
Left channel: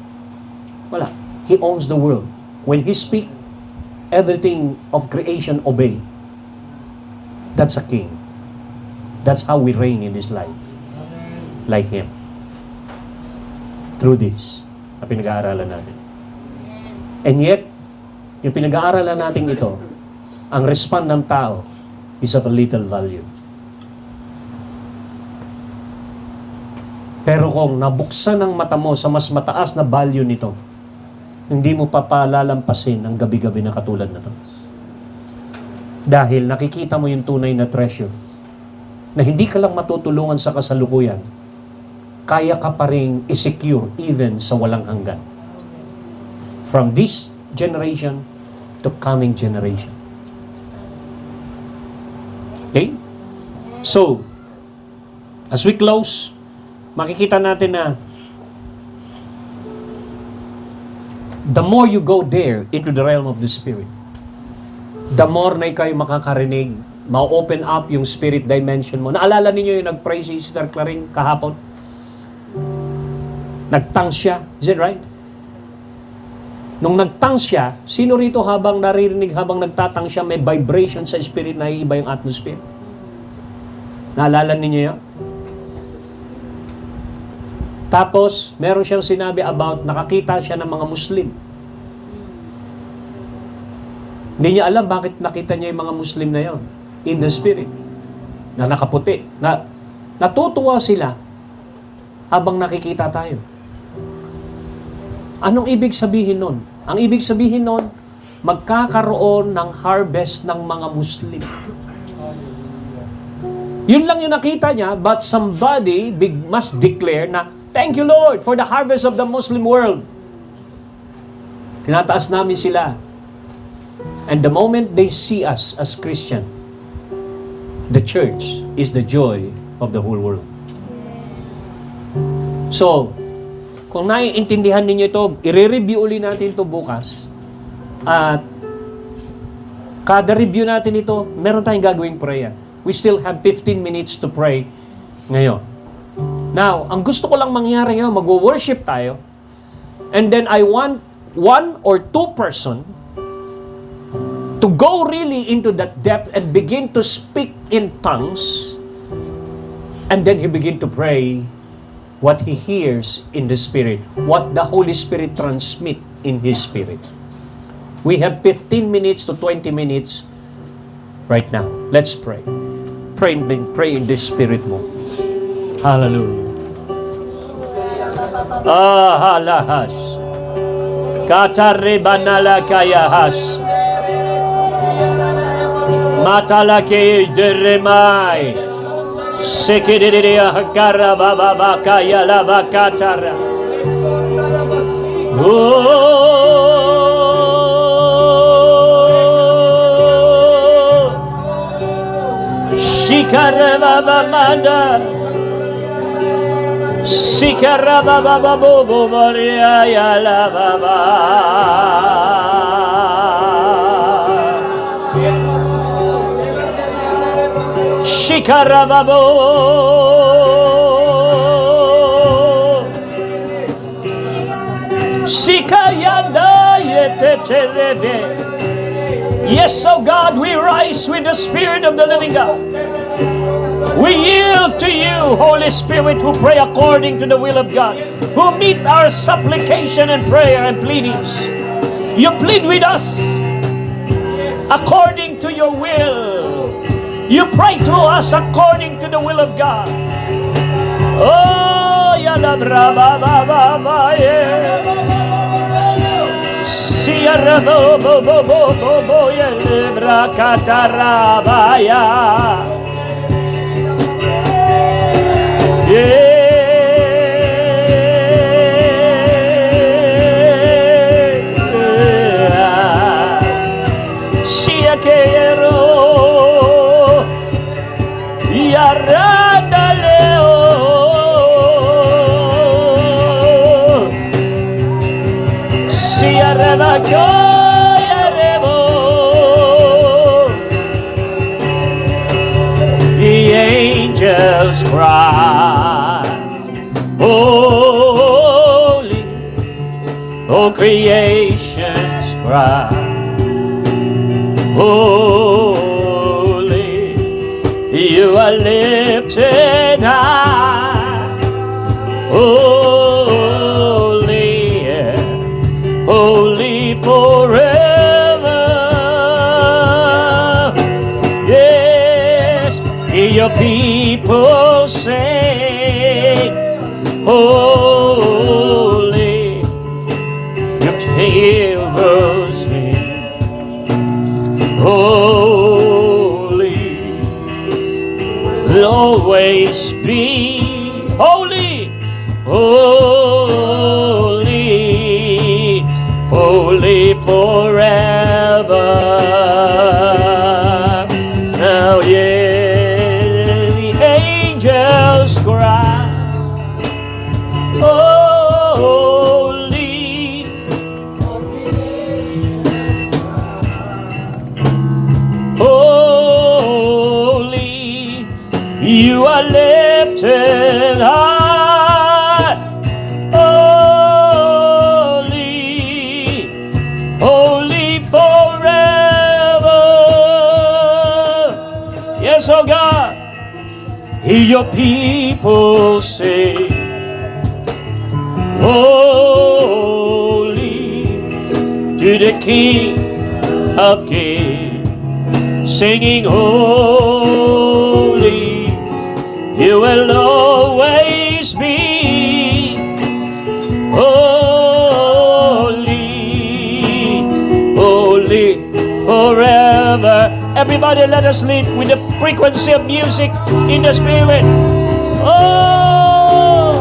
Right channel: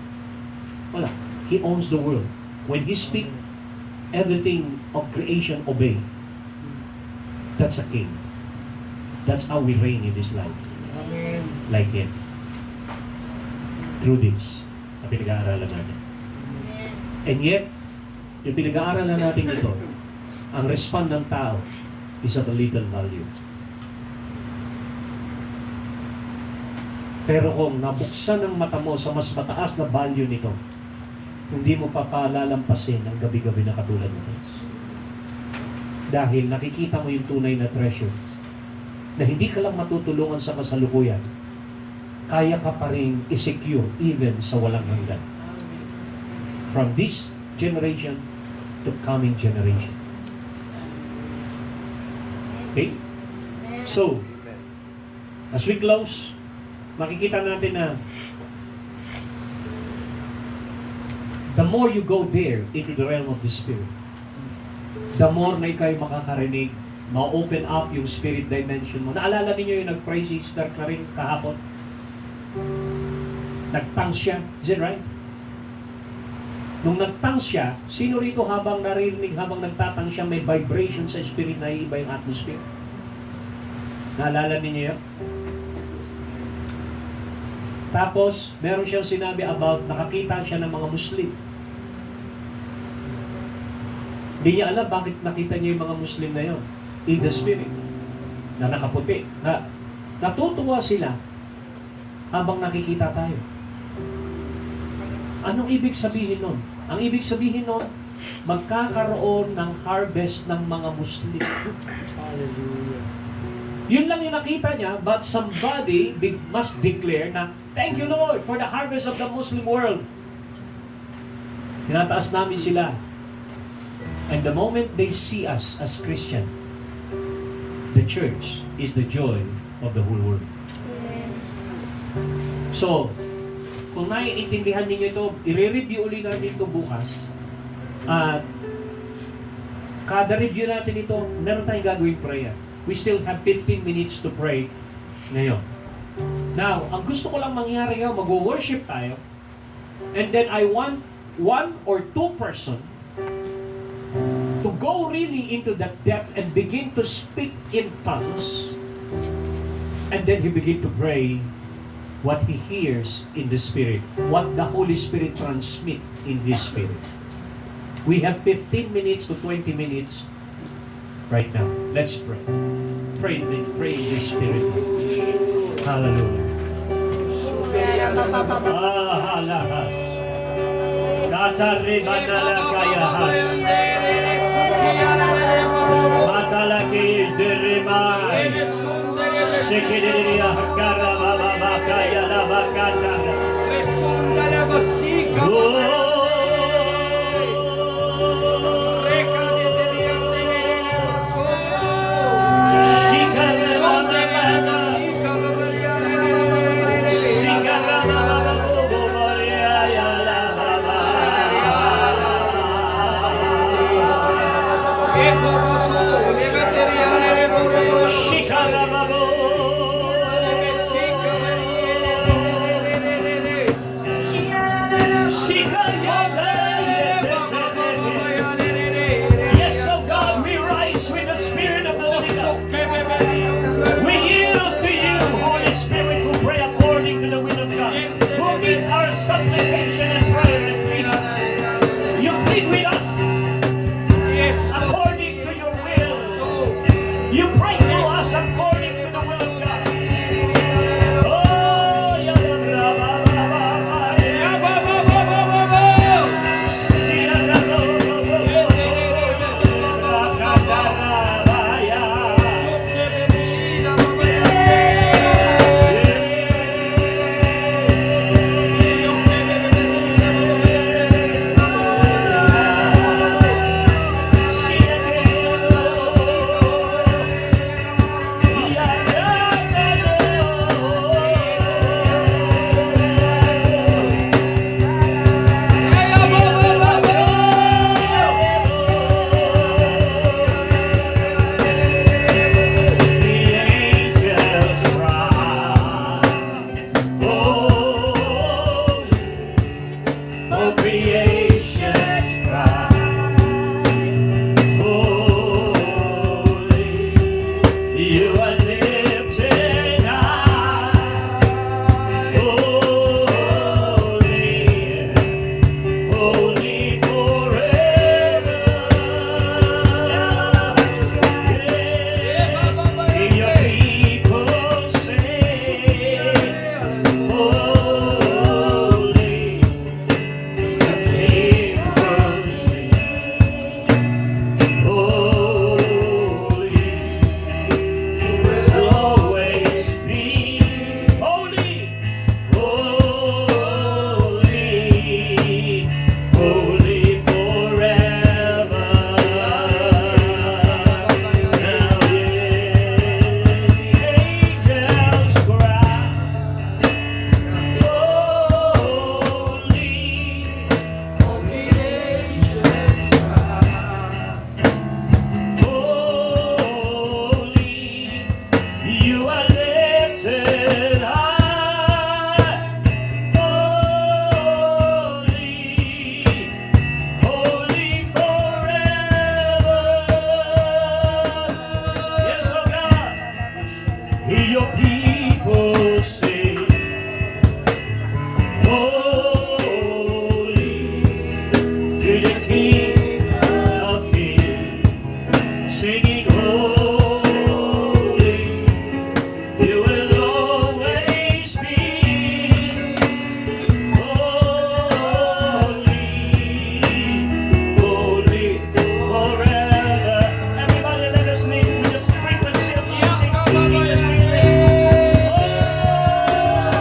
Wala. He owns the world. When He speak, everything of creation obey. That's a king. That's how we reign in this life. Like Him. Through this, na pinag-aaralan natin. And yet, yung pinag-aaralan natin ito, ang respond ng tao is of a little value. Pero kung nabuksan ang mata mo sa mas mataas na value nito, hindi mo pa palalampasin ang gabi-gabi na katulad na ito. Dahil nakikita mo yung tunay na treasure, na hindi ka lang matutulungan sa kasalukuyan, kaya ka pa rin i-secure even sa walang hanggan. From this generation to coming generation. Okay? So, as we close, makikita natin na the more you go there into the realm of the Spirit, the more na ikaw makakarinig, ma-open up yung spirit dimension mo. Naalala ninyo yung nag-pray si Sister Claring kahapon? Nag-tongues siya. Is it right? Nung nag-tongues siya, sino rito habang naririnig, habang nagtatang siya, may vibration sa spirit na iiba yung atmosphere? Naalala ninyo yun? Tapos, meron siyang sinabi about, nakakita siya ng mga Muslim. Hindi niya alam bakit nakita niya yung mga Muslim na yon in the spirit, na nakaputi. Natutuwa sila habang nakikita tayo. Anong ibig sabihin nun? Ang ibig sabihin nun, magkakaroon ng harvest ng mga Muslim. Yun lang yung nakita niya, but somebody must declare na, thank you Lord for the harvest of the Muslim world. Tinataas namin sila. And the moment they see us as Christian, the church is the joy of the whole world. So, kung naiintindihan ninyo ito, i-review ulit natin ito bukas. At kada review natin ito, meron tayong gagawing prayer. We still have 15 minutes to pray ngayon. Now, ang gusto ko lang mangyari ngayon, mag-worship tayo. And then I want one or two person to go really into that depth and begin to speak in tongues. And then he begin to pray what he hears in the Spirit, what the Holy Spirit transmit in his spirit. We have 15 minutes to 20 minutes right now. Let's pray. Pray in the Spirit mo. Hallelujah. Halahas. Kataribanala kayahas. Matalake deremai. Sekididia karababa kaya lava katara. Shikarababa manda. Shikarababa bobo boria ya lava. Shikarababo. Shikayanda yeteterebe. Yes, oh God, we rise with the Spirit of the living God. We yield to you, Holy Spirit, who pray according to the will of God, who meet our supplication and prayer and pleadings. You plead with us according to your will. You pray through us according to the will of God. Oh, yada braba baba baye. Sierra bo bo bo bo bo bo yelebra katarabaya. Creation's cry, holy, you are lifted high, holy, yeah, holy forever. Yes, your people sing, holy, delivers me, holy, will always be holy, holy, holy forever. Now, yeah, the angels cry, you are lifted high, holy, holy forever. Yes, oh God, hear your people say, holy to the King of Kings, singing holy, you will always be holy, holy forever. Everybody, let us live with the frequency of music in the Spirit. Oh,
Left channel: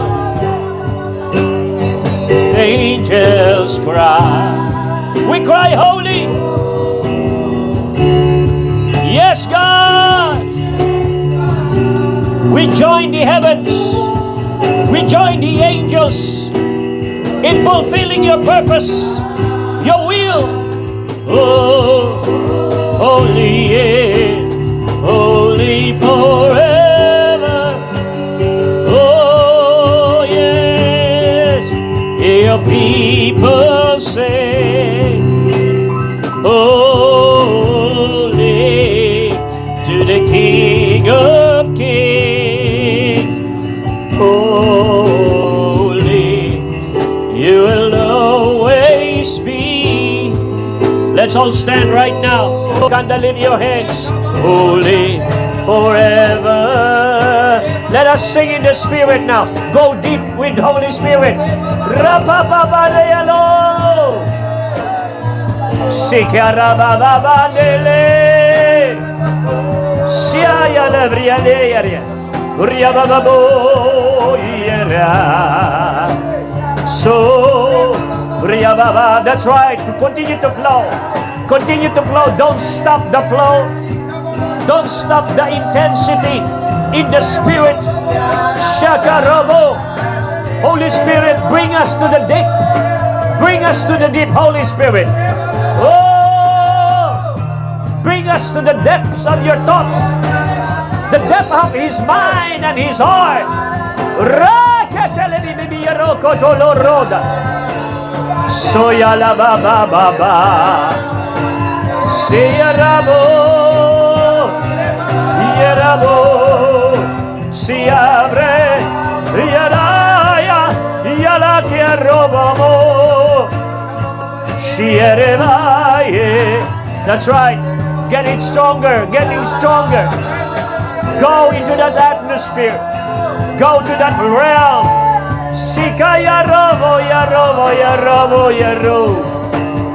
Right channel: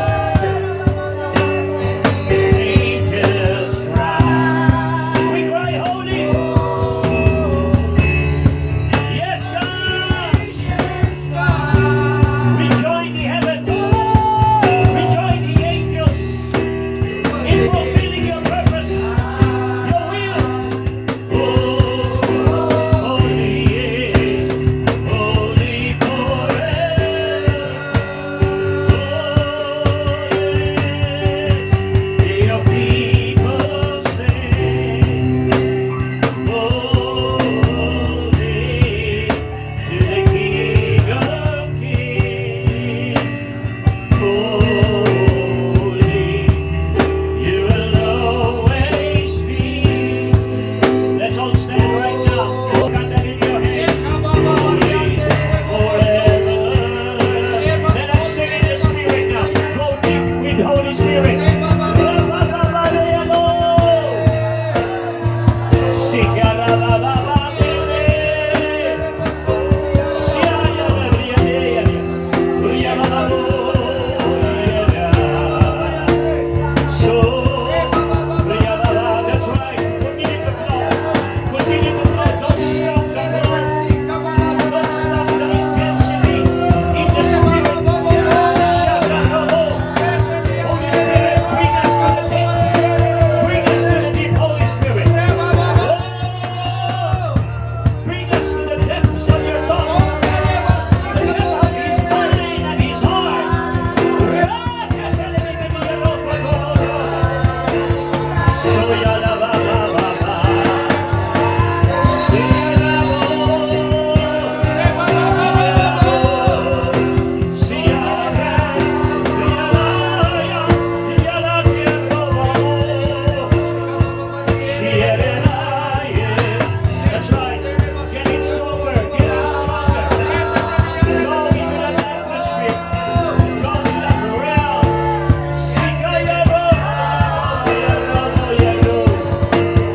angels cry. We cry holy. Yes, God. We join the heavens. We join the angels in fulfilling your purpose, your will. Oh, holy, yeah, holy forever. Oh, yes, your people say, holy to the King of Kings, holy, you will always be. Let's all stand right now. And lift your hands. Holy forever. Let us sing in the Spirit now. Go deep with Holy Spirit. Rapapapadeyalo. Sikarabababadele. Siayalebriadeyaria. Uriabababoyera. So, Uriababa. That's right. Continue to flow. Continue to flow. Don't stop the flow. Don't stop the intensity in the Spirit. Shakarabo. Holy Spirit, bring us to the deep. Bring us to the deep, Holy Spirit. Oh, bring us to the depths of your thoughts. The depth of His mind and His heart. Soya la ba ba ba ba. Sierrabo, Sierrabo, si abre, Yalaya, Yala tierra vamos, Sierra. That's right, getting stronger, getting stronger. Go into that atmosphere. Go to that realm. Sikaya robo ya robo ya robo ya robo.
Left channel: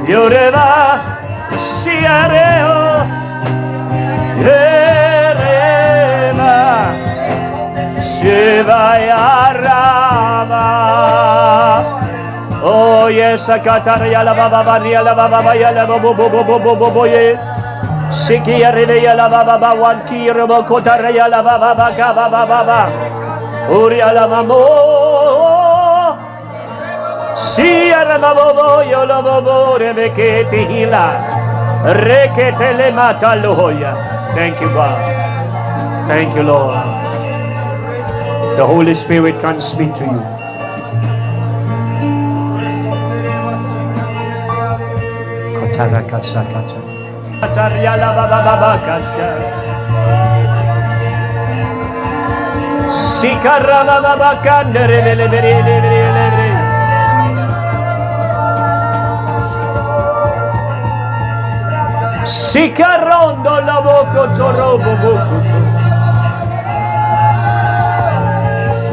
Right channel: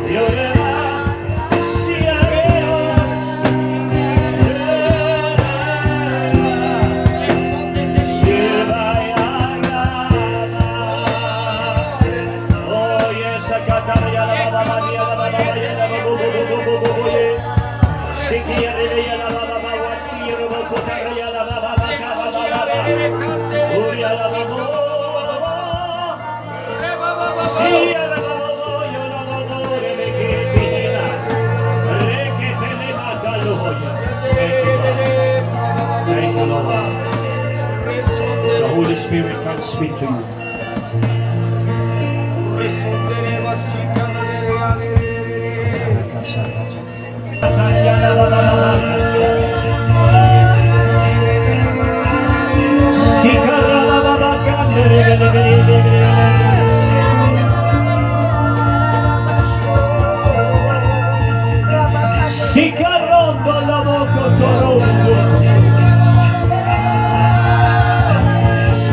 Yoreba siareo. Yereba Shivaya Rama. Oh yes, Akatara la baba Maria la baba ya la bo bo bo bo bo bo bo ye. Sikia ya la baba wan ki robo kotara ya la baba ka baba baba. Uria la mamo. Sia la baba yo la baba rebeke hila. Rekete le mata loya. Thank you, God. Thank you, Lord. The Holy Spirit transmit to you. Katara kasa kata. Katara la baba baba kasa. Sikara la baba kandere le le le le le. Sikarondo la boko torobo boko.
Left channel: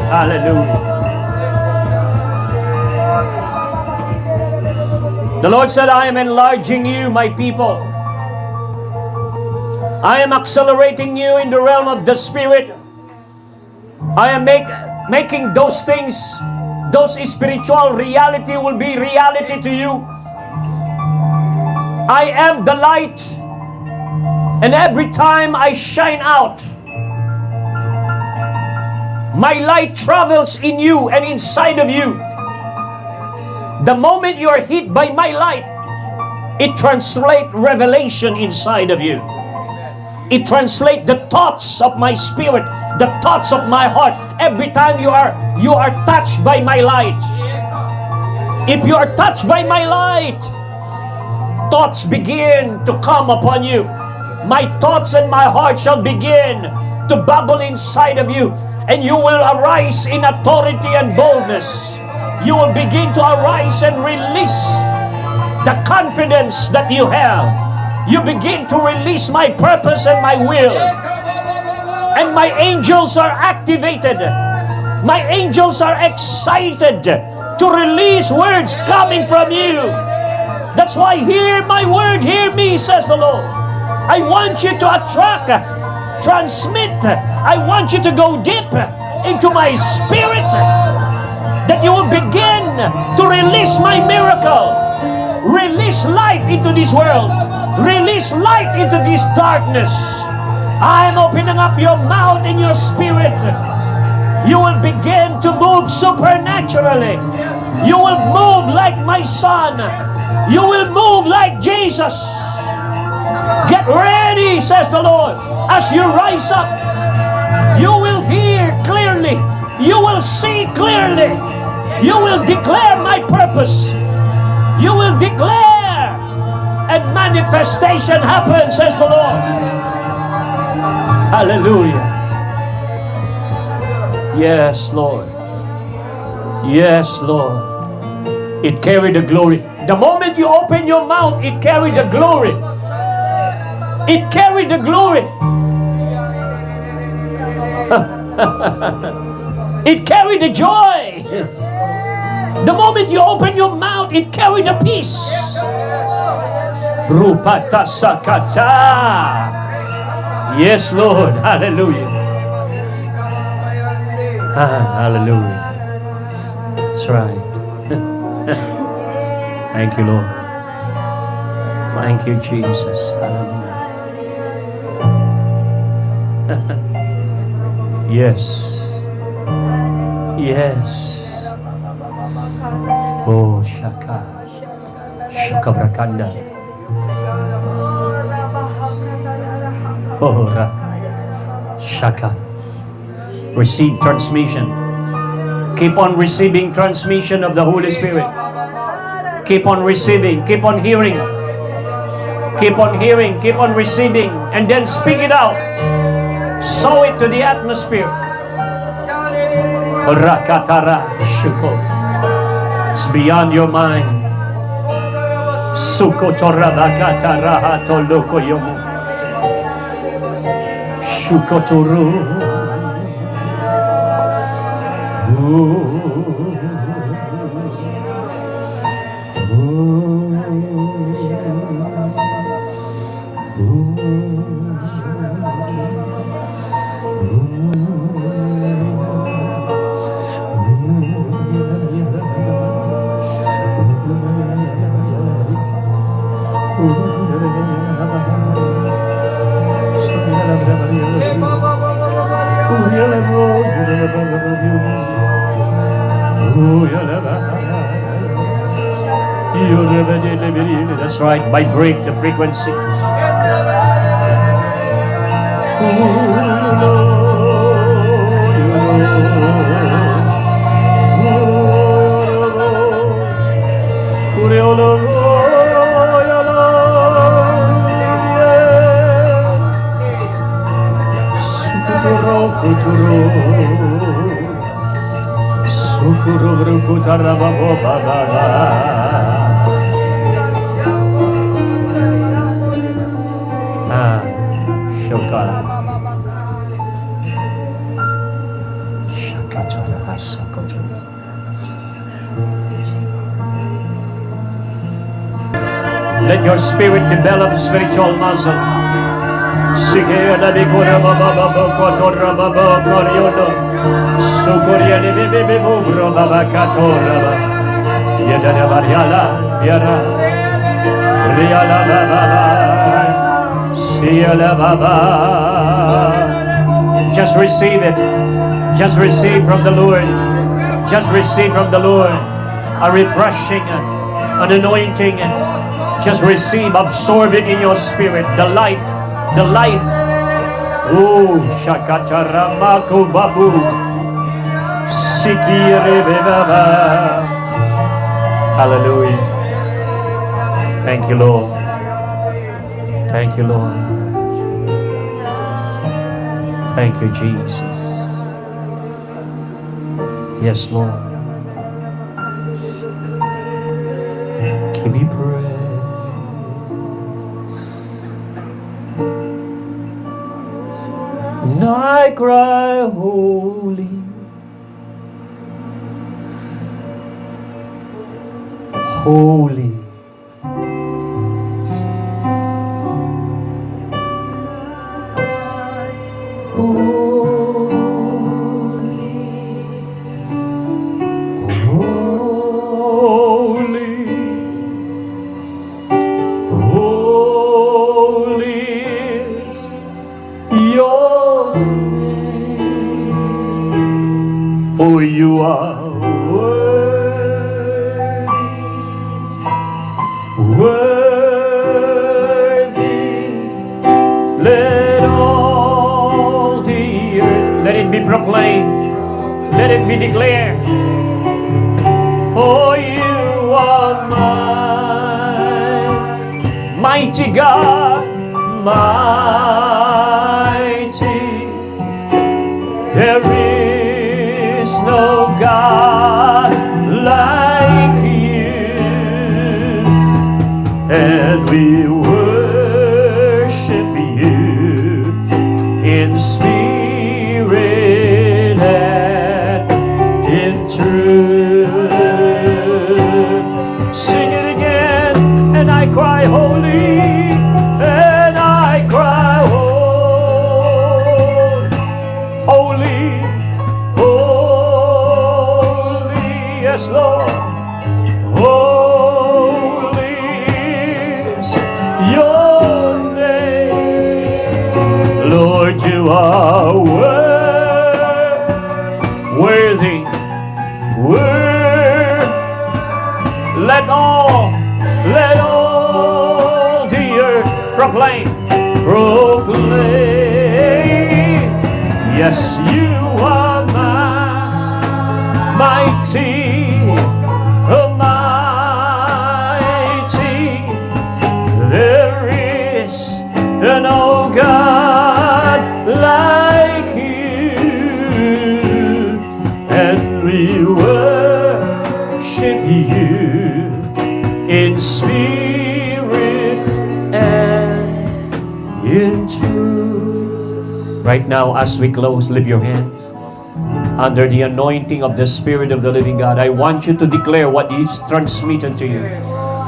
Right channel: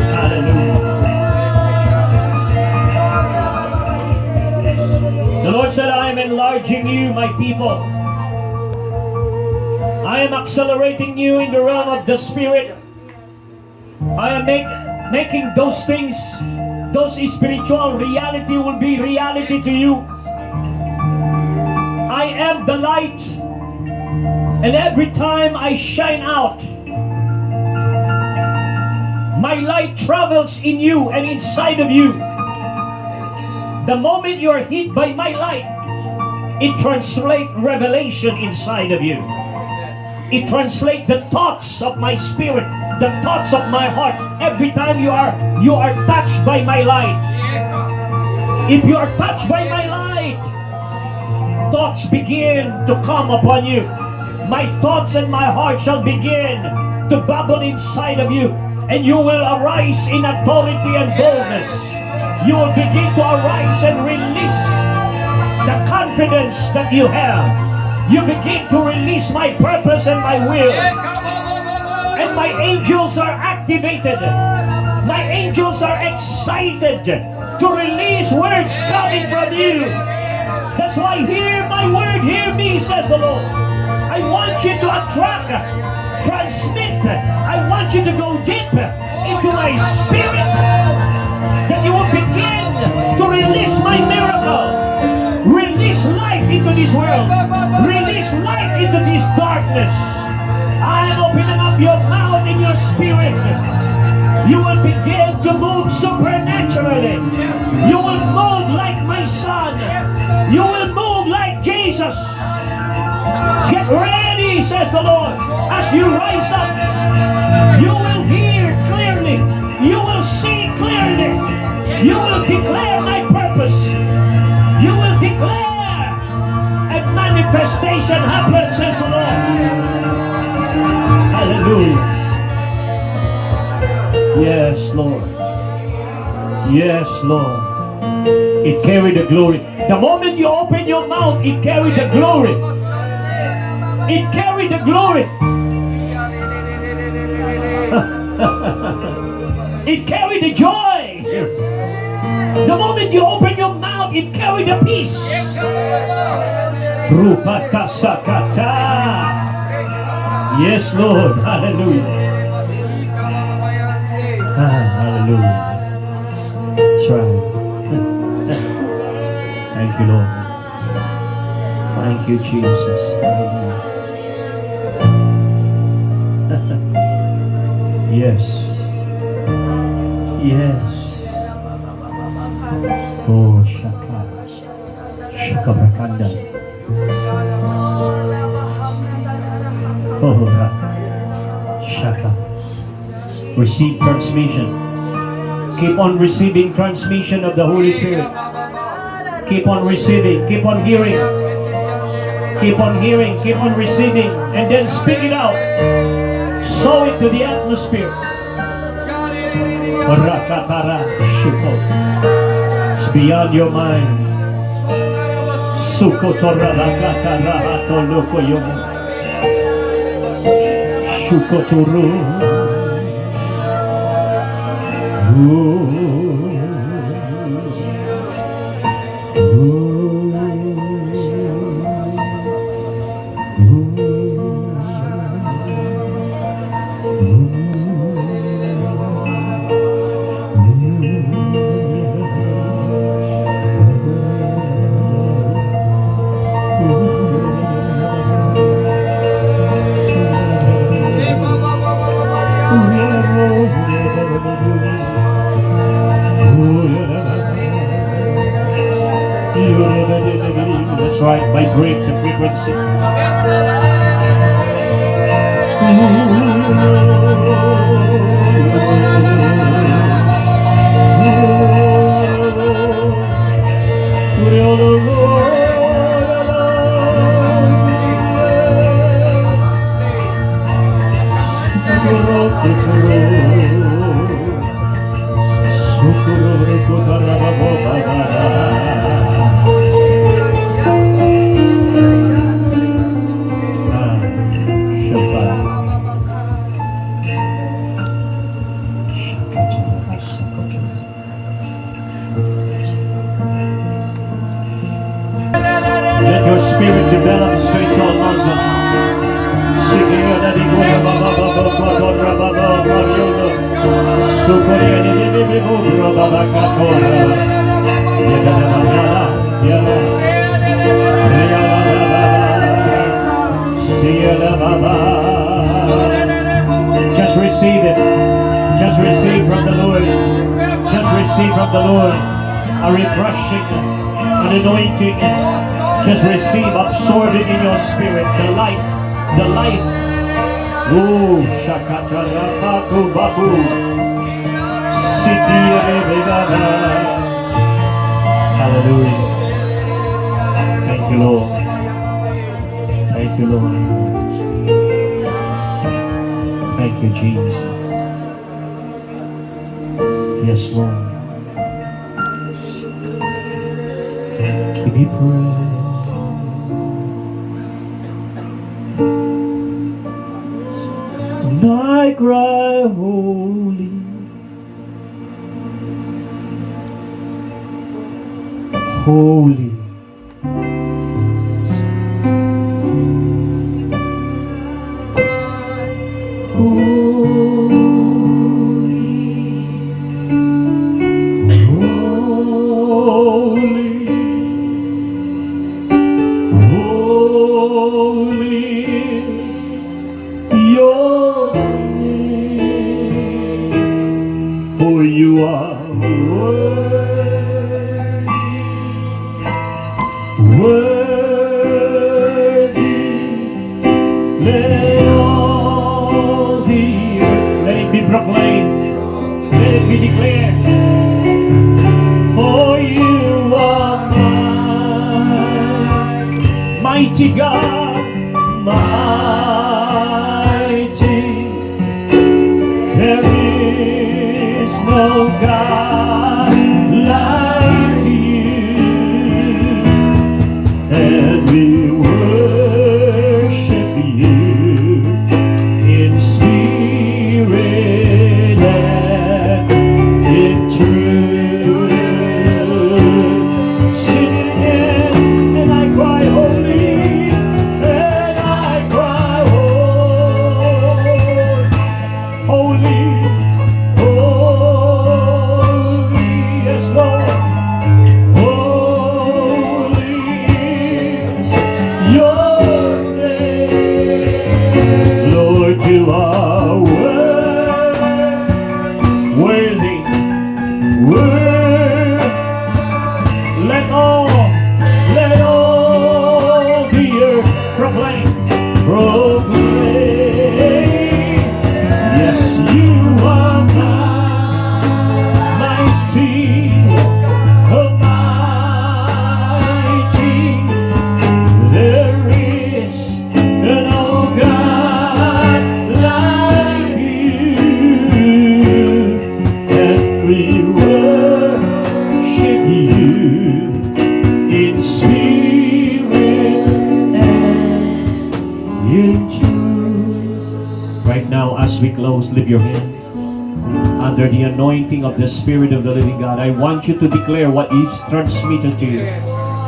Hallelujah. The Lord said, I am enlarging you, my people. I am accelerating you in the realm of the Spirit. I am making those things, those spiritual reality will be reality to you. I am the light, and every time I shine out, my light travels in you and inside of you. The moment you are hit by my light, it translates revelation inside of you. It translates the thoughts of my spirit, the thoughts of my heart. Every time you are touched by my light. If you are touched by my light, thoughts begin to come upon you. My thoughts and my heart shall begin to bubble inside of you, and you will arise in authority and boldness. You will begin to arise and release the confidence that you have. You begin to release my purpose and my will. And my angels are activated. My angels are excited to release words coming from you. That's why hear my word, hear me, says the Lord. I want you to attract, transmit. I want you to go deep into my spirit, that you will begin to release my miracle. Release life into this world. Release light into this darkness. I am opening up your mouth and your spirit. You will begin to move supernaturally. You will move like my son. You will move like Jesus. Get ready, says the Lord. As you rise up, you will hear clearly. You will see clearly. You will declare my purpose. You will declare, and manifestation happens, says the Lord. Hallelujah. Yes, Lord. Yes, Lord. It carried the glory. The moment you open your mouth, it carried the glory. It carried the glory. It carried the joy. The moment you open your mouth, it carried the peace. Rupata sakata. Yes, Lord. Hallelujah. Hallelujah. That's right. Thank you, Lord. Thank you, Jesus. Yes. Yes. Oh, Shaka. Shaka Brakanda. Oh, Raka. Shaka. Receive transmission. Keep on receiving transmission of the Holy Spirit. Keep on receiving. Keep on hearing. Keep on hearing. Keep on receiving. And then speak it out. Sow it to the atmosphere. Rakatara Shiko. It's beyond your mind. Sukotora Rakatara Hatolokoyomu. Sukotoro. That's right, vibrate the frequency. Let your spirit develop spiritual muscle. Sikera de kora baba baba kotora baba koryono. Sukoria de bebe gubro baba katora. Yada da variala yara. Riala baba. Siala baba. Just receive it. Just receive from the Lord. Just receive from the Lord a refreshing, an anointing. Just receive, absorb it in your spirit, the light, the life. Oh, Shakataramaku Babu. Hallelujah. Thank you, Lord. Thank you, Lord. Thank you, Jesus. Yes, Lord. Give me praise. And I cry, holy, holy. For you are worthy. Let all the earth, let it be proclaimed, let it be declared. For you are mighty God, mighty. There is no God like you, and we worship you in spirit and in truth. Sing it again, and I cry holy, and I cry holy. Yes, Lord. Holy is your name. Lord, you are worthy. Let all the earth proclaim. Yes, you are mighty. Almighty, there is no God like you, and we worship you in spirit and in truth. Right now. Now, as we close, lift your hand. Under the anointing of the Spirit of the living God, I want you to declare what is transmitted to you.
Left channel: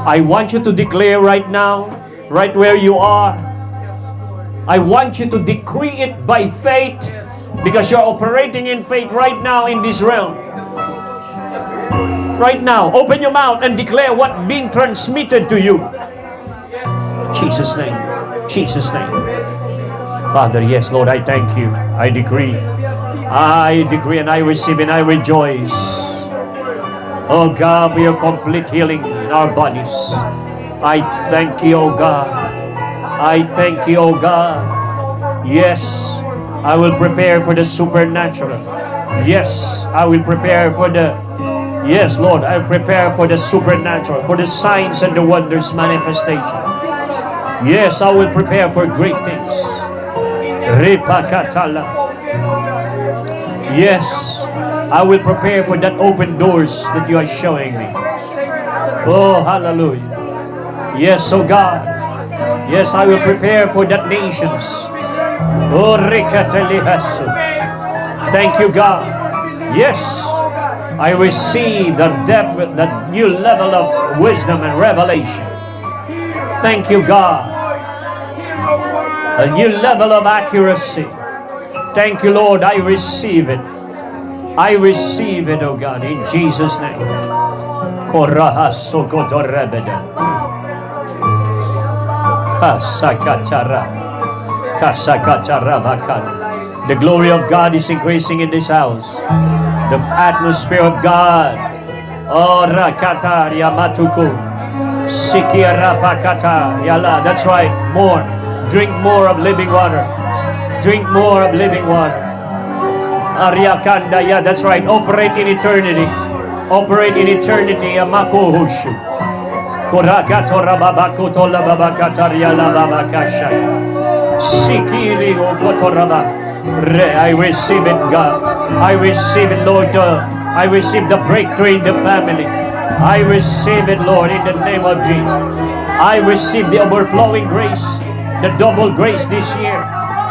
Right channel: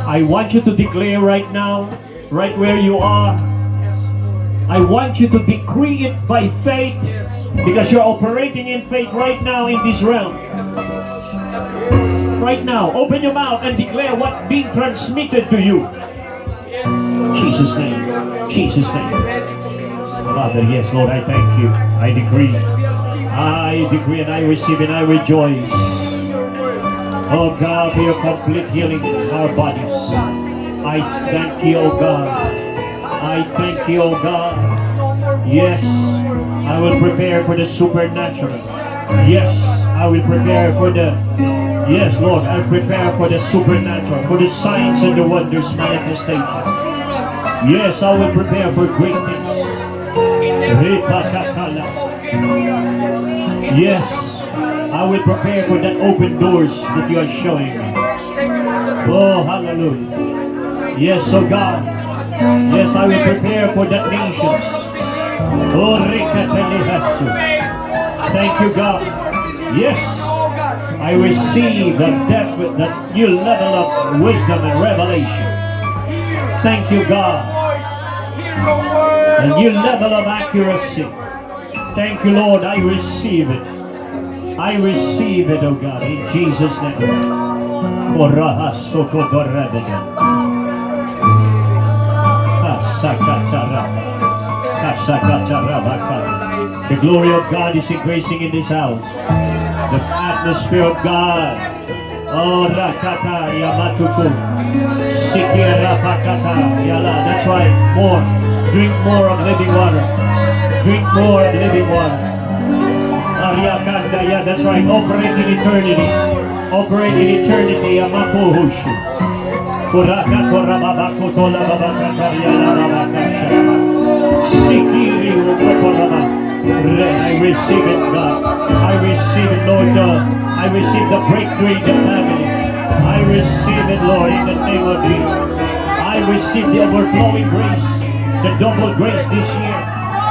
I want you to declare right now, right where you are. I want you to decree it by faith, because you're operating in faith right now in this realm. Right now, open your mouth and declare what being transmitted to you. Jesus' name. Jesus' name. Father, yes, Lord, I thank you. I decree and I receive and I rejoice. Oh God, for your complete healing in our bodies. I thank you, oh God. I thank you, oh God. Yes, I will prepare for the supernatural. Yes, I will prepare for the... Yes, Lord, I prepare for the supernatural, for the signs and the wonders manifestation. Yes, I will prepare for great things. Ripakatala. Yes, I will prepare for that open doors that you are showing me. Oh, hallelujah. Yes, oh God. Yes, I will prepare for that nations. Oh, Rikatalihasu. Thank you, God. Yes, I receive the depth, that new level of wisdom and revelation. Thank you, God. A new level of accuracy. Thank you, Lord. I receive it. I receive it, oh God, in Jesus' name. Koraha sokotorebeda. Kasakatara. Kasakatarabaka. The glory of God is increasing in this house. The atmosphere of God. Oh, Rakata Yamatuku. Sikirapakata Yala. That's right. More. Drink more of living water. Drink more of living water. Ariakanda, yeah, that's right. Operate in eternity. Operate in eternity. Amakuhushu. Kurakato Rababako Tola Babakataria Labakasha. Sikiri Ukotoraba. I receive it, God. I receive it, Lord. I receive the breakthrough in the family. I receive it, Lord, in the name of Jesus. I receive the overflowing grace, the double grace this year.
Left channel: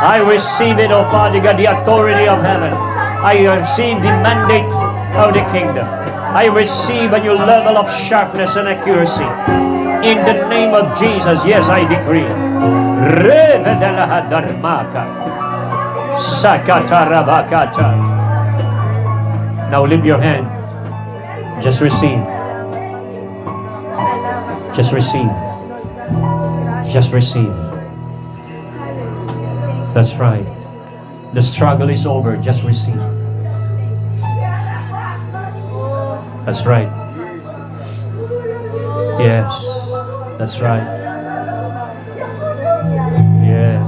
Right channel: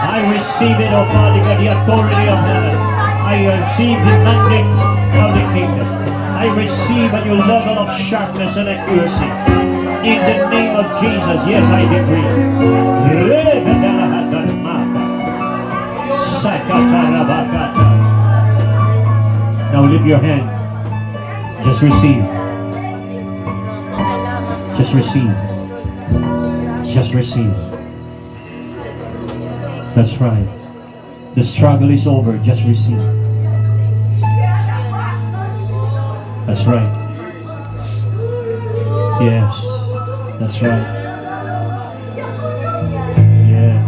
I receive it, oh Father God, the authority of heaven. I receive the mandate of the kingdom. I receive a new level of sharpness and accuracy. In the name of Jesus, yes, I decree. Now lift your hand. Just receive. Just receive. Just receive. That's right. The struggle is over. Just receive. That's right. Yes. That's right. Yes.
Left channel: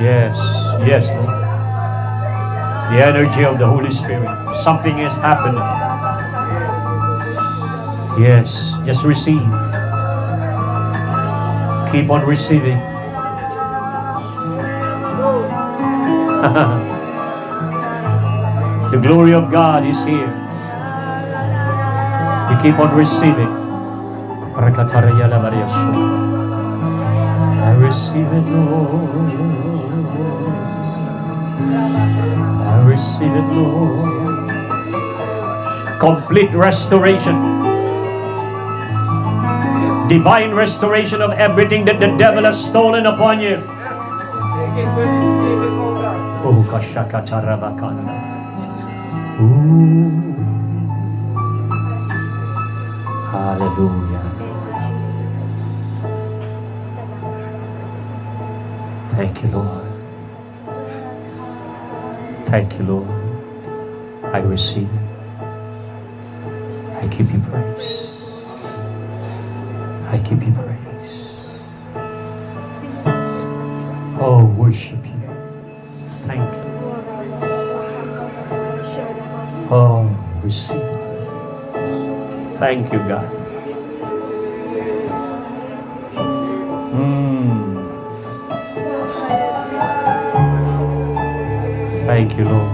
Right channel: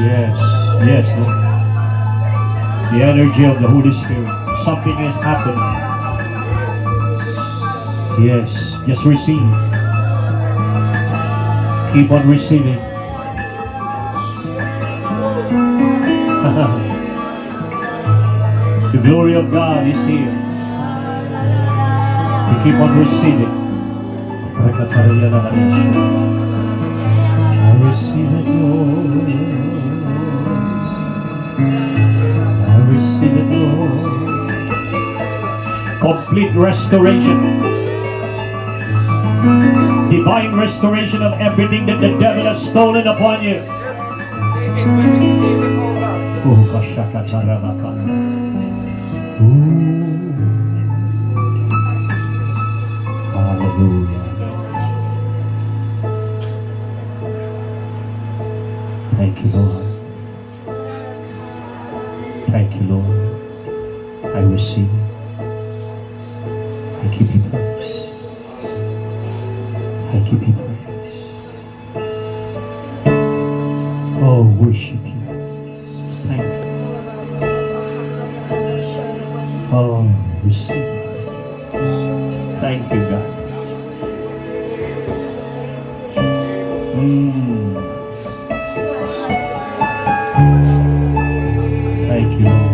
Yes. Yes, Lord. The energy of the Holy Spirit. Something is happening. Yes. Just receive. Keep on receiving. The glory of God is here. We keep on receiving. I receive it, Lord. I receive it, Lord. Complete restoration. Divine restoration of everything that the devil has stolen upon you. Oh, Kashakatarabakana. Hallelujah. Thank you, Lord. Thank you, Lord. I receive. I give you praise. I give you praise. Oh, worship you. Thank you. Oh, receive. Thank you, God. Thank you, Lord.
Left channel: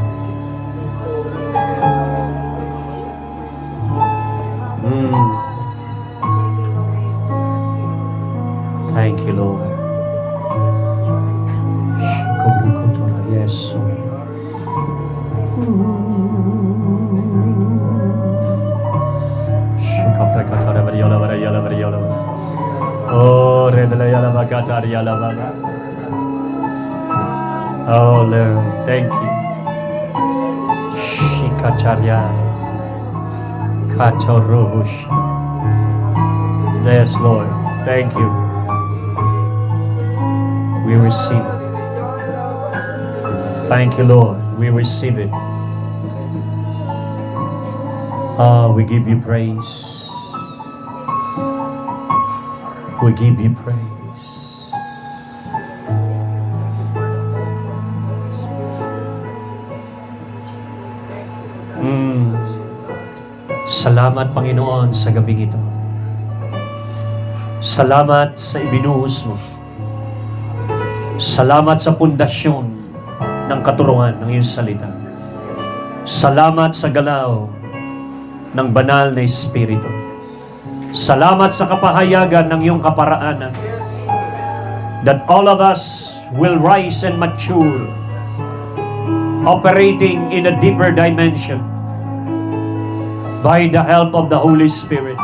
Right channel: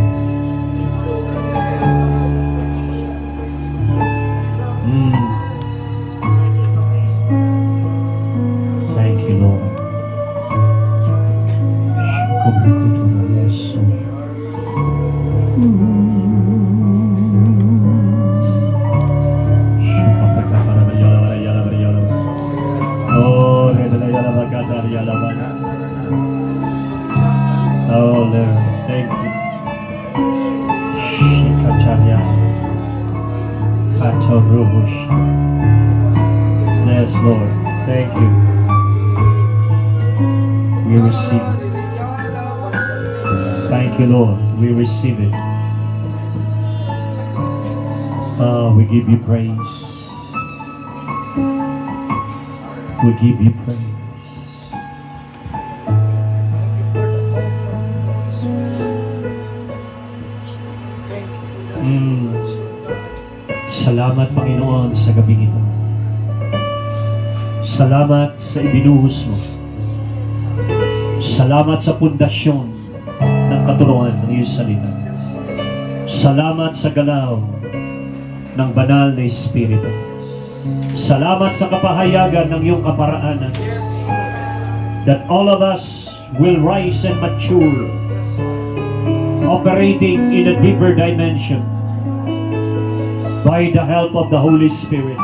Thank you, Lord. Yes. Karya. Kachorosh. Yes, Lord. Thank you. We receive it. Thank you, Lord. We receive it. We give you praise. We give you praise. Salamat, Panginoon, sa gabing ito. Salamat sa ibinuhos mo. Salamat sa pundasyon ng katurungan ng iyong salita. Salamat sa galaw ng banal na Espiritu. Salamat sa kapahayagan ng iyong kaparaanan. That all of us will rise and mature, operating in a deeper dimension by the help of the Holy Spirit,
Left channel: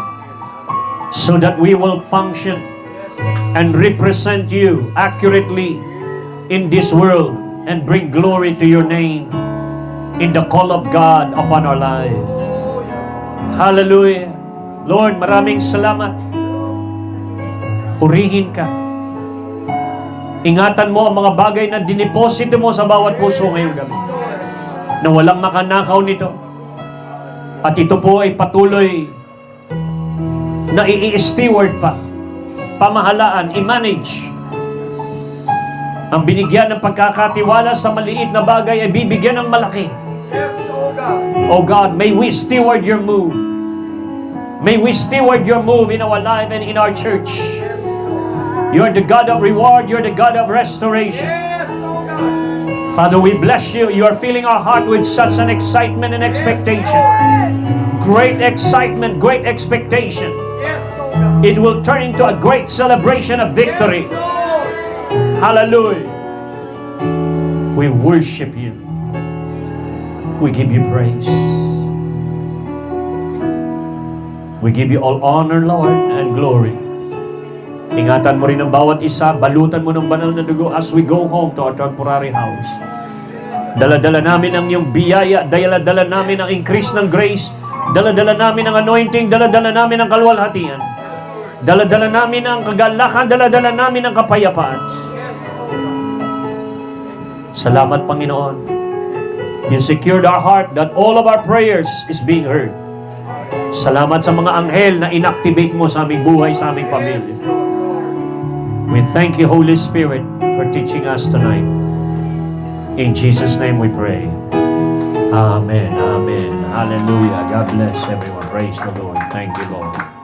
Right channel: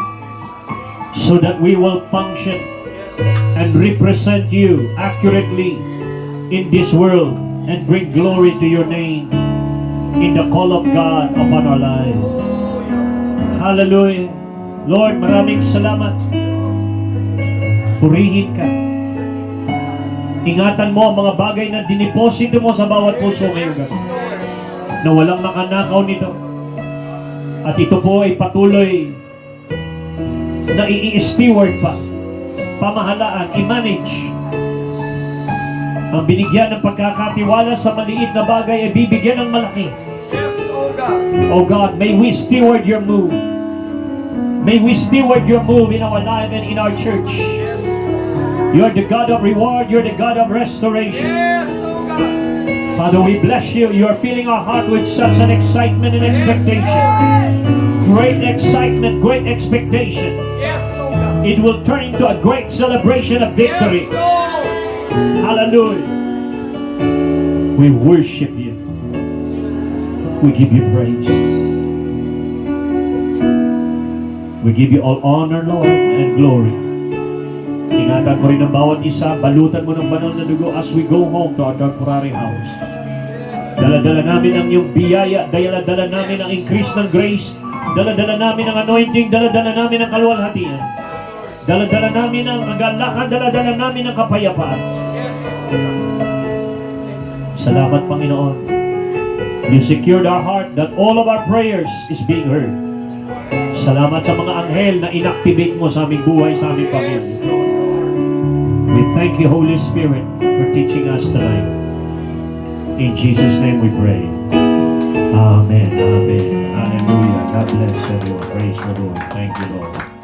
so that we will function and represent you accurately in this world and bring glory to your name in the call of God upon our lives. Hallelujah. Lord, maraming salamat. Purihin ka. Ingatan mo ang mga bagay na diniposito mo sa bawat puso ngayong gabi, na walang makanakaw nito. At ito po ay patuloy na i-steward pa, pamahalaan, i-manage. Ang binigyan ng pagkakatiwala sa maliit na bagay ay bibigyan ng malaki. Yes, oh God. Oh God, may we steward your move. May we steward your move in our life and in our church. Yes, You are the God of reward. You are the God of restoration. yes, oh God. Father, we bless you. You are filling our heart with such an excitement and expectation. Great excitement, great expectation. Yes, oh God. It will turn into a great celebration of victory. Yes, Lord. Hallelujah. We worship you. We give you praise. We give you all honor, Lord, and glory. Ingatan mo rin ang bawat isa, balutan mo ng banal na dugo as we go home to our temporary house. Dala-dala namin ang iyong biyaya, dala-dala namin ang increase ng grace, dala-dala namin ang anointing, dala-dala namin ang kalwalhatian, dala-dala namin ang kagalakan, dala-dala namin ang kapayapaan. Salamat, Panginoon. You secured our heart that all of our prayers is being heard. Salamat sa mga anghel na inactivate mo sa aming buhay, sa aming pamilya. We thank you, Holy Spirit, for teaching us tonight. In Jesus' name we pray. Amen. Amen. Hallelujah. God bless everyone. Praise the Lord. Thank you, Lord.